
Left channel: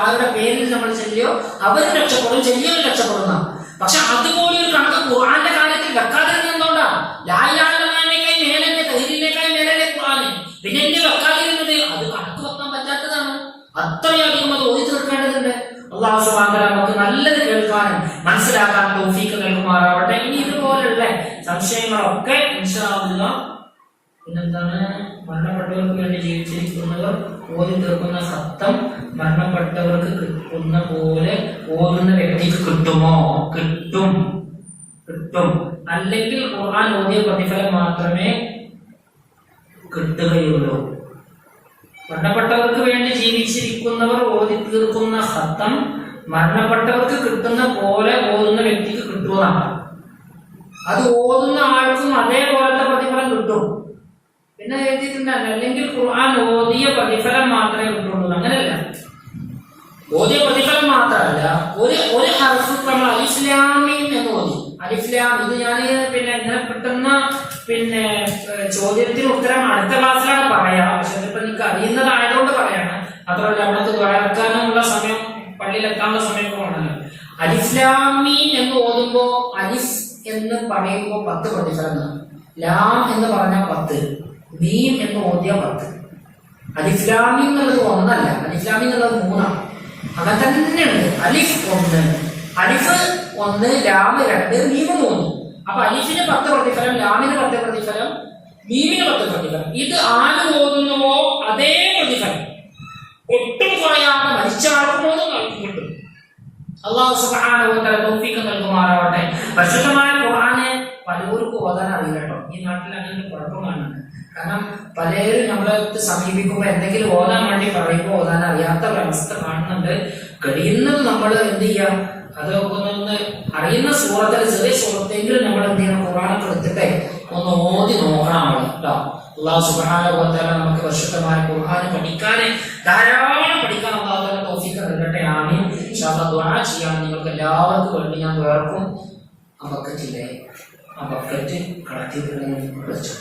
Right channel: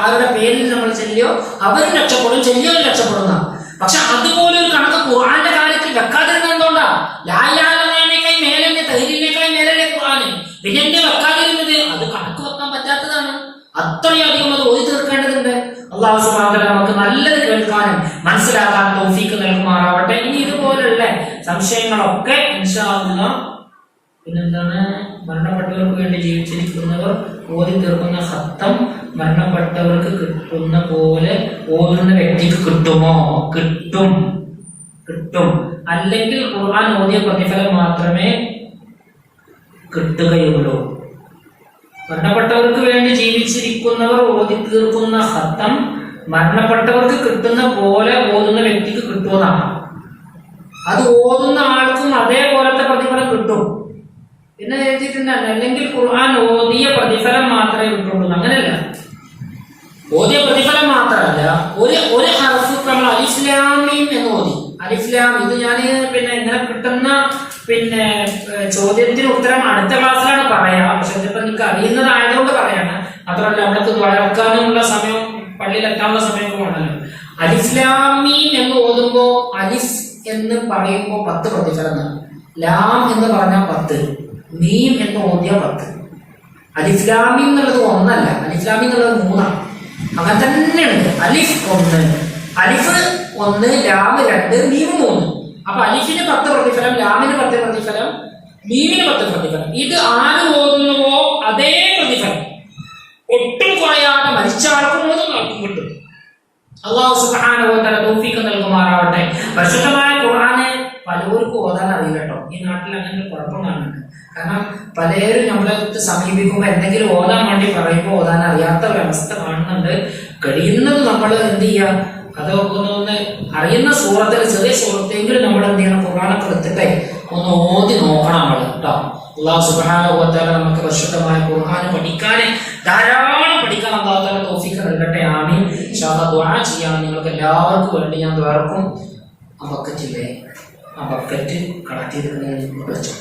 ആരുടെ പേരിൽ നമ്മൾ ചെല്ലിയോ അവരും രക്ഷപ്പെടും, ചെല്ലിയവരും രക്ഷപ്പെടുന്ന. പക്ഷെ അതുപോലെ ഒരു കണക്ക് ഖുർആന്റെ കാര്യത്തിൽ വെക്കാതിരുന്നത് എന്തുകൊണ്ടാ? ലാ ഇലാഹ ഇല്ലല്ലാഹിനേക്കാൾ മേലെ, തഹ്ലീലിനേക്കാൾ മേലെ ഖുർആൻ. പിന്നെ എന്നെ വെക്കാതിരുന്നത് അത് കണക്ക് വെക്കാൻ പറ്റാത്തതാണ്. അത്രയധികം അത് ഓതി തീർക്കേണ്ടതുണ്ട്. അല്ലാഹു സുബ്ഹാനഹു വ തആല നമുക്ക് നല്ലത് കേൾക്കാനും മനസ്സിലാക്കാൻ തൗഫീഖ് നൽകുമാറാവട്ടെ. ഇനി ഇതുപോലുള്ള സംശയങ്ങളൊക്കെ ഇൻഷാ അല്ലാഹ് പിന്നെന്താണ്, മരണപ്പെട്ടവർക്ക് വേണ്ടി ജീവിച്ചിരിക്കുന്നവർ ഓതി തീർക്കുന്ന ഖത്തം മരണപ്പെട്ടവർക്ക് കിട്ടുന്ന പോലെ ഓതുന്ന വ്യക്തിക്ക് കിട്ടുമോ? കിട്ടും. അല്ലെങ്കിൽ ഖുർആൻ ഓതിയ പ്രതിഫലം മാത്രമേ കിട്ടുകയുള്ളൂ. മരണപ്പെട്ടവർക്ക് വേണ്ടി ജീവിച്ചിരിക്കുന്നവർ ഓതി തീർക്കുന്ന ഖത്തം മരണപ്പെട്ടവർക്ക് കിട്ടുന്ന പോലെ ഓതുന്ന വ്യക്തിക്ക് കിട്ടുമെന്നാണ്. അത് ഓതുന്ന ആൾക്കും അതേപോലത്തെ പ്രതിഫലം കിട്ടും. പിന്നെ എഴുതിയിട്ടുണ്ട്, അല്ലെങ്കിൽ ഖുർആൻ ഓതിയ പ്രതിഫലം മാത്രമേ കിട്ടുള്ളൂ. അങ്ങനെയല്ല, ഓതിയ പ്രതിഫലം മാത്രമല്ല, ഒരു ഹർഫ് നമ്മൾ അലിഫ് ലാം മീം എന്ന് ഓതി. അലിഫ് ലാം, ഇത് ഞാൻ പിന്നെ ഇങ്ങനെ കിട്ടുന്ന ചോദ്യത്തിന് ഉത്തരം അടുത്ത ക്ലാസ്സിലാണ് പറയാം. പക്ഷെ ഇതിപ്പോ നിങ്ങൾക്ക് അറിയുന്നതായതുകൊണ്ട് പറയാണ്. മാത്രമല്ല നമ്മൾക്ക് വളർക്കാനുള്ള സമയം, പള്ളിയിലെത്താനുള്ള സമയമൊക്കെ വേണമല്ലോ. അലിഫ് ലാം മീം എന്ന് ഓതുമ്പോ അലിഫ് എന്ന് പറയുമ്പോ 10 പ്രതിഫലം, ലാം എന്ന് പറഞ്ഞാൽ 10, മീം എന്ന് ഓതിയ 10. അലിഫ് ലാം മീം എന്നുള്ളത് 1 അല്ല, അലിഫ് ലാം മീം എന്നുള്ളത് 3 ആണ്. അങ്ങനെ തന്നെയുണ്ട്. അലിഫ് 1, അലിഫ് 1, ലാം 2, മീം 3. അപ്പൊ അലിഫിന് 10 പ്രതിഫലം, ലാമിന് 10 പ്രതിഫലം, മീമിന് 10 പ്രതിഫലം. ഇത് ആര് ഓതുന്നുവോ അതേ പ്രതിഫലം ഒട്ടും കുറയാതെ മരിച്ച ആൾക്കും ഓതും ആൾക്കും കിട്ടും. അല്ലാഹു സുബ്ഹാനഹു വ തആല തൗഫീഖ് നൽകുമാറാവട്ടെ. പരിശുദ്ധമായ ഖുർആനെ പലർക്കും ഓതാൻ അറിയില്ല കേട്ടോ. ഈ നാട്ടിൽ അങ്ങനെ കുഴപ്പം കാണുന്നുണ്ട്. കാരണം പലരും നമ്മളെ സമീപിക്കുമ്പോൾ എന്തെങ്കിലും ഓതാൻ വേണ്ടി പറയുമ്പോൾ ഓതാൻ അറിയാത്ത ഒരവസ്ഥ കാണുന്നുണ്ട്. കഴിയുന്നത് നമ്മൾ എന്ത് ചെയ്യാം, അതൊക്കെ ഒന്ന് അറിയുന്ന സൂറത്തിൽ, ചെറിയ സൂറത്തെങ്കിലും നമ്മൾ എന്ത് ചെയ്യണം, ഖുർആനൊക്കെ എടുത്തിട്ടേ ഒന്ന് ഓതി നോക്കണം നമ്മൾ കേട്ടോ. അല്ലാഹു സുബ്ഹാനഹു വ തആല നമുക്ക് പരിശുദ്ധമായ ഖുർആൻ പഠിക്കാൻ, ധാരാളം പഠിക്കാൻ അല്ലാഹു തആല തൗഫീഖ് നൽകട്ടെ. ആമീൻ. ഇൻഷാ അല്ലാഹ് ദുആ ചെയ്യാൻ നിങ്ങൾക്ക് എല്ലാവർക്കും വേണ്ടി ഞാൻ ദ്വാരക്കും. ആ ബക്കറ്റില്ലേ, ആ ബക്കറ്റ് കളക്ട് ചെയ്തിട്ടുണ്ടെങ്കിൽ വെച്ചു.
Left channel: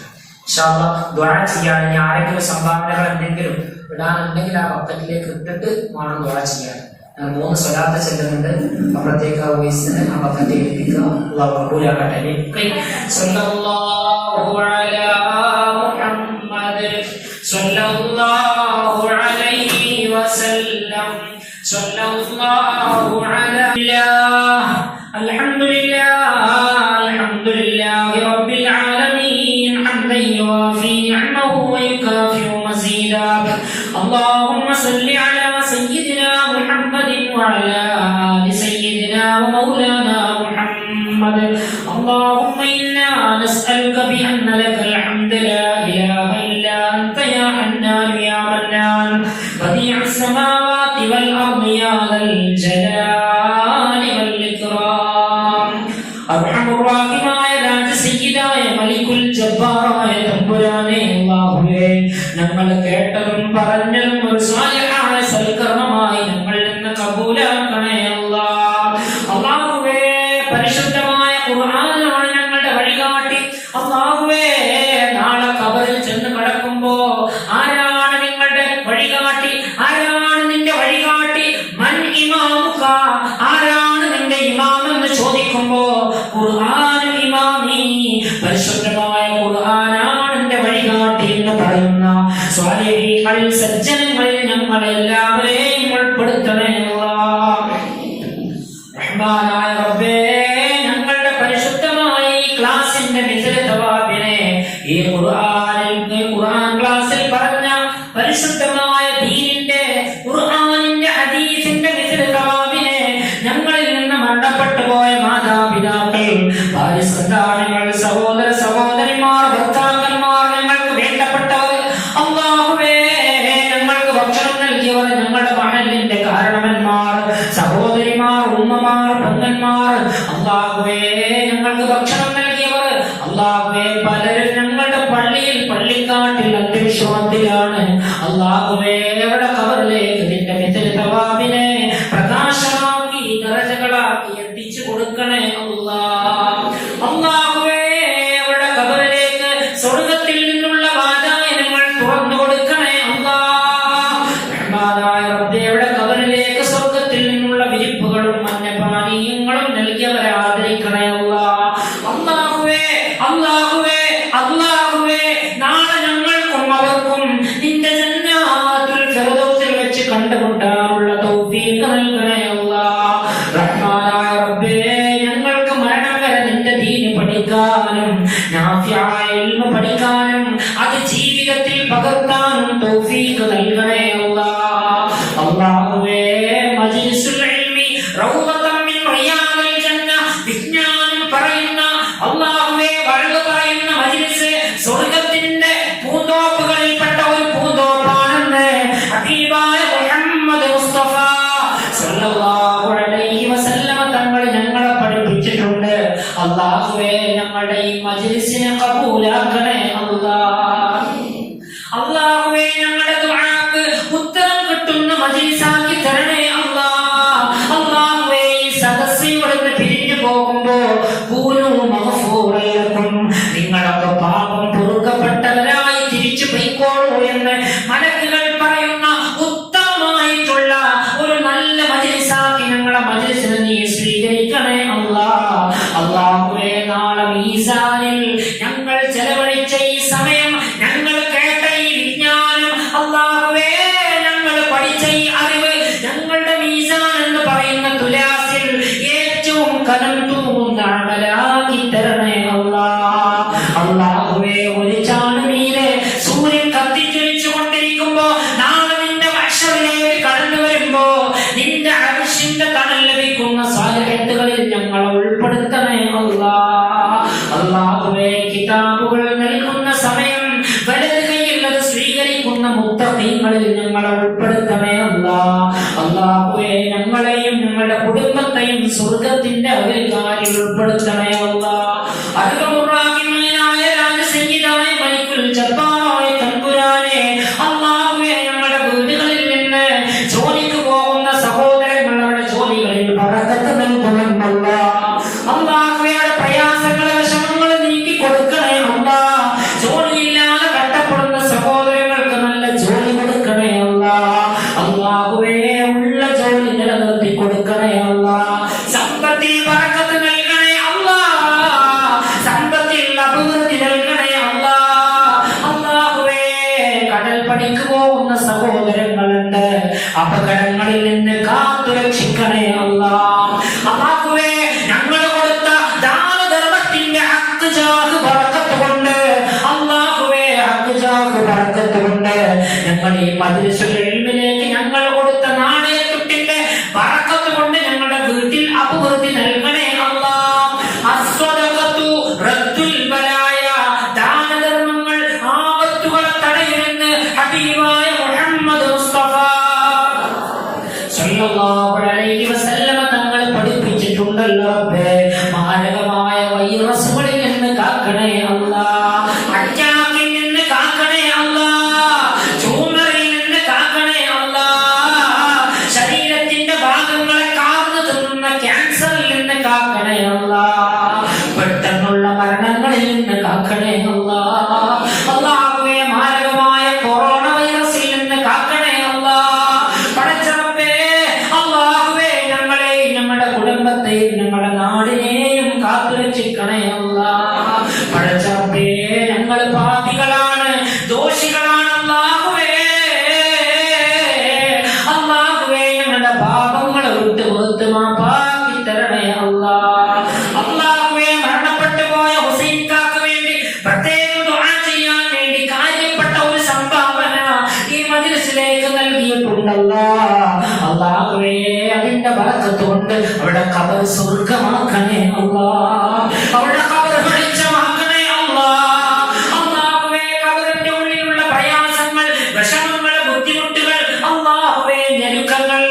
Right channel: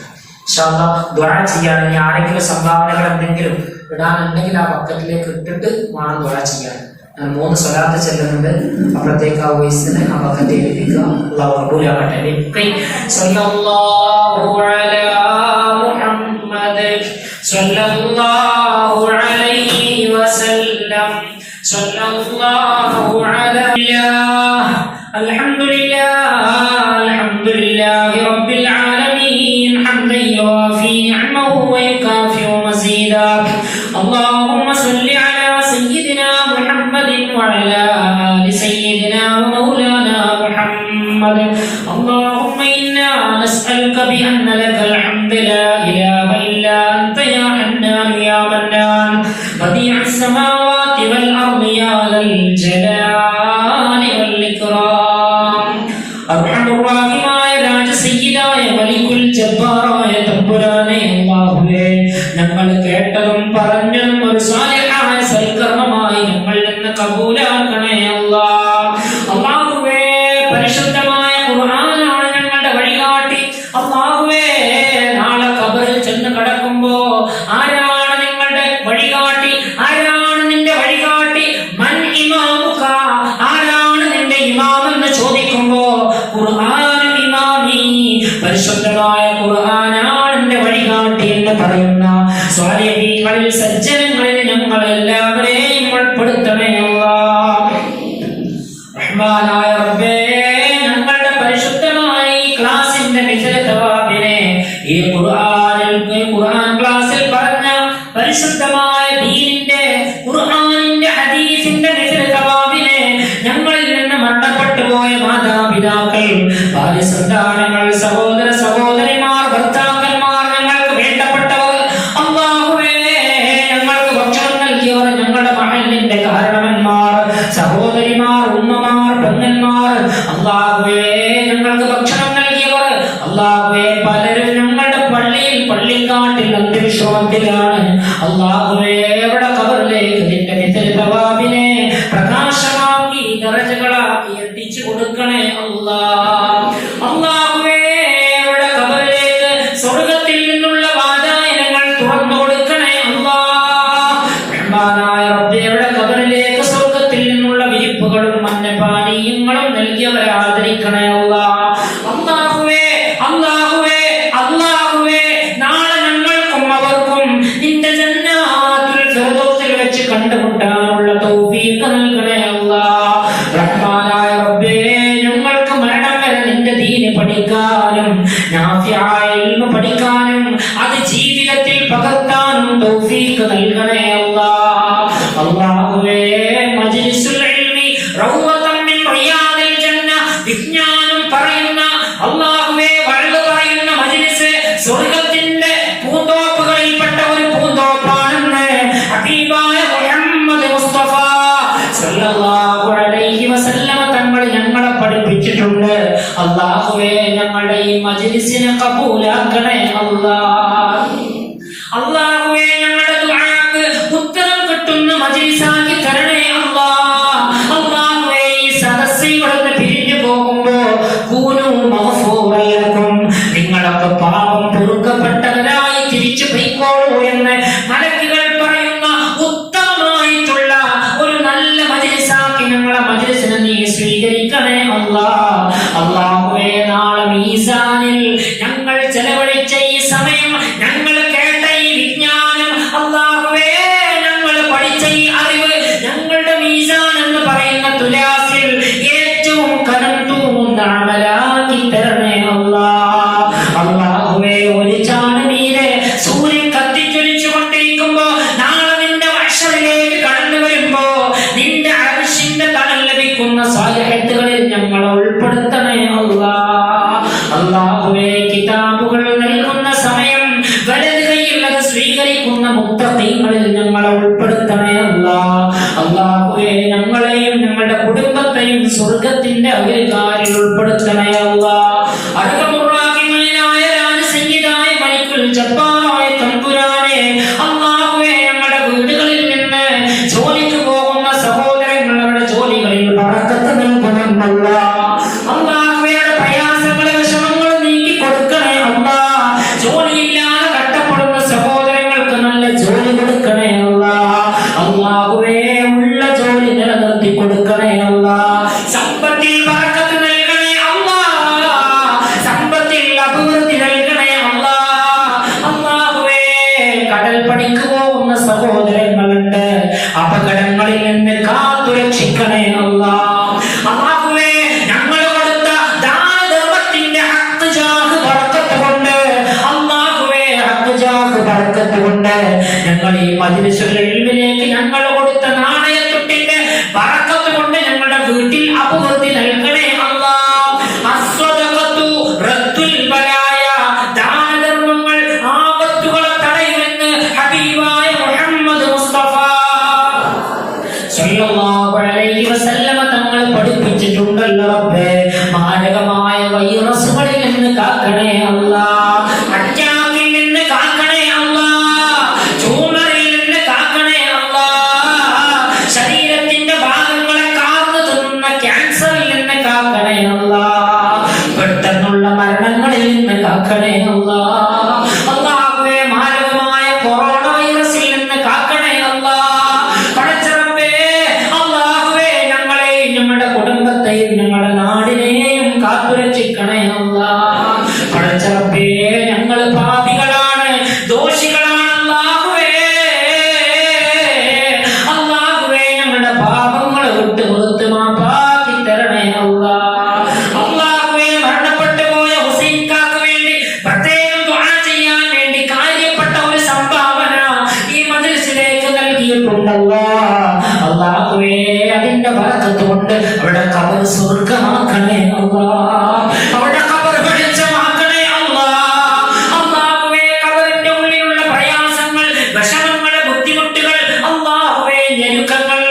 ഇൻഷാ അല്ലാഹ് ദുആ ചെയ്യാൻ. ഇനി ആരെങ്കിലും സംഭാവനകൾ എന്തെങ്കിലും ഇടാനുണ്ടെങ്കിൽ ആ ബക്കറ്റിലേക്ക് ഇട്ടിട്ട് വേണം ദുആ ചെയ്യാൻ. 3 സ്വലാത്ത് ചെല്ലുന്നുണ്ട്. അപ്പോഴത്തേക്ക് ആ വോയിസിന് ആ ബക്കറ്റ് എഴുതിക്കുക. അല്ലാഹു കബൂലാക്കട്ടെ. സല്ലല്ലാഹു അലാ മുഹമ്മദ് സല്ലല്ലാഹു അലൈഹി വസല്ലം സല്ലല്ലാഹു അലാ അൽഹംദുലില്ലാഹി റബ്ബിൽ ആലമീൻ ഹംദൻ യുവാഫി നിഅമഹു വയുകാഫിഉ മസീദാ. അല്ലാഹുമ്മ സല്ലി അലാ സയ്യിദിനാ മുഹമ്മദിൻ വഅലാ ആലി സയ്യിദിനാ വമൗലാനാ മുഹമ്മദ്. അല്ലാഹുമ്മ ഇന്നാ നസ്അലുക ബിഅന്ന ലകൽ ഹംദു ലാ ഇലാഹ ഇല്ലാ അൻത യാ ഹന്നാൻ യാ മന്നാൻ ബദീഉസ് സമാവാതി വൽ അർദി യാ ദൽ ജലാലി വൽ ഇക്റാം. അർഹമുർ റഹീമായ രാജസയ്യിദായ മലിക്കുൽ ജബ്ബാറായ തമ്പുരാനേ, അല്ലാഹുവേ, ഞങ്ങൾ കേട്ടതും പറഞ്ഞതും ഒരു സാലിഹായ സൽക്കർമ്മമായി ഞങ്ങളിൽ നിന്ന് കബൂലാക്കണേ അല്ലാഹ്. അല്ലാഹുവേ, പരിശുദ്ധമായ ഖുർആനാണ് ഞങ്ങളുടെ വഴികാട്ടി. അല്ലാഹുവേ, നാളെ ഖബറിൽ ചെന്ന് കടക്കുമ്പോ ആരാണ് നിങ്ങളുടെ വഴികാട്ടി, ആരാണ് നിന്റെ വഴികാട്ടി, മൻ ഇമാമുക, ആരാണ് നിന്റെ ഇമാം എന്ന് ചോദിക്കുമ്പോ ഖുർആനും ഇമാമി, പരിശുദ്ധമായ ഖുർആനാണ് എന്റെ വഴികാട്ടി എന്ന് പറയുന്ന സ്വാലിഹീങ്ങളിൽ, സജ്ജനങ്ങളിൽ ഞങ്ങൾ എല്ലാവരെയും ഉൾപ്പെടുത്തണേ അല്ലാഹ്. റഹ്മാനായ റബ്ബേ, ഞങ്ങളുടെ പരിശുദ്ധമായ ഈ ക്ലാസിന്റെ മിഥില തവാബിനെ, ഈ ഖുർആൻ ക്ലാസ്സിൽ പറഞ്ഞ പരിശുദ്ധമായ ദീനിന്റെ, ഖുർആനിന്റെ, ഹദീസിന്റെ മിഥില തവാബിനെ ഞങ്ങളിൽ നിന്ന് മരണപ്പെട്ടു പോയ മാതാപിതാക്കൾ, ഭാര്യ സന്താനങ്ങൾ, സഹോദര സഹോദരിമാർ, ഭർത്താക്കന്മാർ, ഞങ്ങൾക്ക് വേണ്ടപ്പെട്ടവർ, അല്ലാഹുവേ, ഞങ്ങൾക്ക് ഭക്ഷണം നൽകിയവർ, ഞങ്ങളുടെ മഹലിന്റെ കാരണവന്മാർ, സഹോദരിമാർ, ഉമ്മമാർ, പെങ്ങന്മാർ, അല്ലാഹുവേ, ഞങ്ങൾക്ക് ഭക്ഷണം മജ്ലിസിനെ കബൂലാക്കണേ അല്ലാഹ്. അല്ലാഹുവേ ഞങ്ങളുടെ ദുആക്ക് ഉത്തരം കിട്ടുന്ന മജ്ലിസാക്കി തരണേ അല്ലാഹ്. അല്ലാഹുവേ ഈ സദസ്സ് ഇവിടുന്ന് പിരിഞ്ഞു പോകുമ്പോ കൂനു മഗ്ഫൂറൻ ലക്കും, നിങ്ങളൊക്കെ പാപം പൊറുക്കപ്പെട്ടവരായി തിരിച്ചു പോയിക്കോളൂ എന്ന് മലക്കുകൾ പറയുന്ന ഉത്തമമായിട്ടുള്ള ഒരു നല്ല മജ്ലിസാക്കി ഞങ്ങളുടെ മജ്ലിസിനെ നീ സ്വീകരിക്കണേ അല്ലാഹ്. അല്ലാഹുവേ നാളെ മീസാനിൽ ഞങ്ങൾ ചെലവഴിച്ച ഈ സമയം, ഞങ്ങൾ കേട്ട ഈ വിജ്ഞാനം, അല്ലാഹുവേ ഞങ്ങൾ പഠിച്ച ഈ അറിവ് ഞങ്ങളുടെ മീസാൻ എന്ന് പറയുന്ന തുലാസിൽ ഏറ്റവും കനം തൂങ്ങുന്ന അമലാക്കി തരണേ അല്ലാഹ്. അല്ലാഹുവേ ഒരു ചാണനീരെ സൂര്യൻ കത്തിച്ചൊലിച്ചു കൊണ്ടിരിക്കുമ്പോ നാളെ നിന്റെ വശത്തിലേക്ക് കടന്നു വരുമ്പോ നിന്റെ അർശിന്റെ തണൽ ലഭിക്കുന്ന സാലിഹത്തുകളിൽ ഞങ്ങളെ ഉൾപ്പെടുത്തണേ അല്ലാഹ്. അല്ലാഹുവേ കിതാബുകൾ നൽകുന്ന സമയം വലത് കൈയുള്ളത് സ്വീകരിക്കുന്ന മുത്തഖീങ്ങളിൽ ഞങ്ങളെ ഉൾപ്പെടുത്തണേ അല്ലാഹ്. അല്ലാഹുവേ ഞങ്ങളെയും ഞങ്ങളുടെ കുടുംബത്തെയും സ്വർഗത്തിന്റെ അകൽക്കാരിൽ ഉൾപ്പെടുത്തണേ അല്ലാഹ്. അർഹമുറാഹിമീനായ രാജസംഗീതായ മലിക്കുൽ ജബ്ബാറായ തമ്പുരാനെ, അല്ലാഹുവേ ഞങ്ങളുടെ വീടുകളിൽ നിന്ന് ജോലിക്ക് പോകുന്ന സഹോദരങ്ങളുടെ ജോലികളിൽ ബറക്കത്ത് നൽകണം അല്ലാഹ്. അല്ലാഹുവേ പ്രയാസങ്ങളെ വിഷമങ്ങൾ നീക്കി കൊടുക്കണേ അല്ലാഹ്. ജോലിയില്ലാതെ കഷ്ടപ്പെടുന്ന സഹോദരങ്ങൾക്ക് നല്ല ജോലി കൊടുക്കണേ അല്ലാഹ്. അല്ലാഹുവേ ഉള്ള ജോലി നിലനിർത്തി കൊടുക്കണേ അല്ലാഹ്. സമ്പത്തിൽ ബറക്കത്ത് നൽകണേ അല്ലാഹ്. സമ്പത്തിൽ അഭിവൃദ്ധി നൽകണേ അല്ലാഹ്. അല്ലാഹുവേ കടൽ പണിക്ക് പോകുന്ന സഹോദരങ്ങളുണ്ട്, അപകടങ്ങളിൽ നിന്ന് കാത്തുരക്ഷിക്കണേ അല്ലാഹ്. അല്ലാഹുവേ ഞങ്ങൾ കൊടുത്ത ദാനധർമ്മത്തിന്റെ ഹക്ക് ജാഹ് ബറക്കത്ത് കൊണ്ട്, അല്ലാഹുവേ ഹക്ക് ജാഹ് ബറക്കത്ത് കൊണ്ട് ഞങ്ങൾ ഈ മജ്ലിസുൽ ഇൽമിലേക്ക് ഞങ്ങൾ കൊടുത്ത നാണയത്തുട്ടിന്റെ ബറക്കത്ത് കൊണ്ട് ഞങ്ങളുടെ വീട്ടിൽ അഭിവൃദ്ധി നൽകണേ അല്ലാഹ്. അസ്സദഖത്തു റദ്ദുൽ ബലായ, ദാനധർമ്മങ്ങൾ ആപത്തുകളെ തടയുമെന്ന് ഹബീബായ മുഹമ്മദ് മുസ്തഫ സല്ലല്ലാഹു അലൈഹി വസല്ലമ തങ്ങൾ പഠിപ്പിച്ചിട്ടുണ്ടല്ലോ റബ്ബേ. മാരകമായ വൈറസുകളിൽ നിന്ന് കാക്കണേ അല്ലാഹ്. അറ്റാക്കിൽ നിന്ന് കാക്കണേ അല്ലാഹ്. ട്യൂമറിൽ നിന്ന് കാക്കണേ അല്ലാഹ്. ശരീരത്തിന്റെ ഭാഗങ്ങളെ കാർന്നു തിന്നുന്ന ക്യാൻസറിൽ നിന്ന് കാക്കണേ അല്ലാഹ്. പെട്ടെന്നുള്ള മരണങ്ങളിൽ നിന്ന് കാക്കണേ അല്ലാഹ്. അല്ലാഹുവേ മാരകമായ കൊറോണ വൈറസിൽ നിന്ന് കാക്കണേ അല്ലാഹ്. പടച്ചറബ്ബേ, അല്ലാഹുവേ ഞങ്ങളെയും ഞങ്ങളുടെ കുടുംബത്തെയും ഞങ്ങളുടെ നാടിനെയും കാത്തുരക്ഷിക്കണേ അല്ലാഹ്. പടച്ചറബ്ബേ ഞങ്ങൾ പാപികളാണ്, ദോഷികളാണ് അല്ലാഹുവേ. അല്ലാഹുവേ ഞങ്ങളുടെ പാപങ്ങൾ വിട്ട് പുറത്ത് മാപ്പാക്കി തരണേ അല്ലാഹ്. അല്ലാഹുവേ മരണപ്പെട്ടു പോയ ഹുസൈൻ കാക്ക് വേണ്ടി പ്രത്യേകം ദുആ ചെയ്യാൻ വേണ്ടി കാര്യപ്പെട്ട ഒരു സംഭാവന ഈ മജ്ലിസിലേക്ക് നൽകിയിട്ടുണ്ടല്ലോ. അല്ലാഹുവേ അതിന്റെ ബറക്കത്ത് കൊണ്ട് അവിടെ ഖബർ സ്വർഗ്ഗമാക്കണേ അല്ലാഹ്. അവിടെ ഖബർ വെളിച്ചമാക്കണേ അല്ലാഹ്. അല്ലാഹുവേ ഖബറിന്റെ ഉള്ളിലുള്ള പ്രയാസങ്ങൾ, വിഷമങ്ങൾ, ബുദ്ധിമുട്ടുകൾ, അല്ലാഹുവേ ഞെരുക്കങ്ങൾ,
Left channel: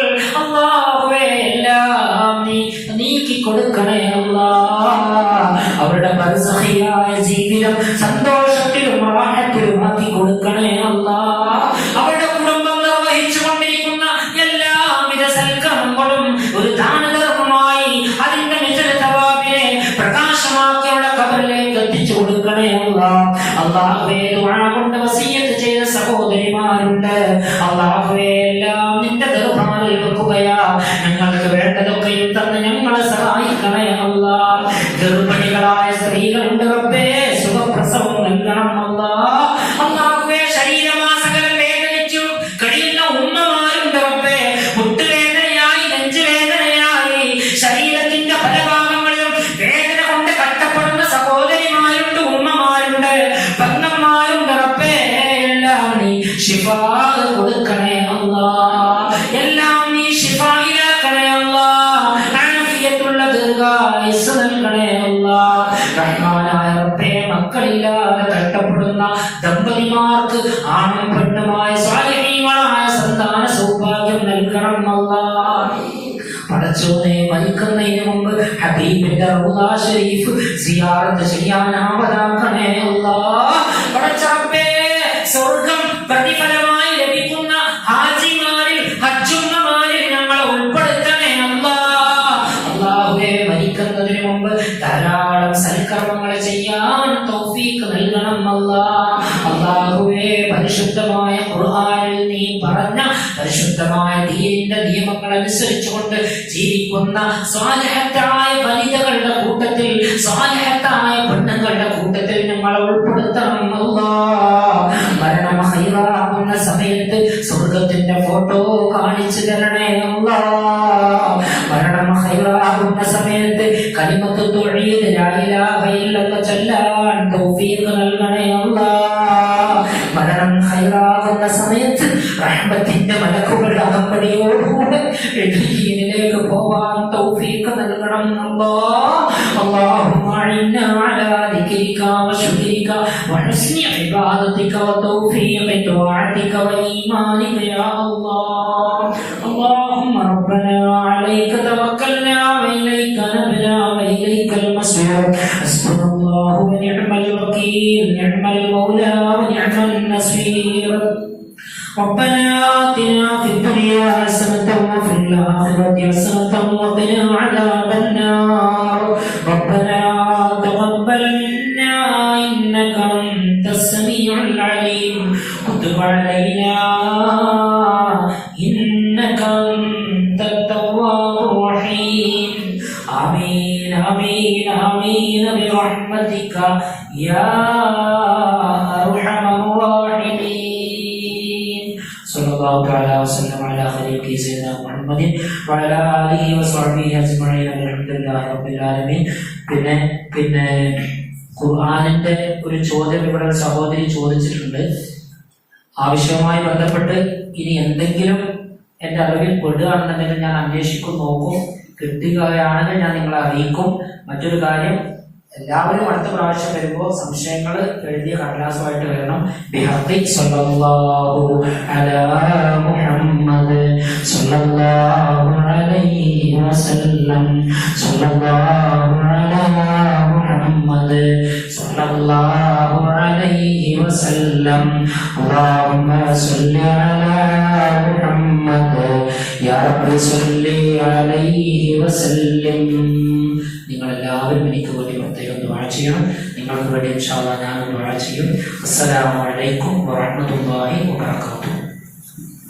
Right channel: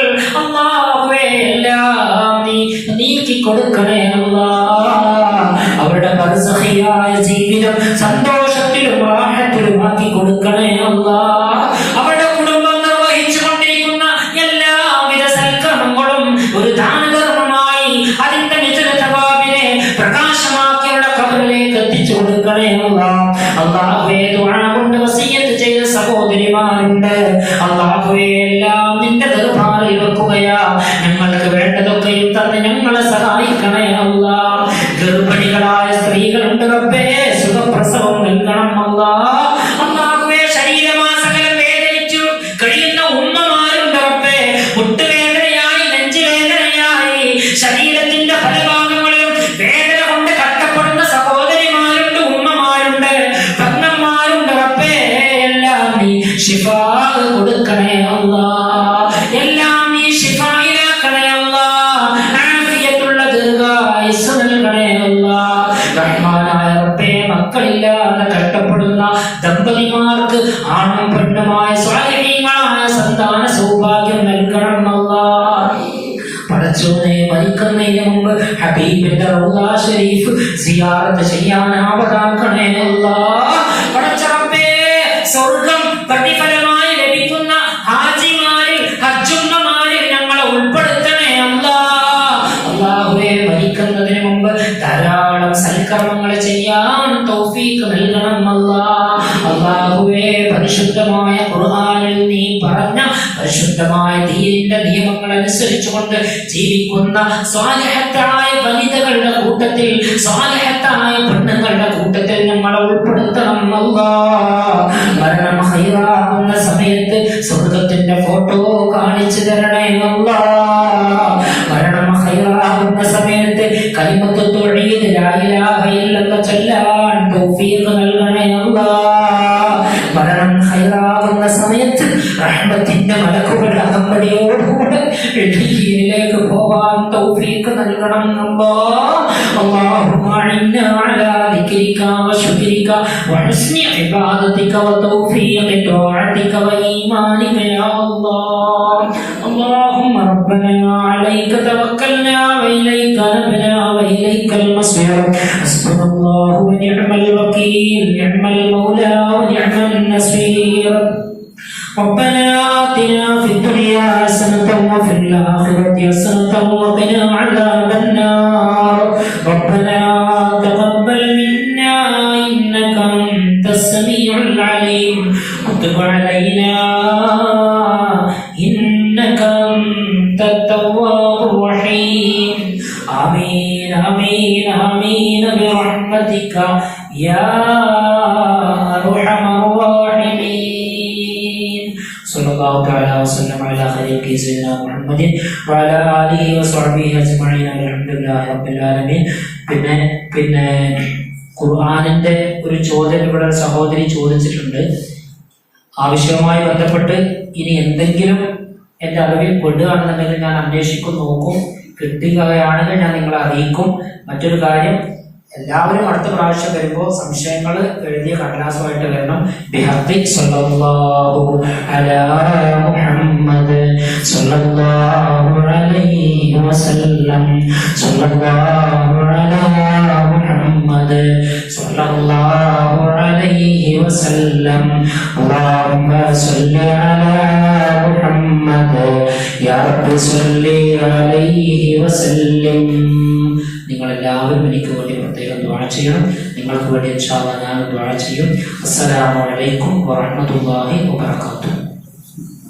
അല്ലാഹുവേ എല്ലാം നീ നീക്കി കൊടുക്കണേ അല്ലാഹ്. അവരുടെ ബർസഖിയായ ജീവിതം സന്തോഷത്തിലും റാഹത്തിലുമാക്കി കൊടുക്കണേ അല്ലാഹ്. അവരുടെ കുടുംബം നിർവഹിച്ചു കൊണ്ടിരിക്കുന്ന എല്ലാവിധ സൽക്കർമ്മങ്ങളും ഒരു ദാനധർമ്മമായി അതിന്റെ നിജന തവാബിനെ പ്രകാശമാക്കി അവരുടെ ഖബറിലേക്ക് എത്തിച്ചു കൊടുക്കണേ അല്ലാഹ്. അല്ലാഹുവേ ദുആ കൊണ്ട് വസിയത്ത് ചെയ്ത സഹോദരിമാരുണ്ട്, അല്ലാഹുവേ എല്ലാം നിന്റെ ദർബാറിൽ വെക്കുകയാ. ഞങ്ങൾക്ക് വേണ്ടതൊക്കെയും തന്ന് ഞങ്ങളെ സഹായിക്കണേ അല്ലാഹ്. ഗർഭിണികളായ സ്ത്രീകളുണ്ട് റബ്ബേ, സുഖപ്രസവം നൽകണം അല്ലാഹ്. അല്ലാഹുവേ ശരീരമാസകലം വേദനിച്ചു കഴിയുന്ന ഉമ്മമാരുണ്ട് റബ്ബേ, മുട്ടുവേദനയായി, നെഞ്ചുവേദനയായി, ശരീരത്തിന്റെ പല ഭാഗങ്ങളിലും വേദന കൊണ്ട് കഷ്ടപ്പെടുന്ന സഹോദരിമാരുണ്ട്, ഉമ്മമാരുണ്ട്, ഭർത്തന്മാരുണ്ട് റബ്ബേ. എല്ലാം നീ ശിഫാ കൊടുക്കണേ അല്ലാഹ്. എല്ലാം നീ ശിഫായിലാക്കണേ അല്ലാഹ്. ആഫിയത്തുള്ള പഠിച്ചോനെ മരിക്കുന്നതിന് മുമ്പ് ഹബീബിന്റെ റൗള ശരീഫ് സിയാറത്ത് ചെയ്യാൻ ആവതാക്കണേ അല്ലാഹ്. പടച്ചറബ്ബേ, സ്വർഗ്ഗം പ്രതിഫലമായി ലഭിക്കുന്ന ഹാജിമാരിൽ ഹജ്ജുമ്മമാരിൽ ഞങ്ങളെ ഉൾപ്പെടുത്തണേ അല്ലാഹ്. അല്ലാഹുവേ, മരിക്കുന്നതിന് മുമ്പ് ധാരാളം സൽക്കർമ്മങ്ങൾ ചെയ്യാൻ തൗഫീഖ് നൽകണം അല്ലാഹ്. അല്ലാഹുവേ, പരിശുദ്ധമായ ഖുർആനിൽ നീ പറഞ്ഞ പരിശുദ്ധമായ ദീനിന്റെ നിയമങ്ങൾ അനുസരിച്ചുകൊണ്ട് ജീവിക്കുന്ന സ്വാലിഹത്തായ വനിതകളുടെ കൂട്ടത്തിൽ, സ്വാലിഹത്തായ പെണ്ണുങ്ങളുടെ കൂട്ടത്തിൽ ഞങ്ങളെ ഉൾപ്പെടുത്തണം അല്ലാഹ്. മരണം ഹൈറാവുന്ന സമയത്ത് സ്വർഗത്തിന്റെ ഫോട്ടോ കാണിച്ചു തരണേ അല്ലാഹ്. മരണം ഹൈറാവുന്ന സമയത്ത് കലിമത്ത് തൗഹീദ് ലാ ഇലാഹ ഇല്ലല്ലാഹ് ചൊല്ലാൻ തൗഫീഖ് നൽകണേ അല്ലാഹ്. മരണം ഹൈറാവുന്ന സമയത്ത് റഹ്മത്തിന്റെ മലക്കുകളുടെ അകമ്പടിയോടുകൂടെ ഇൽഹീനിലേക്ക് പോവാൻ തൗഫീഖ് നൽകണം അല്ലാഹ്. അല്ലാഹുമ്മ ഇന്നാ അലാ ദിക്രിക വശുക്രിക വഹുസ്നി ഇബാദതിക വതൗഫീഖി ത്വാഅതിക വഈമാനിക യാ അല്ലാഹ്. اللهم ربنا عليك توكلنا وإليك نبنا وإليك المصير. حسبنا الله ونعم الوكيل، نعم المولى ونعم النصير. ربنا آتنا في الدنيا حسنة وفي الآخرة حسنة وقنا عذاب النار. ربنا تقبل منا إنك أنت السميع العليم، وتب علينا إنك أنت التواب الرحيم. آمين آمين آمين برحمتك يا أرحم الراحمين. صلى الله تعالى وسلم على خليل سيدنا محمد وعلى آله وصحبه أجمعين والحمد لله رب العالمين. പിന്നെ ഖുർആനിന്റെ ഒരു ചോദ്യം ഇവിടെ സഹോദരി ചോദിച്ചിട്ടുണ്ട്. ആവശ്യവുമായി ബന്ധപ്പെട്ട് ഇനി എന്തെങ്കിലും എൻ്റെ അറിവിൽ പെടുകയാണെന്നുണ്ടെങ്കിൽ ഞാൻ അന്വേഷിക്കും, നോക്കും. കിട്ടുകയാണെങ്കിൽ ഞാൻ നിങ്ങളെ അറിയിക്കും. മറ്റൊരു കാര്യം, എല്ലാവരും അടുത്ത പ്രാവശ്യം വരുമ്പോൾ സംശയങ്ങൾ എഴുതിയ കടലാസുമായിട്ട് വരണം. ബിഹഖി സ്വല്ലല്ലാഹു അലാ മുഹമ്മദ് സ്വല്ലല്ലാഹു അലൈഹി വസല്ലം സ്വല്ലല്ലാഹു അലാ മുഹമ്മദ് സ്വല്ലല്ലാഹു അലൈഹി വസല്ലം. അല്ലാഹുമ്മ സ്വല്ലി അലാ മുഹമ്മദ് യാ റബ്ബി സ്വല്ലി അലൈഹി വസല്ലം. നിങ്ങളെല്ലാവരും എനിക്ക് വേണ്ടി പ്രത്യേകം ദുആ ചെയ്യണം. നിങ്ങൾക്ക് വേണ്ടി ഇൻഷാ അല്ലാഹ് ഞാൻ ദുആ ചെയ്യും. അസ്സലാമു അലൈക്കും വറഹ്മത്തുള്ളാഹി വബറകാതുഹു.